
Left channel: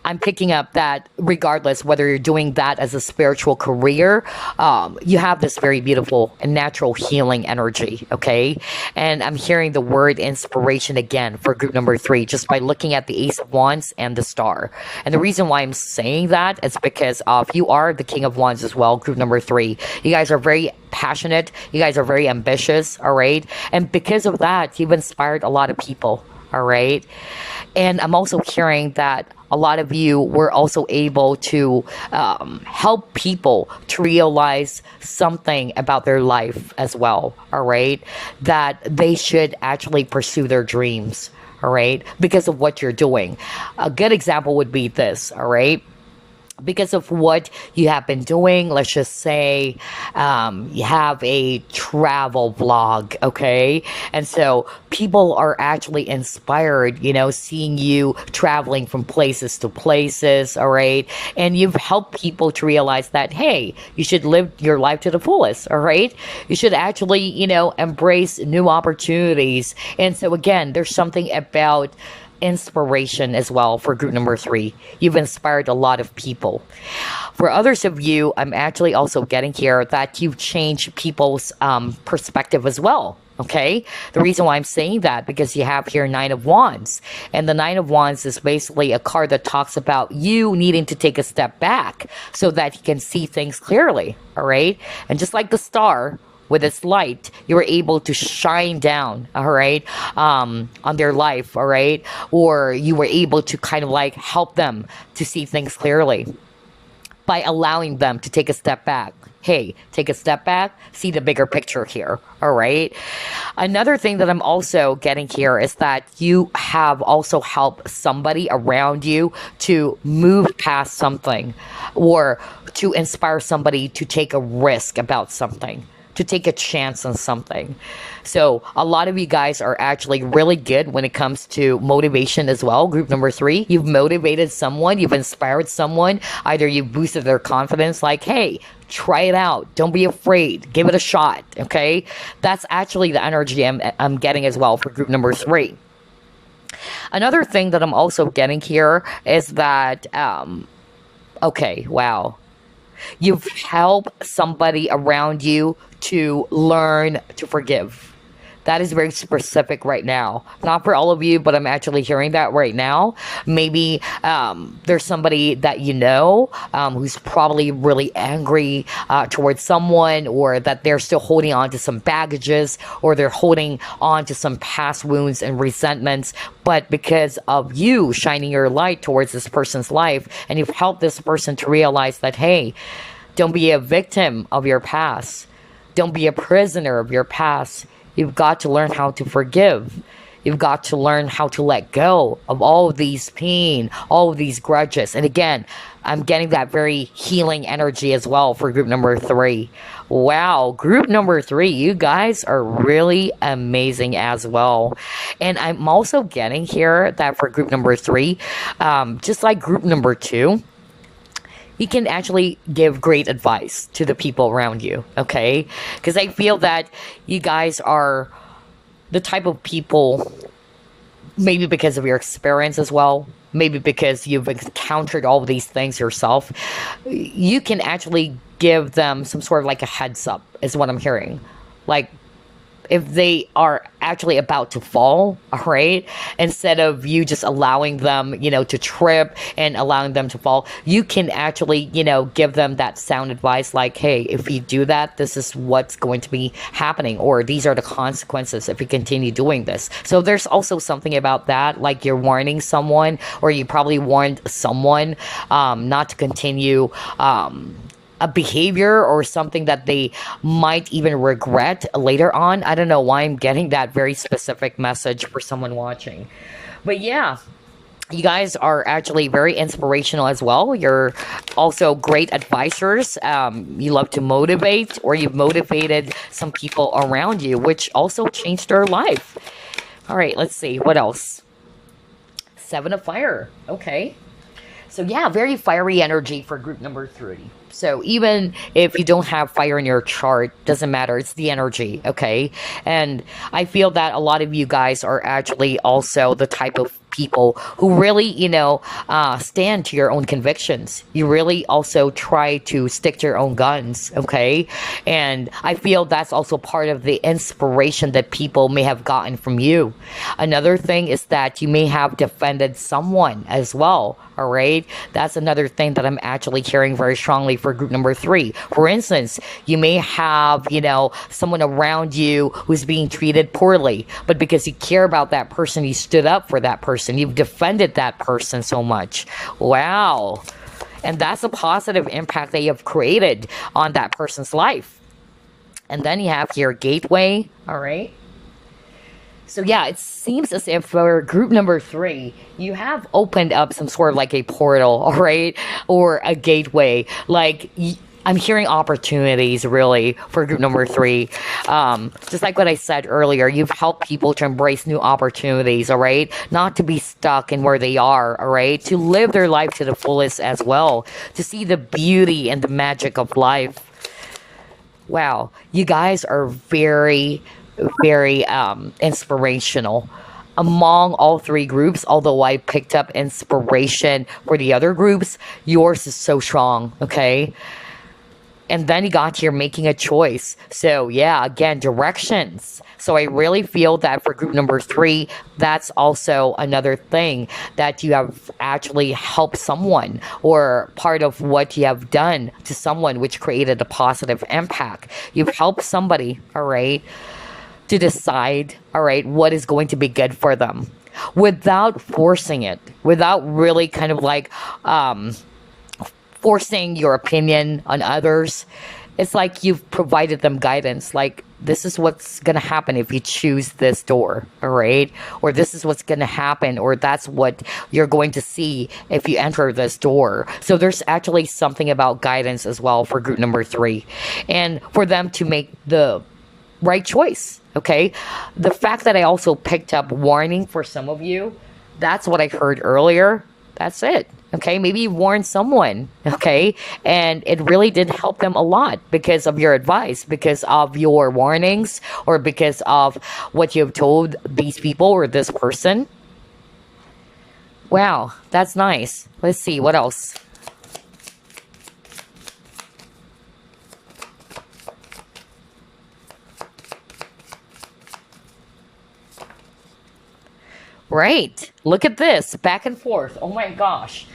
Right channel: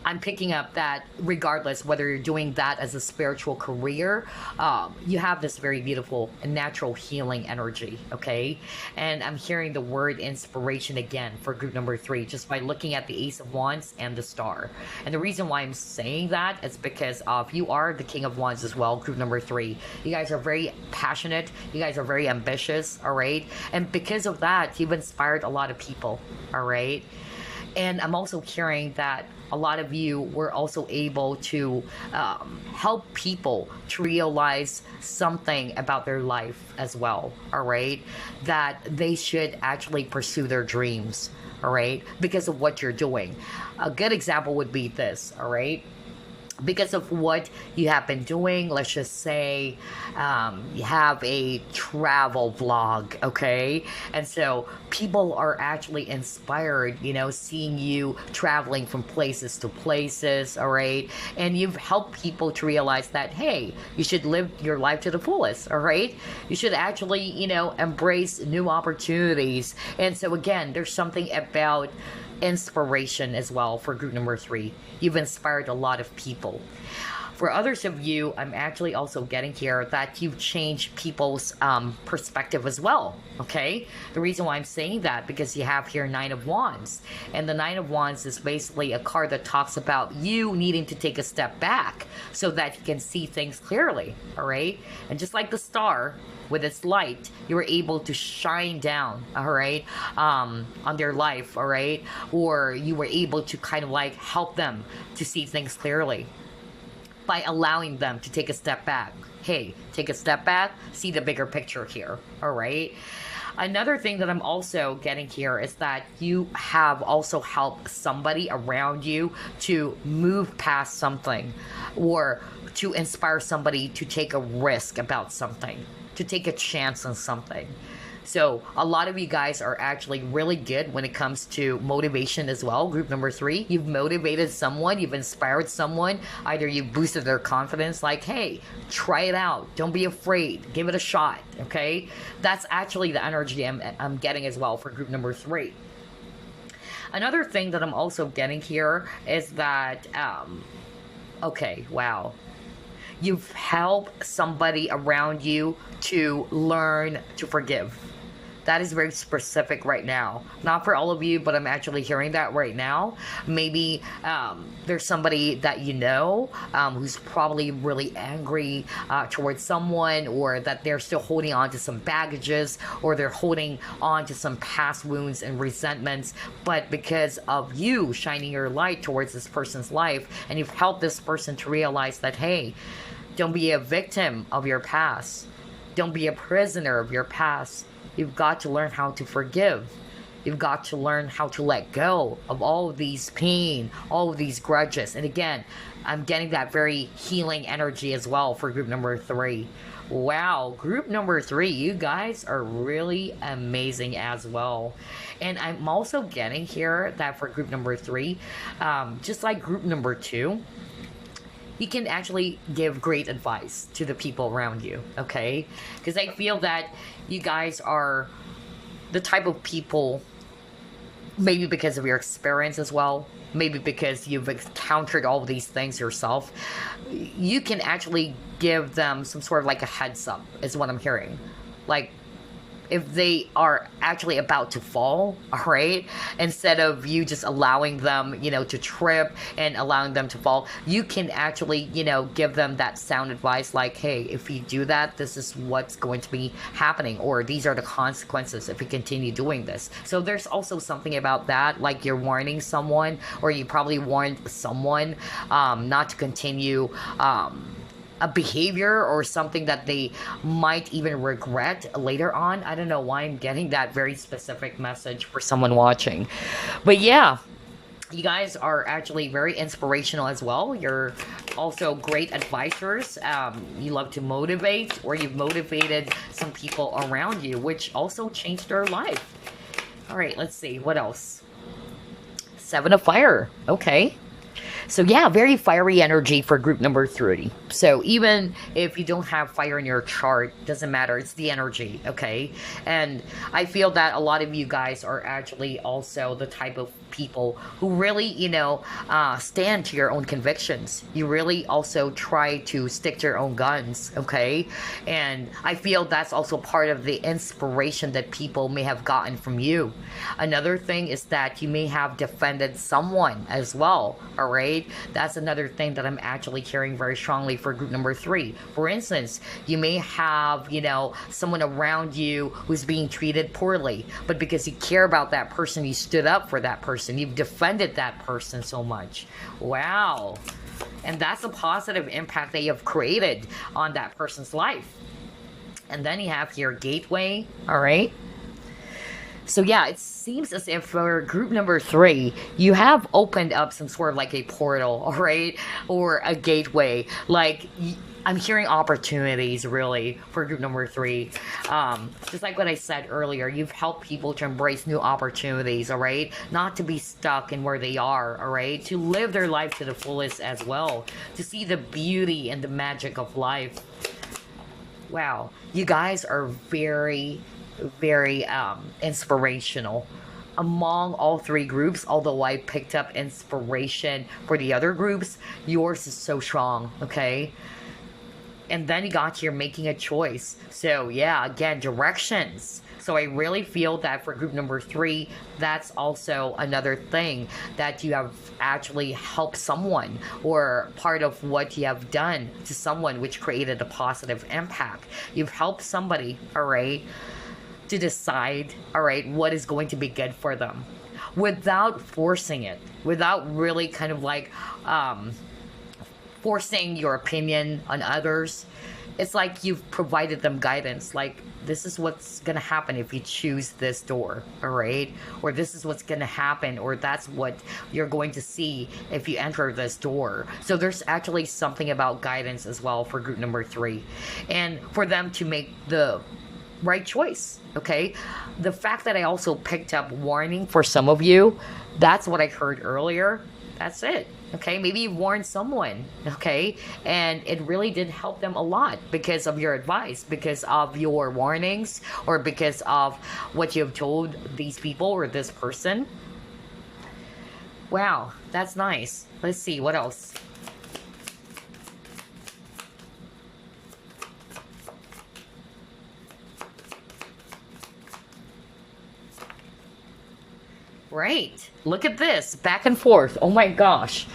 I'm picking up that regardless whether you're doing that as a spiritual career, you have this very beautiful and natural healing energy, okay? And I'm hearing the word inspiration again for group number 3 just by looking at the Ace of Wands and the Star. And the reason why I'm saying that is because you are the King of Wands as well, group number 3. You guys are very passionate. You guys are very ambitious, all right? And because of that, you've inspired a lot of people, all right? And I'm also hearing that a lot of you were also able to help people to realize something about their life as well, all right? That they should actually pursue their dreams, all right? Because of what you're doing. A good example would be this, all right? Because of what you have been doing, let's just say you have a travel vlog, okay? And so people are actually inspired, seeing you traveling from places to places, all right? And you've helped people to realize that, hey, you should live your life to the fullest, all right? You should actually, embrace new opportunities. And so again, there's something about inspiration as well for group number 3. You've inspired a lot of people. For others of you, I'm actually also getting here that you've changed people's perspective as well. Okay, the reason why I'm saying that because you have here 9 of Wands, and the 9 of Wands is basically a card that talks about you needing to take a step back so that you can see things clearly. All right, and just like the star with its light, you were able to shine down, all right, on their life, all right, or you were able to kind of like help them to see things clearly by allowing them to take a step back. Hey, take a step back, see the bigger picture here, all right? Another thing that I'm also getting here is that you have also helped somebody around you to move past something or to inspire somebody to take a risk about something, to take a chance on something. So a lot of you guys are actually really good when it comes to motivation as well. Group number 3, you've motivated someone, you've inspired someone, either you boosted their confidence like, hey, try it out, don't be afraid, give it a shot, okay? That's actually the energy I'm getting as well for group number 3. Another thing that I'm also getting here is that, okay, wow. You've helped somebody around you to learn to forgive. That is very specific right now. Not for all of you, but I'm actually hearing that right now. Maybe there's somebody that you know who's probably really angry towards someone, or that they're still holding on to some baggages, or they're holding on to some past wounds and resentments. But because of you shining your light towards this person's life, and you've helped this person to realize that, hey, don't be a victim of your past. Don't be a prisoner of your past. You've got to learn how to forgive. You've got to learn how to let go of all of these pain, all of these grudges. And again, I'm getting that very healing energy as well for group number 3. Wow, group number 3, you guys are really amazing as well. And I'm also getting here that for group number 3, just like group number 2, you can actually give great advice to the people around you, okay? Because I feel that you guys are the type of people, maybe because of your experience as well, maybe because you've encountered all of these things yourself, you can actually give them some sort of like a heads up, is what I'm hearing. Like, if they are actually about to fall, all right, instead of you just allowing them, to trip and allowing them to fall, you can actually, give them that sound advice like, hey, if you do that, this is what's going to be happening, or these are the consequences if you continue doing this. So there's also something about that, like you're warning someone, or you probably warned someone not to continue a behavior or something that they might even regret later on. I don't know why I'm getting that very specific message for someone watching. But yeah, you guys are actually very inspirational as well. You're also great advisors. You love to motivate, or you've motivated some people around you, which also changed their life. All right, let's see. What else? Seven of Fire. Okay. So yeah, very fiery energy for group number 3. So even if you don't have fire in your chart, doesn't matter. It's the energy, okay? And I feel that a lot of you guys are actually also the type of people who really, stand to your own convictions. You really also try to stick to your own guns, okay? And I feel that's also part of the inspiration that people may have gotten from you. Another thing is that you may have defended someone as well, all right? That's another thing that I'm actually hearing very strongly for group number 3. For instance, you may have, someone around you who's being treated poorly, but because you care about that person, you stood up for that person. You've defended that person so much. Wow. And that's a positive impact that you have created on that person's life. And then you have your gateway, all right? So yeah, it seems as if for group number 3, you have opened up some sort of like a portal, all right? Or a gateway. Like, I'm hearing opportunities really for group number 3. Just like what I said earlier, you've helped people to embrace new opportunities, all right? Not to be stuck in where they are, all right? To live their life to the fullest as well. To see the beauty and the magic of life. Wow, you guys are very inspirational among all 3 groups. Although I picked up inspiration for the other groups, yours is so strong, okay? And then you got here making a choice. So yeah, again, directions. So I really feel that for group number 3, that's also another thing that you have actually helped someone, or part of what you have done to someone which created a positive impact. You've helped somebody, all right, to decide, all right, what is going to be good for them without forcing it, without really kind of like forcing your opinion on others. It's like you've provided them guidance, like, this is what's going to happen if you choose this door, all right? Or this is what's going to happen, or that's what you're going to see if you enter this door. So there's actually something about guidance as well for group number 3. And for them to make the right choice, okay? The fact that I also picked up warning for some of you, that's what I heard earlier. That's it. Okay, maybe you warned someone, okay, and it really did help them a lot because of your advice, because of your warnings, or because of what you've told these people or this person. Wow, that's nice. Let's see, what else? Right. Look at this. Back and forth. Oh my gosh.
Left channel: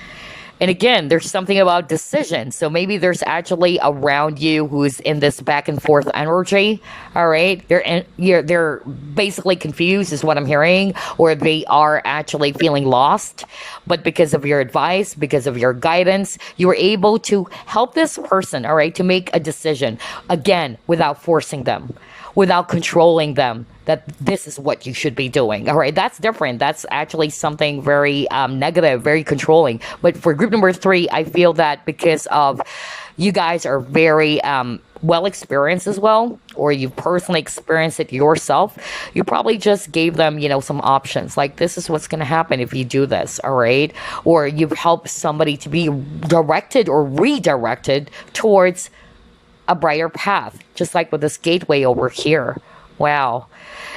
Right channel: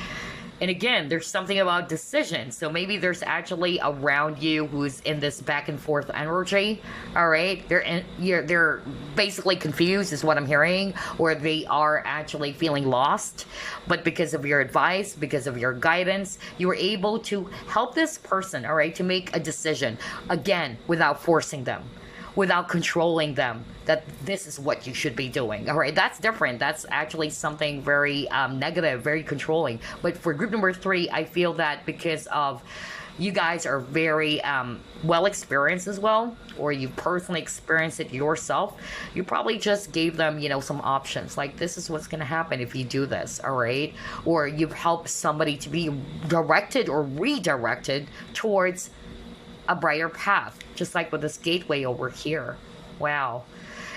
And again, there's something about decision. So maybe there's actually around you who's in this back and forth energy. All right. They're basically confused is what I'm hearing, or they are actually feeling lost. But because of your advice, because of your guidance, you were able to help this person, all right, to make a decision, again, without forcing them, without controlling them, that this is what you should be doing. All right, that's different. That's actually something very negative, very controlling. But for group number 3, I feel that because of you guys are very well experienced as well, or you personally experienced it yourself, you probably just gave them, some options. Like, this is what's going to happen if you do this, all right? Or you've helped somebody to be directed or redirected towards a brighter path, just like with this gateway over here. Wow.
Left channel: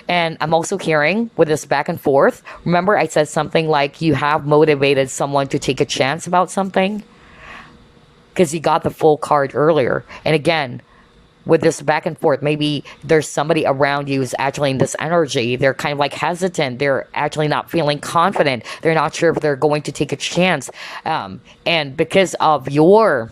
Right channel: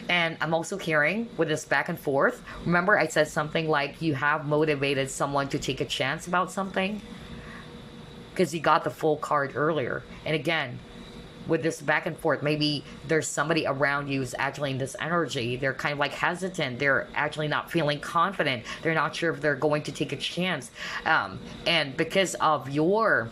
And I'm also hearing with this back and forth, remember I said something like you have motivated someone to take a chance about something? Because you got the full card earlier. And again, with this back and forth, maybe there's somebody around you who's actually in this energy. They're kind of like hesitant. They're actually not feeling confident. They're not sure if they're going to take a chance. And because of your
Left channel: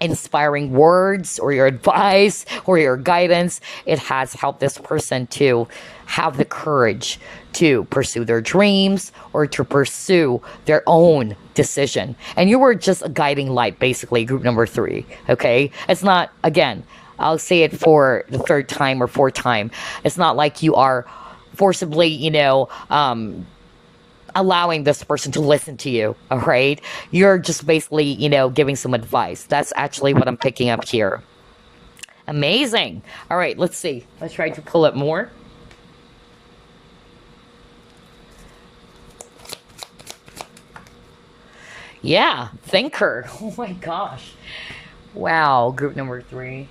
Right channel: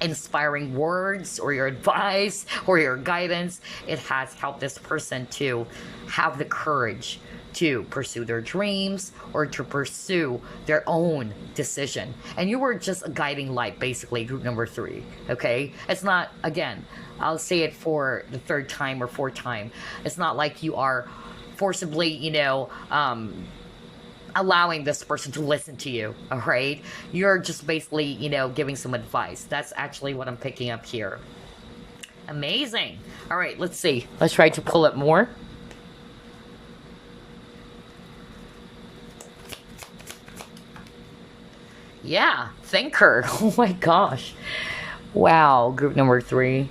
inspiring words or your advice or your guidance, it has helped this person to have the courage to pursue their dreams or to pursue their own decision. And you were just a guiding light, basically, group number 3. Okay? It's not, again, I'll say it for the 3rd time or 4th time. It's not like you are forcibly, allowing this person to listen to you, all right? You're just basically, giving some advice. That's actually what I'm picking up here. Amazing. All right, let's see. Let's try to pull it more. Yeah, thinker. Oh my gosh. Wow, group number 3.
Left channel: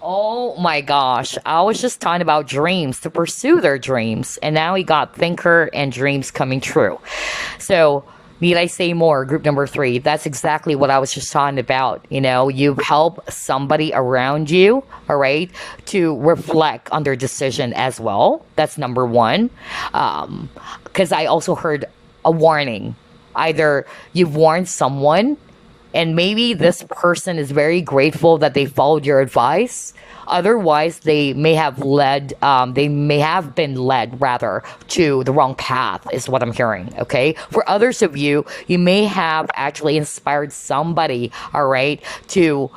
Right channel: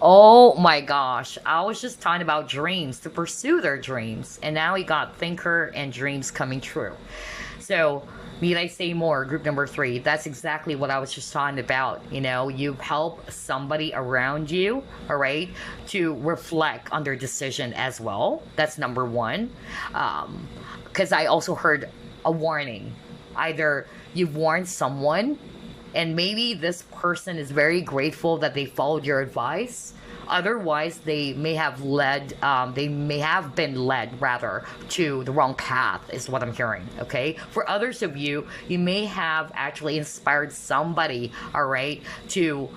Oh my gosh. I was just talking about dreams, to pursue their dreams. And now we got thinker and dreams coming true. So, need I say more? Group number 3. That's exactly what I was just talking about. You've helped somebody around you, all right, to reflect on their decision as well. That's number 1. Because I also heard a warning. Either you've warned someone, and maybe this person is very grateful that they followed your advice. Otherwise, they may have been led rather to the wrong path, is what I'm hearing. Okay. For others of you, you may have actually inspired somebody, all right, to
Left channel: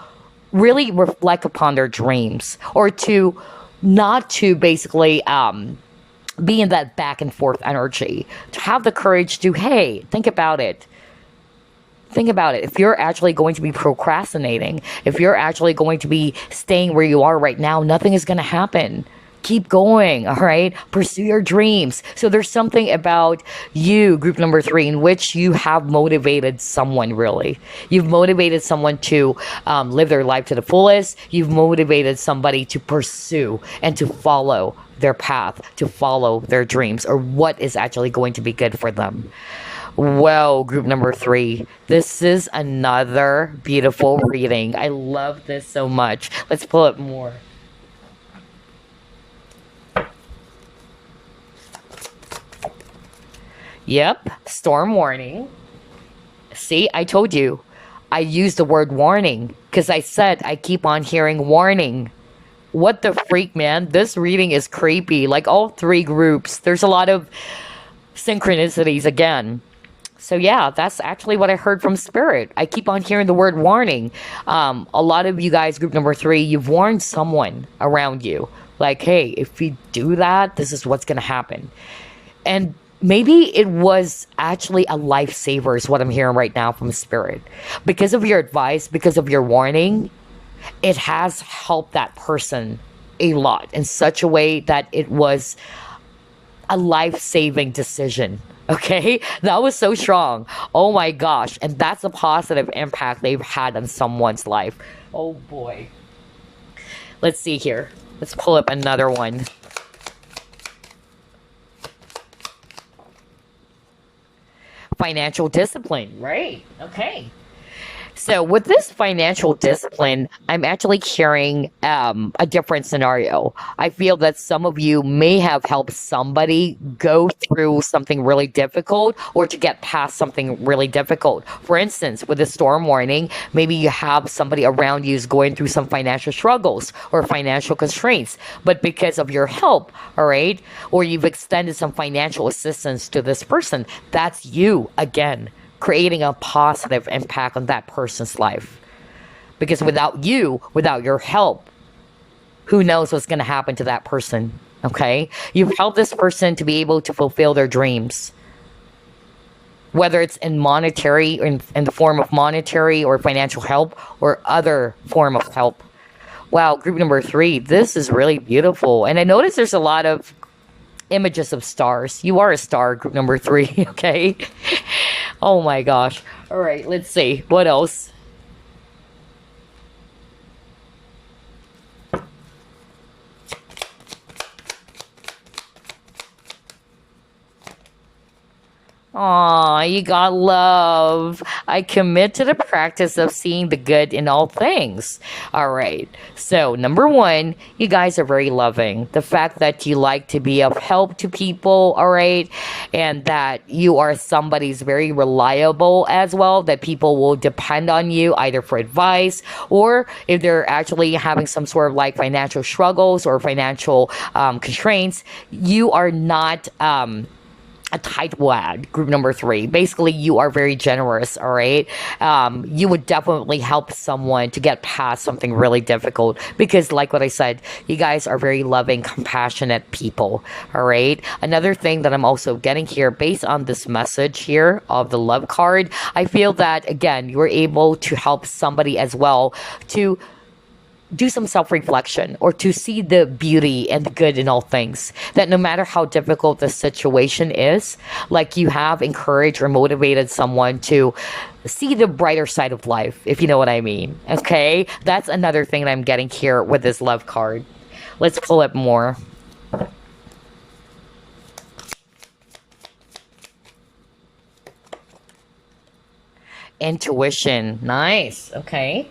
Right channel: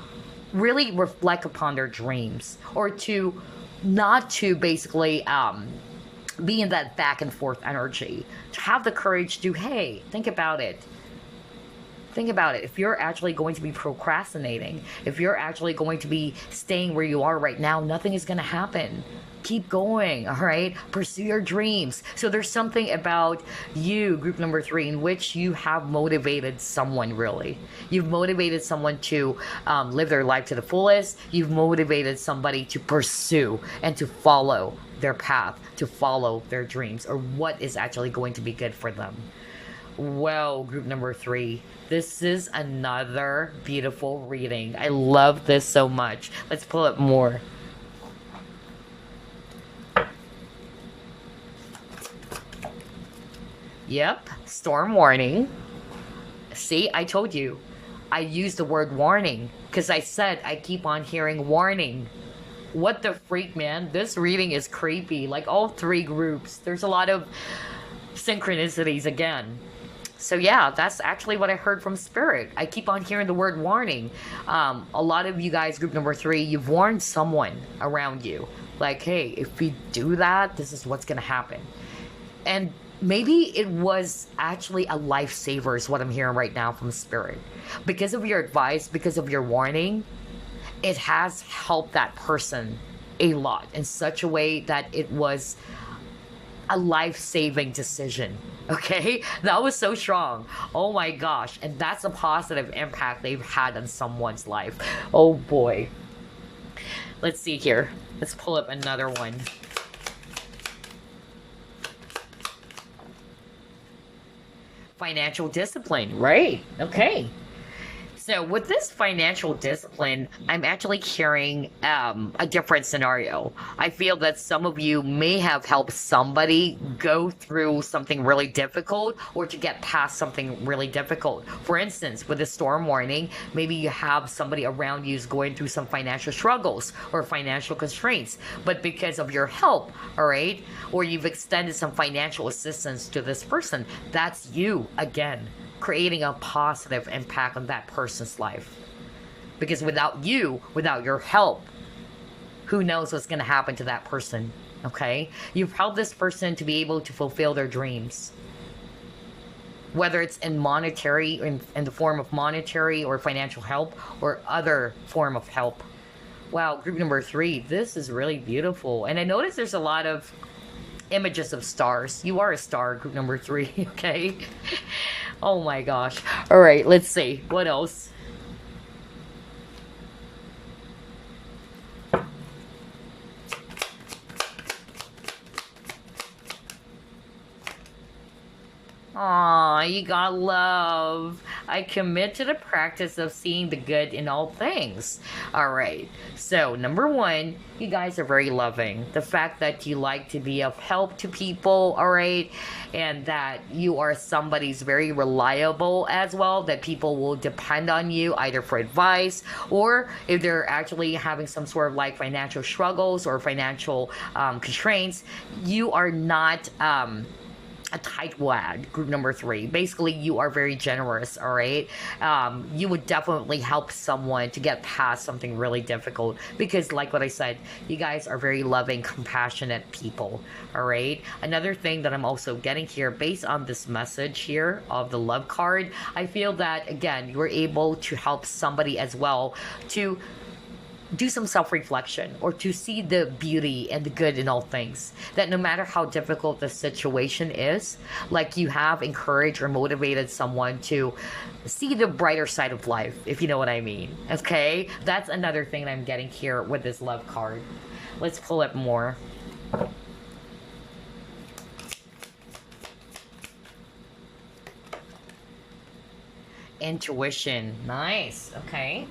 really reflect upon their dreams, or to not to basically be in that back and forth energy, to have the courage to, hey, think about it. Think about it. If you're actually going to be procrastinating, if you're actually going to be staying where you are right now, nothing is going to happen. Keep going, all right? Pursue your dreams. So there's something about you, group number 3, in which you have motivated someone, really. You've motivated someone to live their life to the fullest. You've motivated somebody to pursue and to follow their path, to follow their dreams, or what is actually going to be good for them. Well, group number 3, this is another beautiful reading. I love this so much. Let's pull it more. Yep, storm warning. See, I told you. I used the word warning because I said I keep on hearing warning. What the freak, man? This reading is creepy. Like all 3 groups, there's a lot of synchronicities again. So yeah, that's actually what I heard from Spirit. I keep on hearing the word warning. A lot of you guys, group number 3, you've warned someone around you. Like, hey, if you do that, this is what's going to happen. And maybe it was actually a lifesaver is what I'm hearing right now from Spirit. Because of your advice, because of your warning, it has helped that person a lot in such a way that it was a life-saving decision. Okay, that was so strong. Oh my gosh. And that's a positive impact they've had on someone's life. Oh boy. Let's see here. Let's pull up another one. Financial discipline, right? Okay. So with this financial discipline, I'm actually hearing a different scenario. I feel that some of you may have helped somebody go through something really difficult or to get past something really difficult. For instance, with the storm warning, maybe you have somebody around you who's going through some financial struggles or financial constraints. But because of your help, all right, or you've extended some financial assistance to this person, that's you again, creating a positive impact on that person's life. Because without you, without your help, who knows what's going to happen to that person, okay? You've helped this person to be able to fulfill their dreams. Whether it's in monetary, in the form of monetary or financial help, or other form of help. Wow, group number 3, this is really beautiful. And I notice there's a lot of images of stars. You are a star, group number 3, okay? Oh my gosh. All right, let's see. What else? Aw, you got love. I commit to the practice of seeing the good in all things. All right. So, number one, you guys are very loving. The fact that you like to be of help to people, all right, and that you are somebody who's very reliable as well, that people will depend on you either for advice or if they're actually having some sort of like financial struggles or financial constraints, you are not. A tightwad, group number three. Basically, you are very generous, all right? You would definitely help someone to get past something really difficult because, like what I said, you guys are very loving, compassionate people, all right? Another thing that I'm also getting here, based on this message here of the love card, I feel that, again, you're able to help somebody as well to do some self reflection or to see the beauty and the good in all things. That no matter how difficult the situation is, like you have encouraged or motivated someone to see the brighter side of life, if you know what I mean. Okay? That's another thing that I'm getting here with this love card. Let's pull it more. Intuition. Nice. Okay.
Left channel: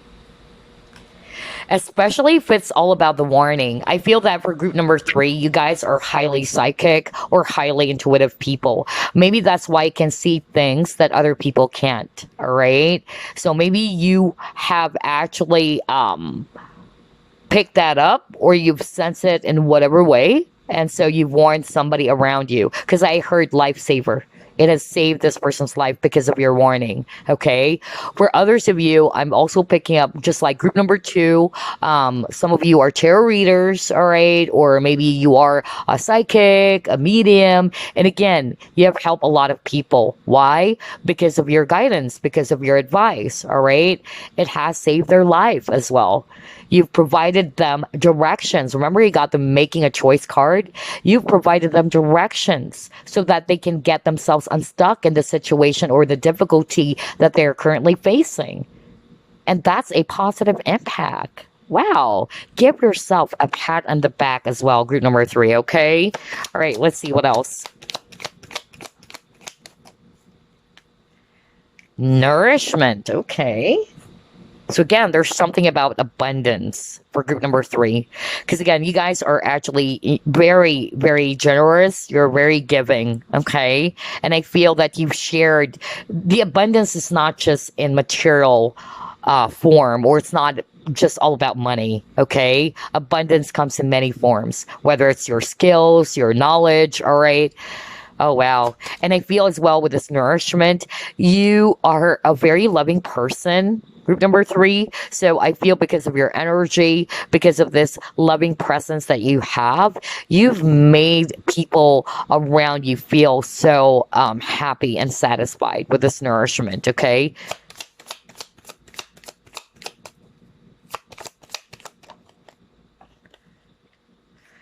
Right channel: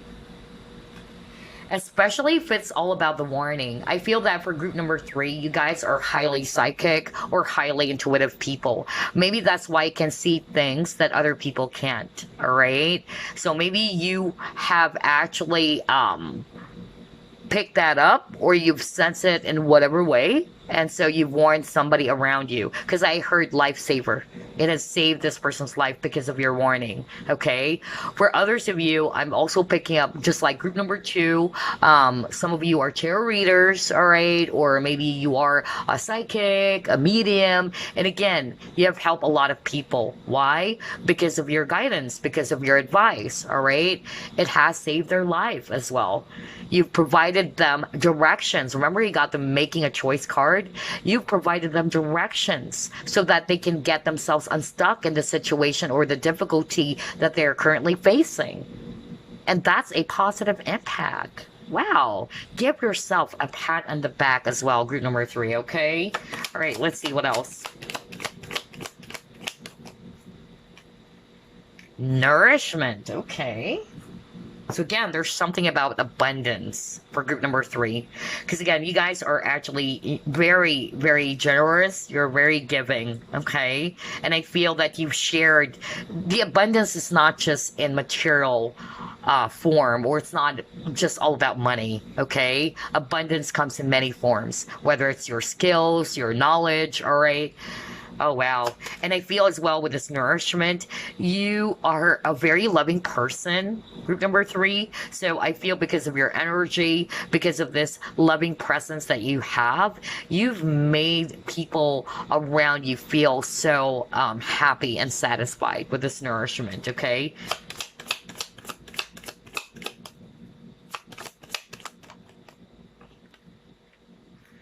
Especially if it's all about the warning. I feel that for group number three, you guys are highly psychic or highly intuitive people. Maybe that's why you can see things that other people can't. All right. So maybe you have actually picked that up or you've sensed it in whatever way. And so you've warned somebody around you. Because I heard lifesaver. It has saved this person's life because of your warning. Okay. For others of you, I'm also picking up just like group number two. Some of you are tarot readers, all right, or maybe you are a psychic, a medium, and again, you have helped a lot of people. Why? Because of your guidance, because of your advice. All right, it has saved their life as well. You've provided them directions. Remember, you got the making a choice card? You've provided them directions so that they can get themselves unstuck in the situation or the difficulty that they're currently facing. And that's a positive impact. Wow. Give yourself a pat on the back as well, group number three, okay? All right, let's see what else. Nourishment, okay. So again, there's something about abundance for group number three. Because again, you guys are actually very, very generous. You're very giving, okay? And I feel that you've shared, the abundance is not just in material form, or it's not just all about money, okay? Abundance comes in many forms, whether it's your skills, your knowledge, all right? Oh, wow. And I feel as well with this nourishment, you are a very loving person, group number three. So I feel because of your energy, because of this loving presence that you have, you've made people around you feel so happy and satisfied with this nourishment, okay?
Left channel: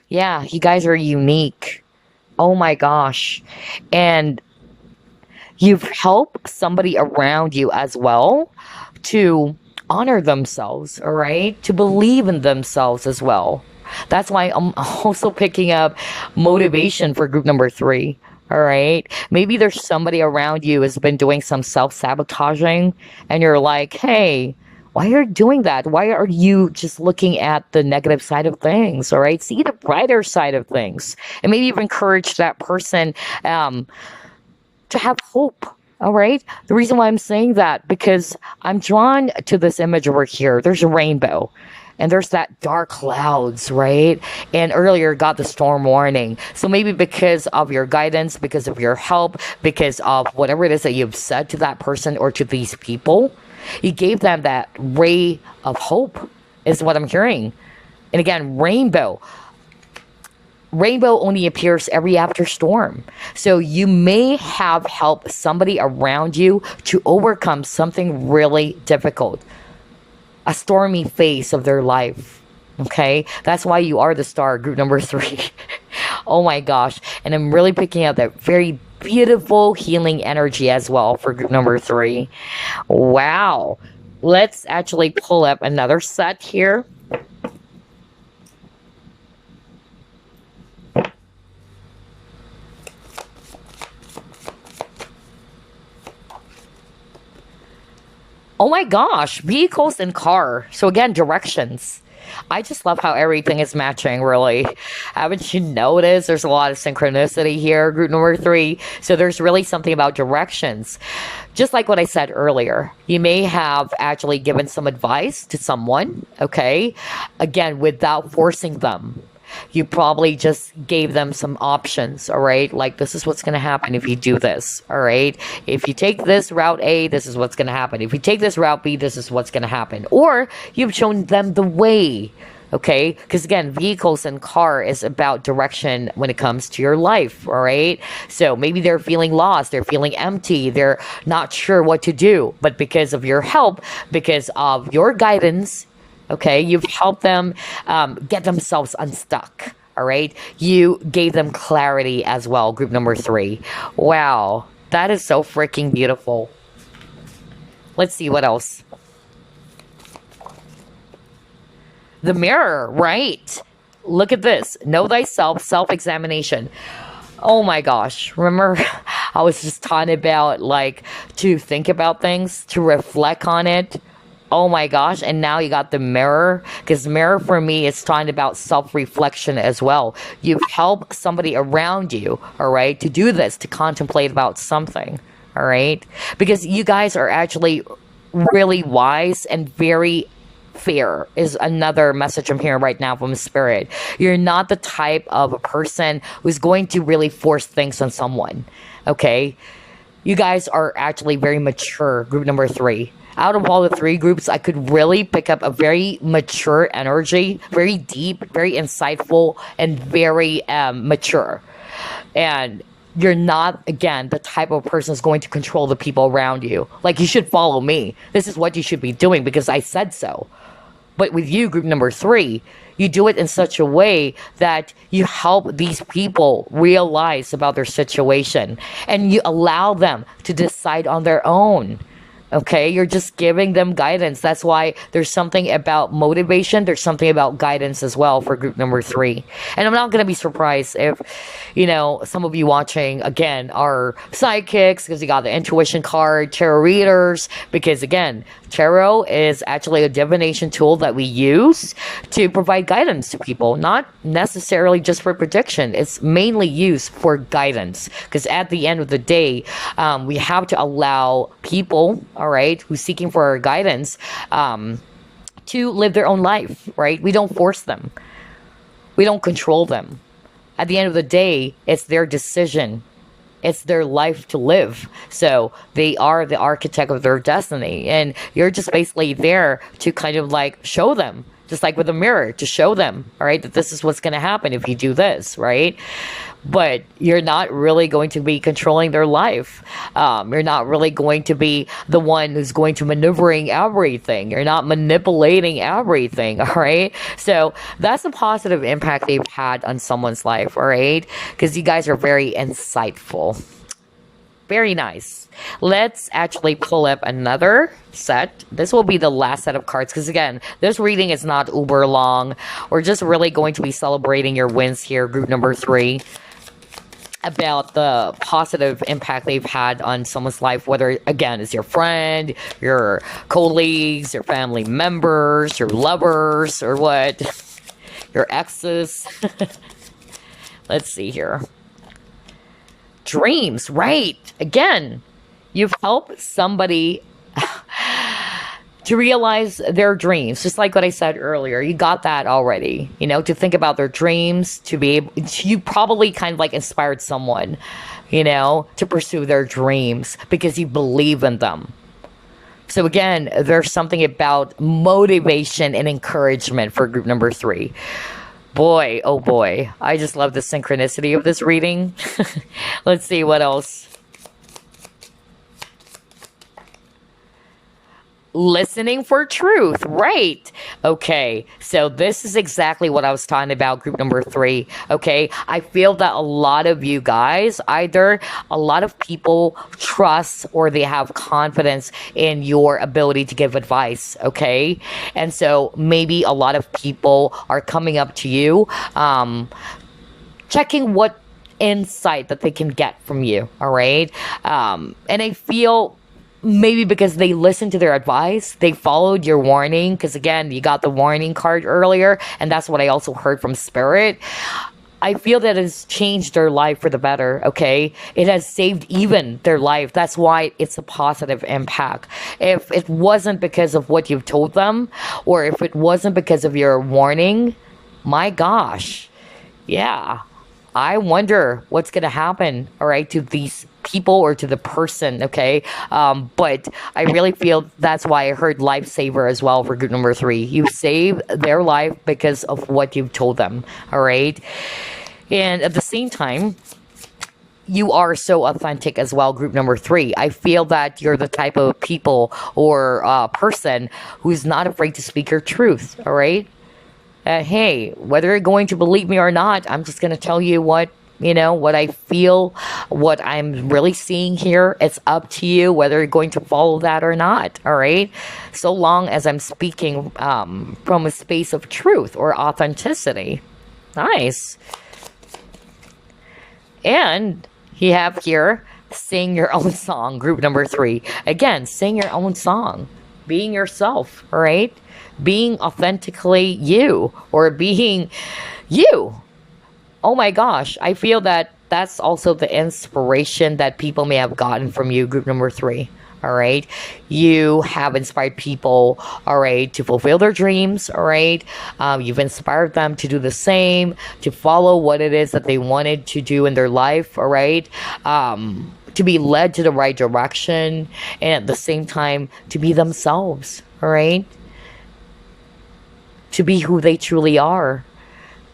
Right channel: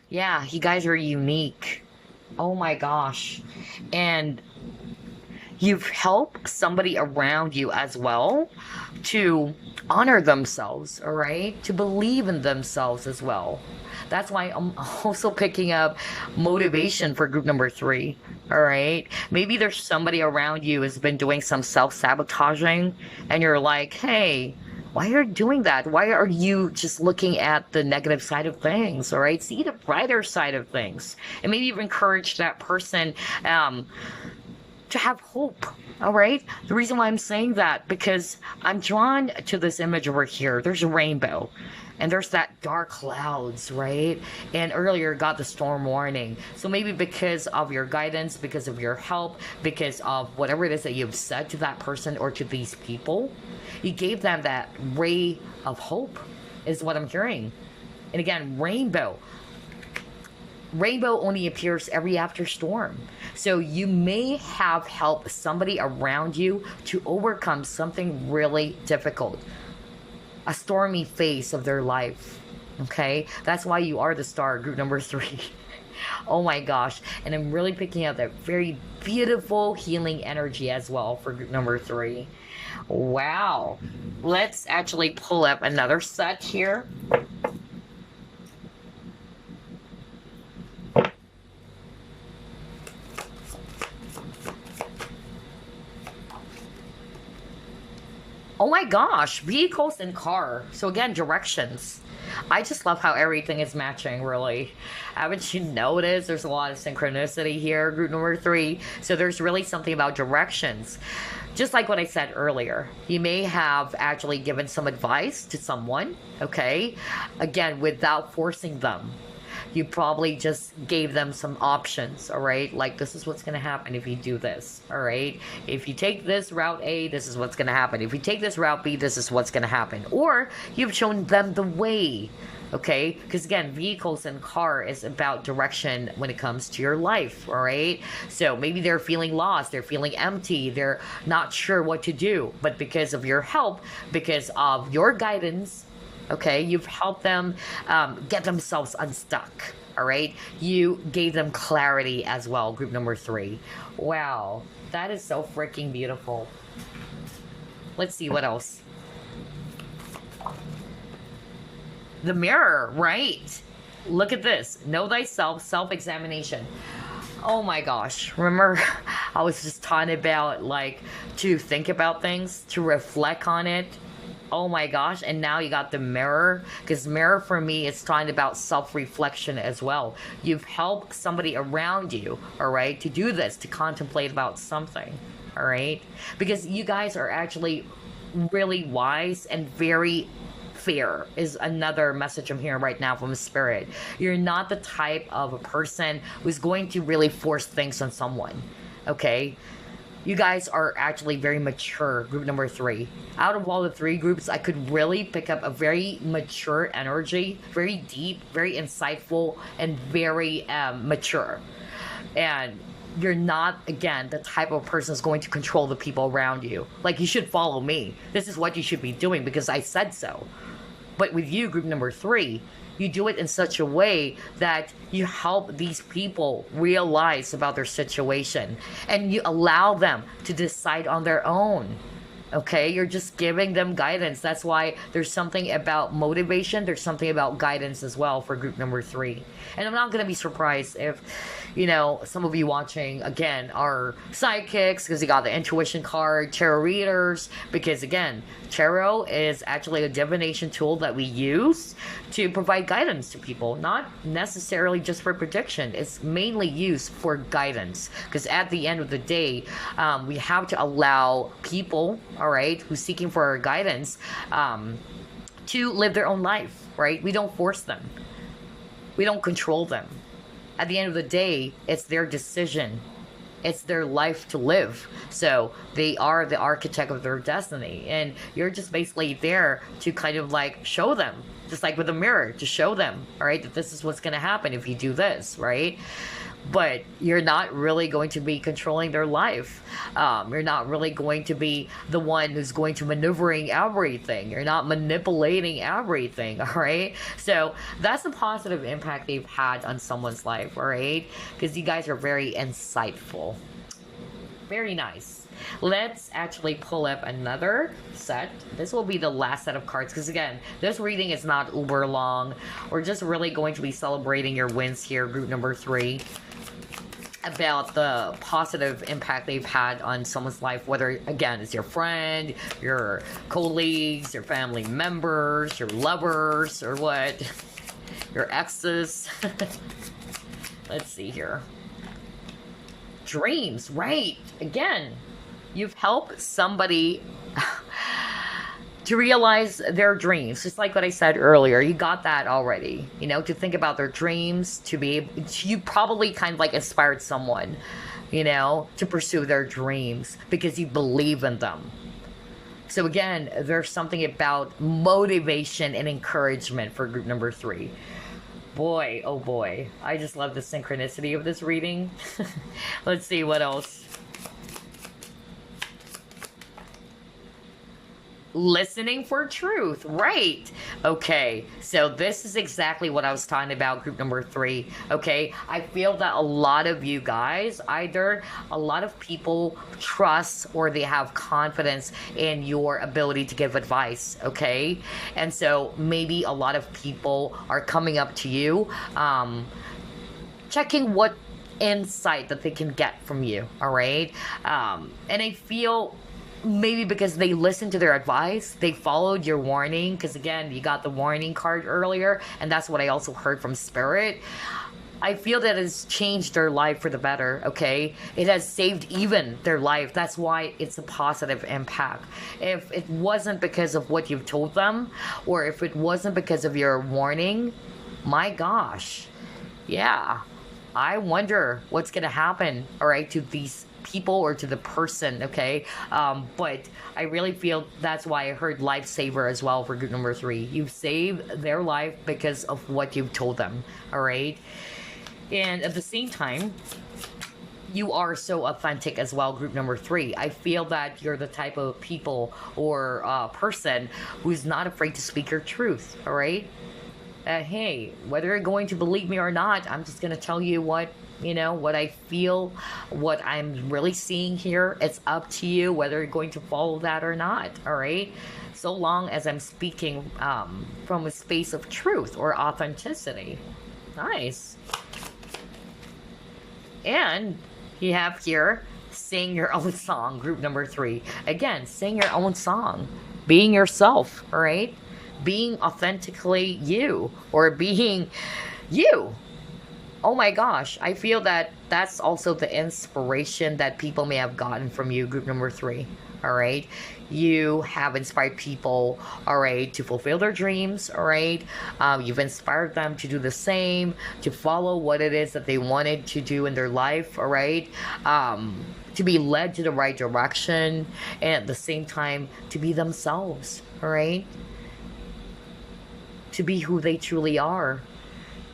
Yeah, you guys are unique. Oh my gosh. And you've helped somebody around you as well to honor themselves, all right? To believe in themselves as well. That's why I'm also picking up motivation for group number three. All right. Maybe there's somebody around you has been doing some self-sabotaging and you're like, hey, why are you doing that? Why are you just looking at the negative side of things? All right. See the brighter side of things. And maybe you've encouraged that person to have hope. All right. The reason why I'm saying that, because I'm drawn to this image over here. There's a rainbow. And there's that dark clouds, right? And earlier got the storm warning. So maybe because of your guidance, because of your help, because of whatever it is that you've said to that person or to these people, you gave them that ray of hope, is what I'm hearing. And again, rainbow. Rainbow only appears every after storm. So you may have helped somebody around you to overcome something really difficult, a stormy phase of their life. Okay, that's why you are the star, group number three. Oh my gosh. And I'm really picking up that very beautiful healing energy as well for group number three. Wow. Let's actually pull up another set here. Oh my gosh, vehicles and car. So again, directions. I just love how everything is matching, really. Haven't you noticed? There's a lot of synchronicity here, group number 3. So there's really something about directions. Just like what I said earlier, you may have actually given some advice to someone, okay? Again, without forcing them. You probably just gave them some options, all right? Like, this is what's going to happen if you do this, all right? If you take this route A, this is what's going to happen. If you take this route B, this is what's going to happen. Or you've shown them the way, okay? Because again, vehicles and car is about direction when it comes to your life, all right? So maybe they're feeling lost, they're feeling empty, they're not sure what to do. But because of your help, because of your guidance, okay, you've helped them get themselves unstuck. All right, you gave them clarity as well, group number 3. Wow, that is so freaking beautiful. Let's see what else. The mirror, right? Look at this. Know thyself, self-examination. Oh my gosh, remember I was just talking about, like, to think about things, to reflect on it. Oh my gosh, and now you got the mirror, because mirror for me is talking about self-reflection as well. You've helped somebody around you, all right, to do this, to contemplate about something, all right? Because you guys are actually really wise and very fair is another message I'm hearing right now from Spirit. You're not the type of a person who's going to really force things on someone, okay? You guys are actually very mature, group number 3. Out of all the 3 groups, I could really pick up a very mature energy, very deep, very insightful, and very mature. And you're not, again, the type of person who's going to control the people around you. Like, you should follow me. This is what you should be doing because I said so. But with you, group number 3, you do it in such a way that you help these people realize about their situation. And you allow them to decide on their own. Okay, you're just giving them guidance. That's why there's something about motivation. There's something about guidance as well for group number 3. And I'm not going to be surprised if, you know, some of you watching, again, are psychics because you got the intuition card, tarot readers, because again, tarot is actually a divination tool that we use to provide guidance to people, not necessarily just for prediction. It's mainly used for guidance because at the end of the day, we have to allow people, all right, who's seeking for our guidance to live their own life, right? We don't force them. We don't control them. At the end of the day, it's their decision. It's their life to live. So they are the architect of their destiny. And you're just basically there to kind of like show them, just like with a mirror, to show them, all right, that this is what's going to happen if you do this, right? But you're not really going to be controlling their life. You're not really going to be the one who's going to maneuvering everything. You're not manipulating everything, all right? So that's the positive impact they've had on someone's life, all right? Because you guys are very insightful. Very nice. Let's actually pull up another set. This will be the last set of cards because, again, this reading is not uber long. We're just really going to be celebrating your wins here, group number 3. About the positive impact they've had on someone's life, whether, again, it's your friend, your colleagues, your family members, your lovers, or what, your exes. Let's see here. Dreams, right? Again, you've helped somebody to realize their dreams, just like what I said earlier. You got that already, you know, to think about their dreams, to be able, you probably kind of like inspired someone, you know, to pursue their dreams because you believe in them. So again, there's something about motivation and encouragement for group number 3. Boy, oh boy, I just love the synchronicity of this reading. Let's see what else. Listening for truth, right? Okay, so this is exactly what I was talking about, group number 3. Okay, I feel that a lot of you guys, either a lot of people trust or they have confidence in your ability to give advice, okay? And so maybe a lot of people are coming up to you, checking what insight that they can get from you, all right? And I feel maybe because they listened to their advice, they followed your warning, because again, you got the warning card earlier, and that's what I also heard from Spirit. I feel that it's changed their life for the better, okay? It has saved even their life. That's why it's a positive impact. If it wasn't because of what you've told them, or if it wasn't because of your warning, my gosh, yeah, I wonder what's going to happen, all right, to these people or to the person, okay? But I really feel that's why I heard lifesaver as well for group number 3. You saved their life because of what you've told them, all right? And at the same time, you are so authentic as well, group number 3. I feel that you're the type of people or person who's not afraid to speak your truth, all right? Hey, whether you're going to believe me or not, I'm just going to tell you what, what I feel, what I'm really seeing here. It's up to you whether you're going to follow that or not, all right? So long as I'm speaking from a space of truth or authenticity. Nice. And you have here, sing your own song, group number 3. Again, sing your own song. Being yourself, all right? Being authentically you, or being you. Oh my gosh, I feel that that's also the inspiration that people may have gotten from you, group number 3. All right, you have inspired people, all right, to fulfill their dreams, all right. You've inspired them to do the same, to follow what it is that they wanted to do in their life, all right. To be led to the right direction, and at the same time to be themselves, all right. To be who they truly are.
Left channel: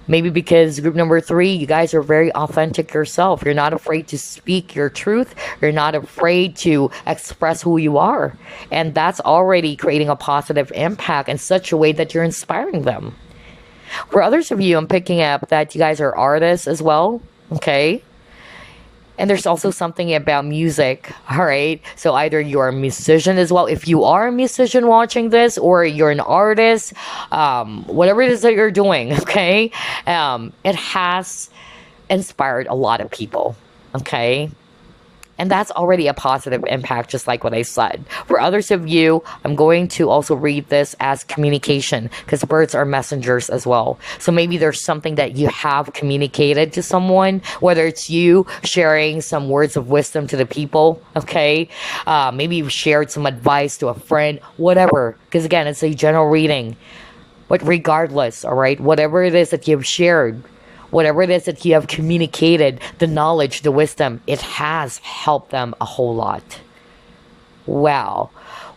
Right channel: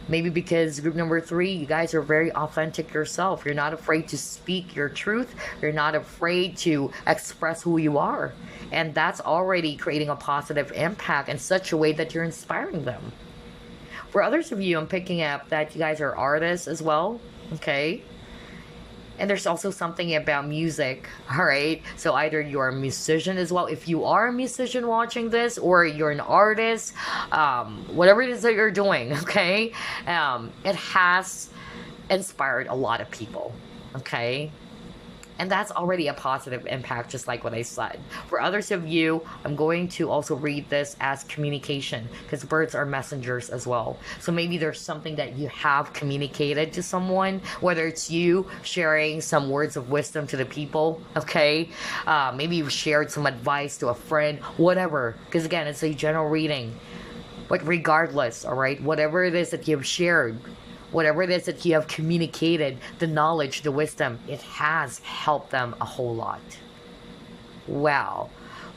Maybe because group number 3, you guys are very authentic yourself. You're not afraid to speak your truth. You're not afraid to express who you are. And that's already creating a positive impact in such a way that you're inspiring them. For others of you, I'm picking up that you guys are artists as well. Okay. And there's also something about music, all right? So either you're a musician as well. If you are a musician watching this, or you're an artist, whatever it is that you're doing, okay? It has inspired a lot of people, okay? And that's already a positive impact, just like what I said. For others of you, I'm going to also read this as communication, because birds are messengers as well. So maybe there's something that you have communicated to someone, whether it's you sharing some words of wisdom to the people, okay? Maybe you've shared some advice to a friend, whatever. Because again, it's a general reading. But regardless, all right, whatever it is that you've shared, whatever it is that you have communicated, the knowledge, the wisdom, it has helped them a whole lot. Wow.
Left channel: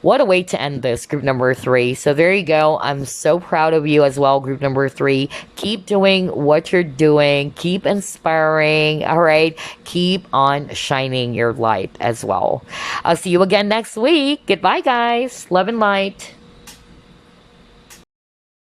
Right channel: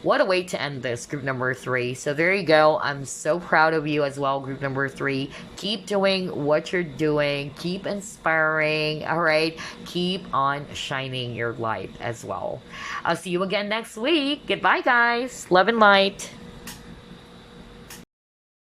What a way to end this, group number 3. So there you go. I'm so proud of you as well, group number 3. Keep doing what you're doing. Keep inspiring. All right. Keep on shining your light as well. I'll see you again next week. Goodbye, guys. Love and light.